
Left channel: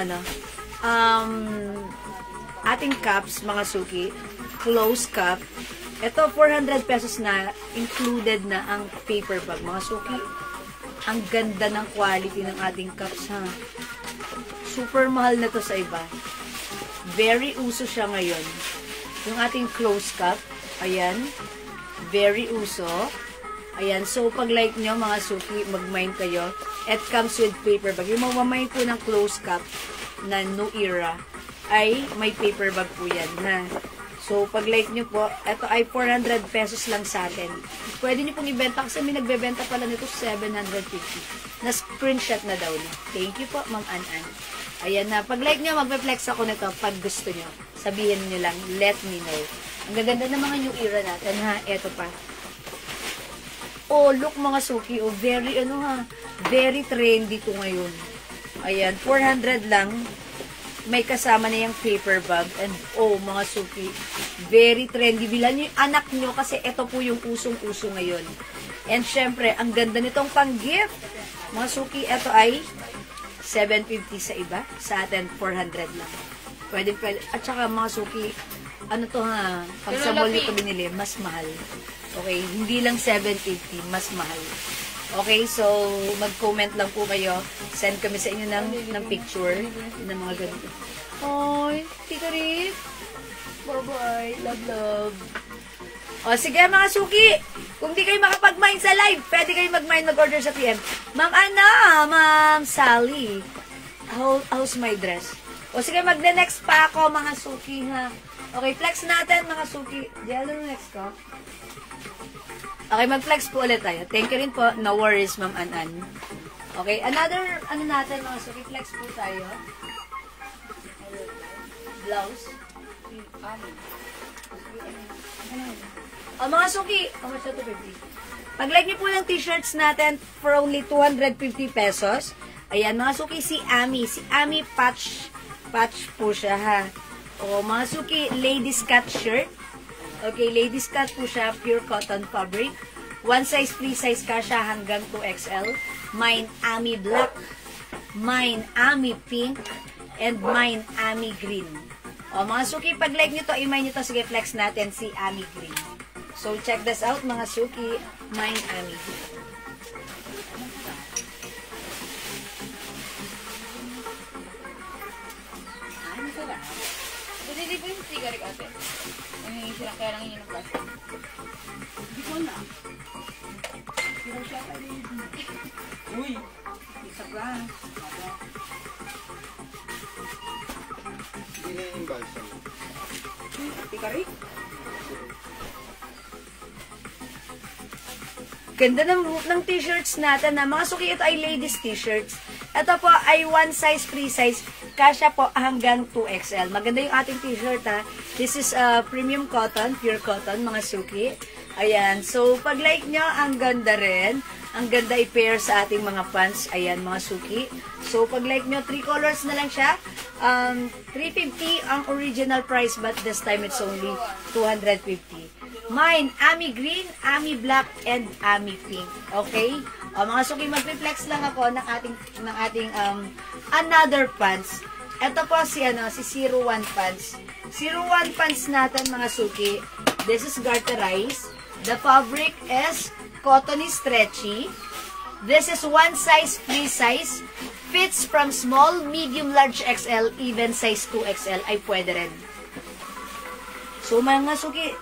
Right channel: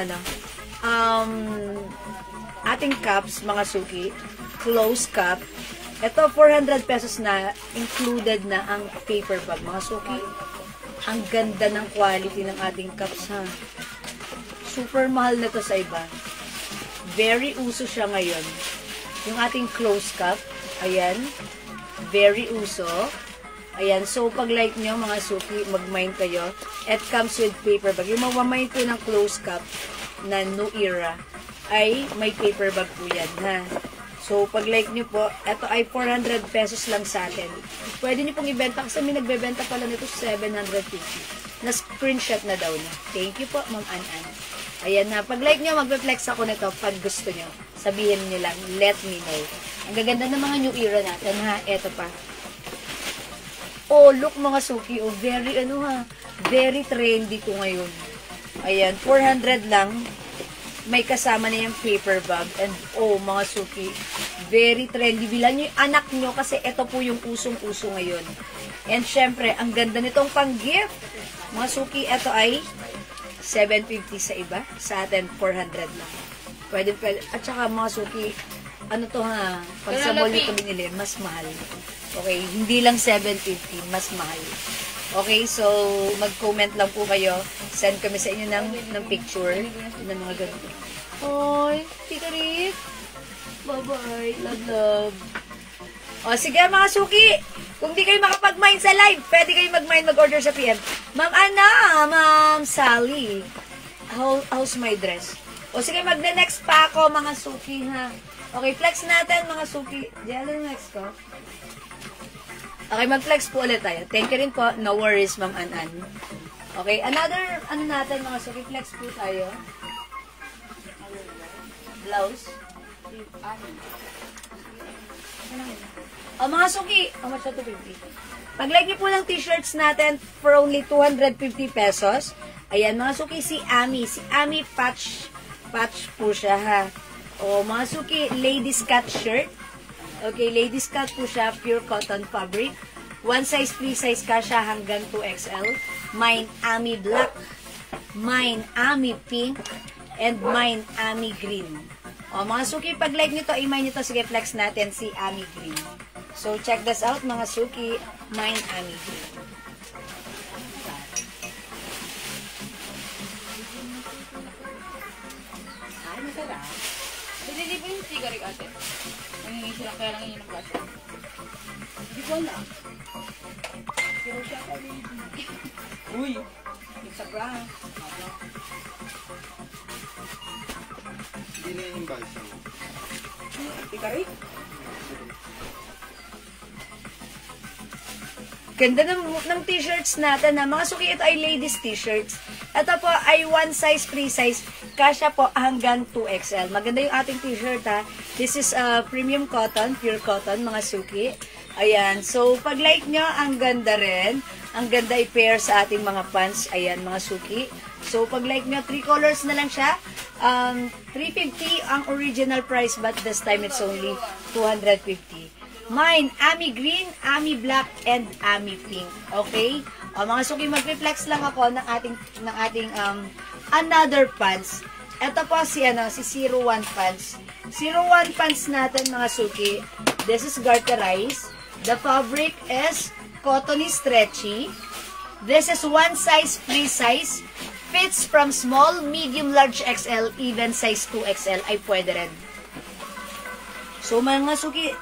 ating cups, mga suki. Close cup. Ito, 400 pesos na, included na ang paper bag. Mga suki, ang ganda ng quality ng ating cups, ha. Super mahal na to sa iba. Very uso siya ngayon. Yung ating close cup, ayan, very uso. Ayan, so pag like nyo, mga suki, mag-mine kayo. It comes with paper bag. Yung mamamay po ng close cup na New Era, ay may paper bag po yan, ha. So, pag like nyo po, ito ay 400 pesos lang sa atin. Pwede nyo pong ibenta kasi may nagbebenta pala nito 750. Na-screenshot na daw na. Thank you po, Ma'am An-An. Ayan na. Pag like nyo, magpe-flex ako nito pag gusto nyo. Sabihin nyo lang, let me know. Ang gaganda ng mga New Era natin, ha. Eto pa. Oh, look mga suki. Oh, very, very trendy ko ngayon. Ayan, 400 lang. May kasama na yung paper bag. And, oh, mga suki, very trendy. Bilan nyo yung anak nyo kasi ito po yung usong-uso ngayon. And, syempre, ang ganda nitong pang-gift. Mga suki, ito ay 750 sa iba. Sa atin, 400 lang. Pwede. At saka, mga suki, ano to ha, pag sa mall ito binili, mas mahal. Okay, hindi lang 750, mas mahal. Okay, so, mag-comment lang po kayo. Send kami sa inyo ng picture ng mga ganito. Hoy, Tito Rick. Bye-bye. Love, love. O, sige mga suki. Kung di kayo makapag-mine sa live, pwede kayo mag-mine, mag-order sa PM. Ma'am Ana, Ma'am Sally. How's my dress? O, sige, mag-next pa ako, mga suki, ha. Okay, flex natin, mga suki. Jello next ko. Okay, mag-flex po ulit tayo. Thank you rin po. No worries, Ma'am An-An. Okay, another, natin, mga suki, flex po tayo. Blouse. Mga suki, how much na 250? Pag-like niyo po yung t-shirts natin for only 250 pesos. Ayan, mga suki, si Ami. Si Ami patch po siya, ha. O, mga suki, ladies cut shirt. Okay, ladies cut po siya, pure cotton fabric. One size, 3 size ka siya hanggang 2XL. Mine Ami black, mine Ami pink, and mine Ami green. O, mga suki, pag like nyo to, i-mine nyo to, sige, flex natin si Ami green. So, check this out, mga suki, mine Ami green. Ay, masarap. Hindi po yung cigarette ate. Nangingi sila, kaya lang yun ang plastic. Hindi ko na. Pero siya tayo yun. Uy! Isa prank. Hindi na yung balsa mo. Cigarette? Ganda ng t-shirts natin na mga suki, ito ay ladies t-shirts. Ito po ay one size, 3 size. Kasya po hanggang 2XL. Maganda yung ating t-shirt ha. This is premium cotton, pure cotton, mga suki. Ayan. So, pag like nyo, ang ganda rin. Ang ganda i-pair sa ating mga pants. Ayan, mga suki. So, pag like nyo, 3 colors na lang siya. 350 ang original price, but this time it's only 250. Mine, Ami Green, Ami Black, and Ami Pink. Okay? O, mga suki, mag-reflex lang ako ng ating another pants. Ito po si 01 pants. 01 pants natin, mga suki. This is garterized. The fabric is cottony stretchy. This is one size, free size. Fits from small, medium, large XL, even size 2XL ay pwede rin. So, mga suki,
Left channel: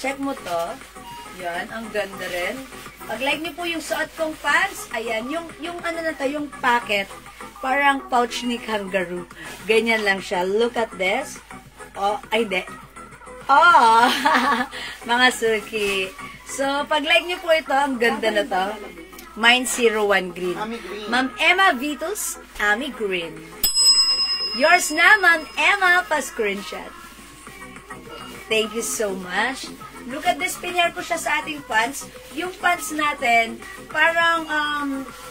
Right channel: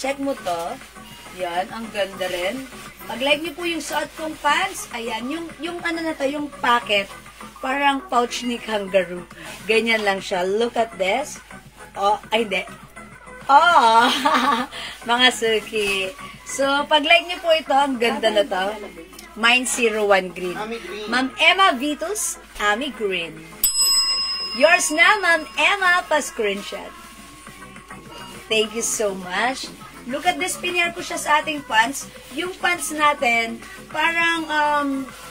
check mo to. Yan, ang ganda rin. Pag like niyo po yung suot kong pants, ayan, yung ano na to, yung packet, parang pouch ni kangaroo. Ganyan lang siya. Look at this. Oh, ay, hindi. Oh, mga suki. So, pag like niyo po ito, ang ganda na to. Mine 01 green. Ma'am Emma Vitus, Ami Green. Yours na, Ma'am Emma, pa-screenshot. Thank you so much. Look at this, pinyar ko siya sa ating pants. Yung pants natin, parang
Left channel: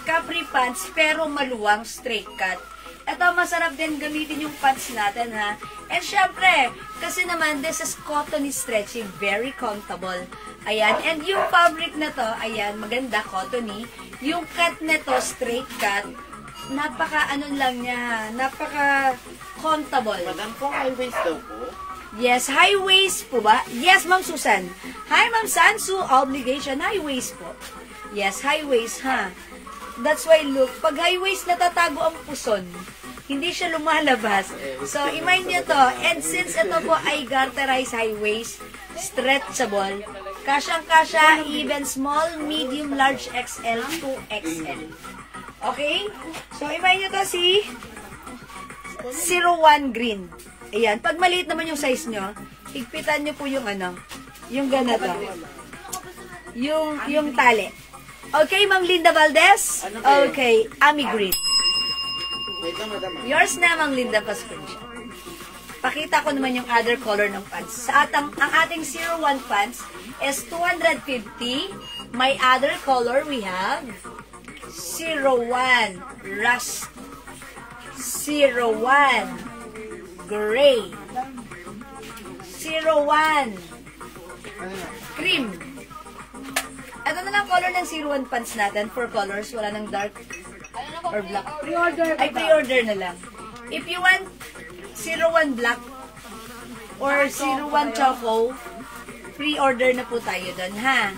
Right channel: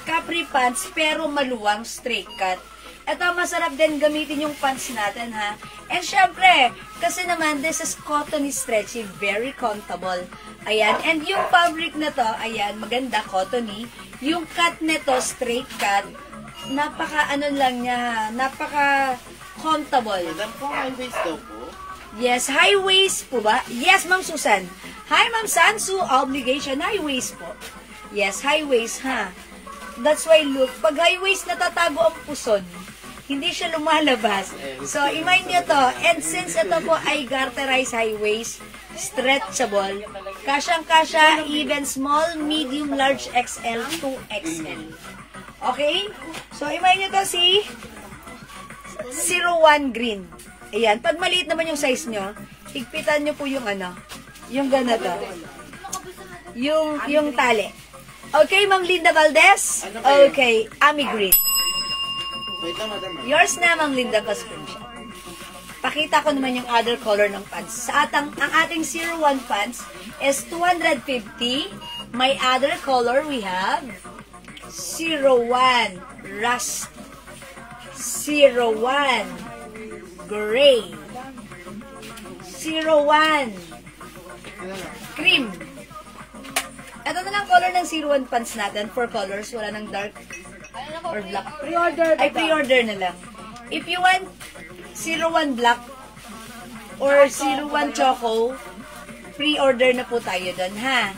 capri pants, pero maluwang, straight cut. Ito, masarap din gamitin yung pants natin, ha? And syempre, kasi naman, this is cottony stretchy, very comfortable. Ayan, and yung fabric na to, ayan, maganda, cottony. Yung cut nito, straight cut, napaka ano lang niya, napaka comfortable. Madam, kung high waist daw po? Yes, high waist po ba? Yes, Ma'am Susan. Hi, Ma'am Sansu, obligation, high waist po. Yes, high waist, ha? That's why, look, pag high waist, natatago ang puson. Hindi siya lumalabas. So, imagine nyo to. And since ito po ay garterized high waist, stretchable, kasyang-kasya, even small, medium, large XL, 2XL. Okay? So, imagine nyo to si 01 green. Ayan. Pag maliit naman yung size nyo, higpitan nyo po yung yung ganito. Yung tali. Okay, Ma'am Linda Valdez? Okay, Ami Green. Wait lang, madam. Yours na, Ma'am Linda, pa-screenshot. Pakita ko naman yung other color ng pants. Ang ating 01 pants is 250. My other color, we have 01 Rust, 01 Gray, 01 Cream. Ito na lang color ng 01 pants natin. 4 colors. Wala ng dark or black. Pre-order. Ay, pre-order na lang. If you want 01 black or 01 choco, pre-order na po tayo doon, ha?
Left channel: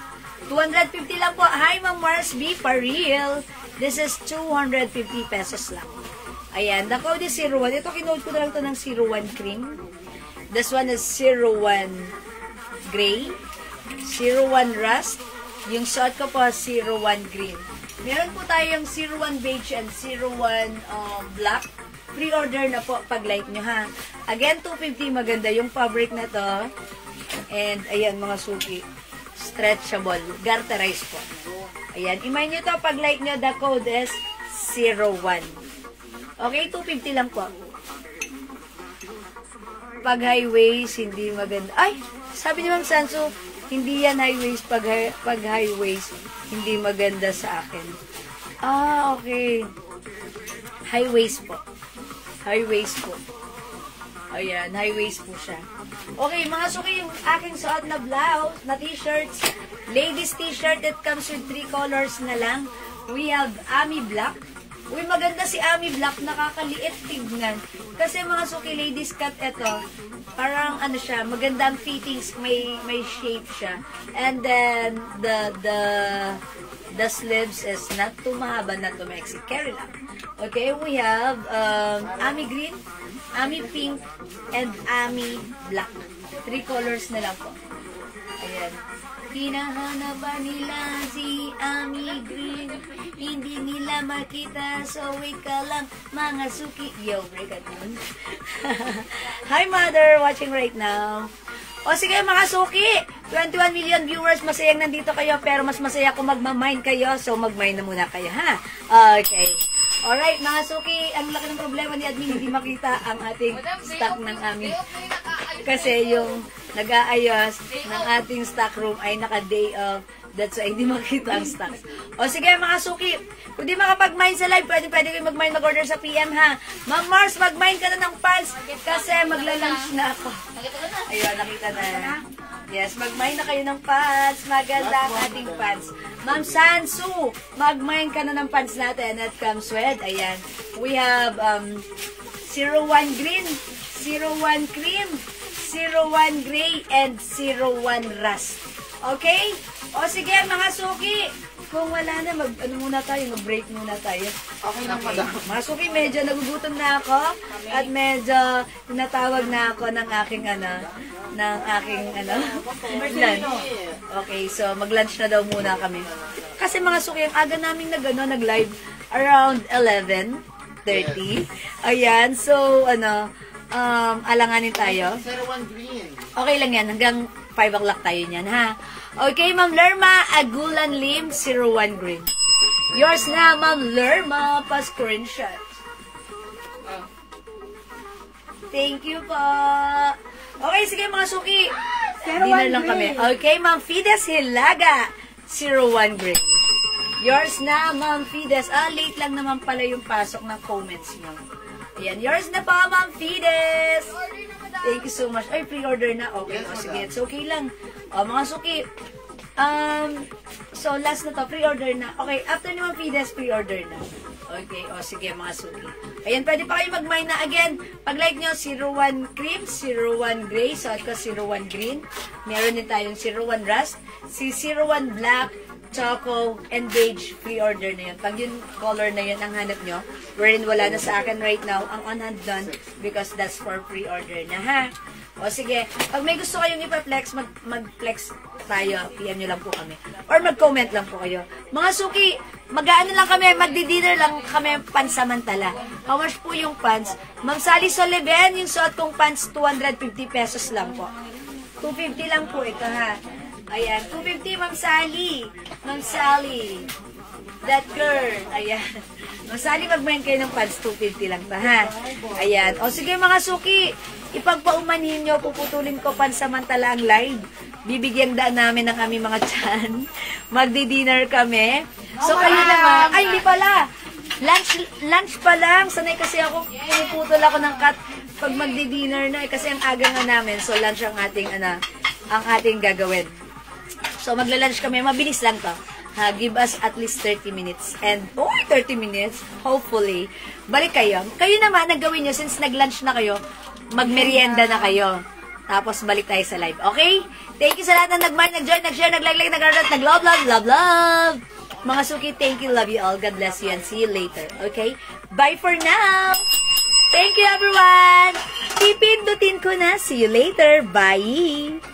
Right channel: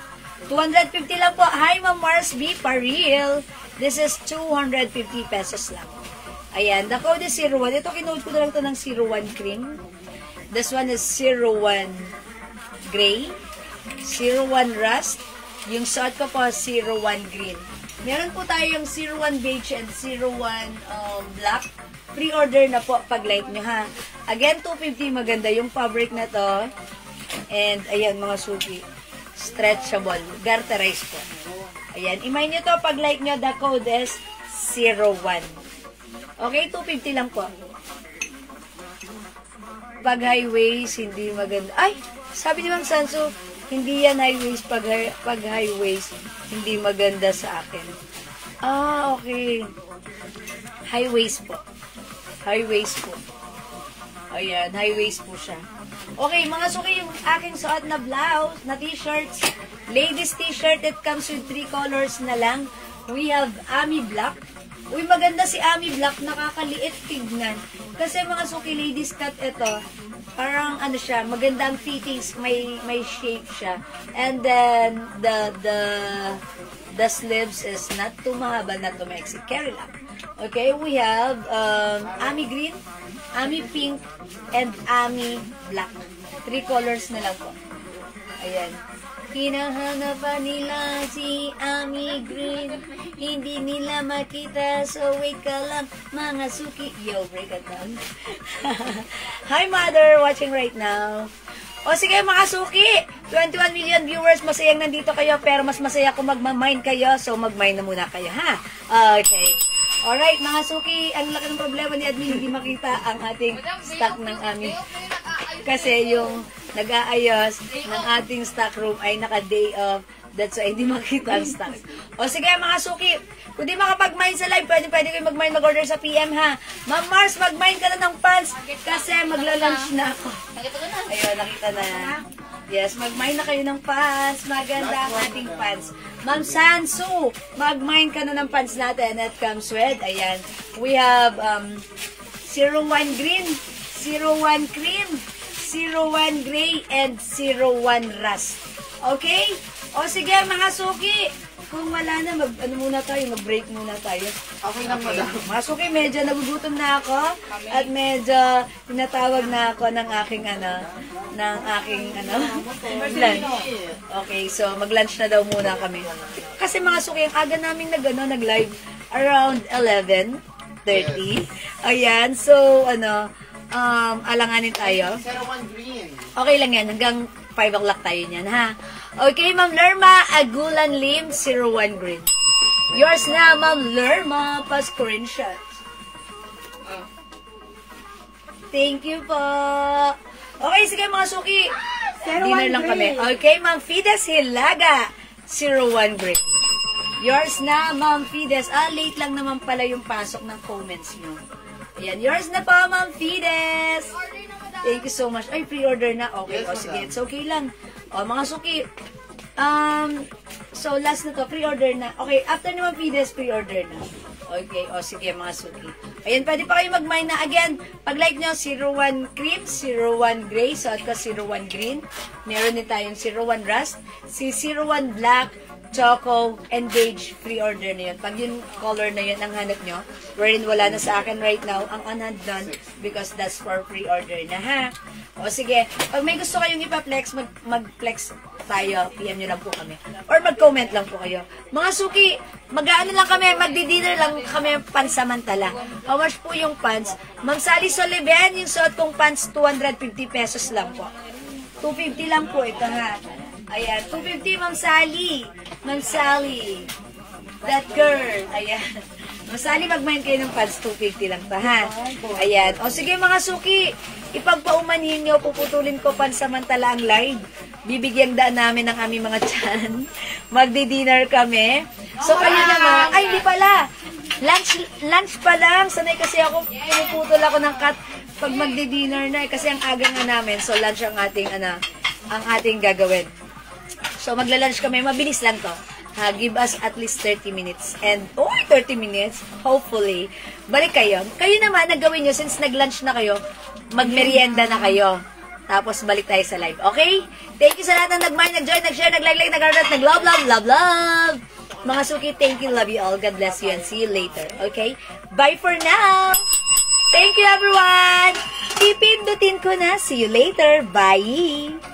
250 lang po. Hi, Ma'am Mars B. Paril. This is 250 pesos lang. Ayan. The code is 01. Ito, kinode ko na lang ito ng 01 cream. This one is 01 gray, 01 rust. Yung short ko po, 01 green. Meron po tayong 01 beige and 01 black. Pre-order na po pag like nyo, ha. Again, 250, maganda yung fabric na to. And, ayan, mga suki. Stretchable. Garterized po. Ayan, imay nyo to pag like nyo, the code is 01. Okay, 250 lang po. Pag high waist, hindi maganda. Ay, sabi ni Ma'am Sanso, hindi yan high waist. Pag high waist, hindi maganda sa akin. Ah, okay. High waist po. High waist po. Ayan, high waist po siya. Okay, mga suki, yung aking suot na blouse, na t-shirts, ladies t-shirt, it comes with 3 colors na lang. We have Ami Black. Uy, maganda si Ami Black, nakakaliit tignan. Kasi mga suki, ladies cut ito, parang ano siya, magandang fittings, may shape siya. And then, the sleeves is not too mahaba, not too maxi. Carry lang. Okay, we have Ami Green, Ami Pink, and Ami Black. 3 colors na lang po. Ayan. Hinahanapan nila si Ami Green, hindi nila makita, so wait ka lang, mga suki. Yo, break it down. Hi, mother, watching right now. O sige, mga suki, 21 million viewers, masayang nandito kayo, pero mas masaya kung magmamine kayo, so magmine na muna kayo, ha? Okay. Alright, mga suki, ang laki ng problema ni admin, hindi makita ang ating stock ng Ami. Kasi yung nag-aayos ng ating stock room ay naka-day off. That's why hindi makita ang stocks. O sige mga suki, kung di makapag-mine sa live, pwede kayo mag-mine, mag-order sa PM ha. Ma'am Mars, mag-mine ka na ng pants kasi magla-lunch na ako. Nakita ko na. Ayun, nakita na. Yes, mag-mine na kayo ng pants. Maganda ang ating pants. Ma'am Sansu, mag-mine ka na ng pants natin at comes with, ayan, we have 01 green, 01 cream, 01 gray, and 01 rust. Okay? O sige, mga suki, kung wala na, mag-break muna tayo. Okay lang, madam. Mga suki, medyo nagugutom na ako at medyo tinatawag na ako ng aking lunch. Okay, so mag-lunch na daw muna kami. Kasi mga suki, ang aga namin nag-live around 11:30. Ayan, so alanganin tayo. 01 green. Okay lang yan, hanggang 5 o'clock tayo niyan, ha? Okay, Ma'am Lerma, Agulan Lim, 01 green. Yours na, Ma'am Lerma, pa-screenshot. Thank you po. Okay, sige mga suki. Dinner lang kami. Okay, Ma'am Fides Hilaga, 01 green. Yours na, Ma'am Fides. Late lang naman pala yung pasok ng comments nyo. Ayan, yours na po, Ma'am Fides. Thank you so much. Ay, pre-order na. Okay po, sige. It's okay lang. O, mga suki. So, last na to. Pre-order na. Okay, after naman Fides, pre-order na. Okay, o sige, mga suki. Ayan, pwede pa kayo mag-mine na. Again, pag-like nyo, 01 cream, 01 gray, so at 01 green. Meron din tayong 01 rust, si 01 black, choco, and beige, pre-order na yun. Pag yung color na yun ang hanap nyo, wherein wala na sa akin right now, ang on-hand done, because that's for pre-order na, ha? O sige, pag may gusto kayong ipa-flex, mag-flex tayo, PM nyo lang po kami. Or mag-comment lang po kayo. Mga suki, mag-ano lang kami, magdi-dinner lang kami pansamantala. How much po yung pants? Ma'am Sally Soliven, yung suot kong pants, 250 pesos lang po. 250 lang po ito, ha? Ayan, 250, Ma'am Sally. Ma'am Sally. That girl. Ayan. Ma'am Sally, mag-mine kayo ng pants. 250 lang pa, ha? Ayan. O sige, mga suki. Ipagpaumanhin nyo, puputulin ko pansamantala ang live. Bibigyan daan namin ng aming mga tiyan. Magdi-dinner kami. So, kayo na nga. Ay, hindi pala. Lunch pa lang. Sanay kasi ako, pinuputol ako ng cut pag magdi-dinner na. Kasi ang aga nga namin. So, lunch ang ating gagawin. So, magla-lunch kami. Mabilis lang to. Give us at least 30 minutes. And, 30 minutes, hopefully, balik kayo. Kayo naman, nagawin nyo, since nag-lunch na kayo, mag-merienda na kayo. Tapos, balik tayo sa live. Okay? Thank you sa lahat ng nag-mind, nag-join, nag-share, nag-like, nag-comment, nag-love, love, love, love. Mga suki, thank you, love you all. God bless you and see you later. Okay? Bye for now! Thank you, everyone! Pipindutin ko na. See you later. Bye!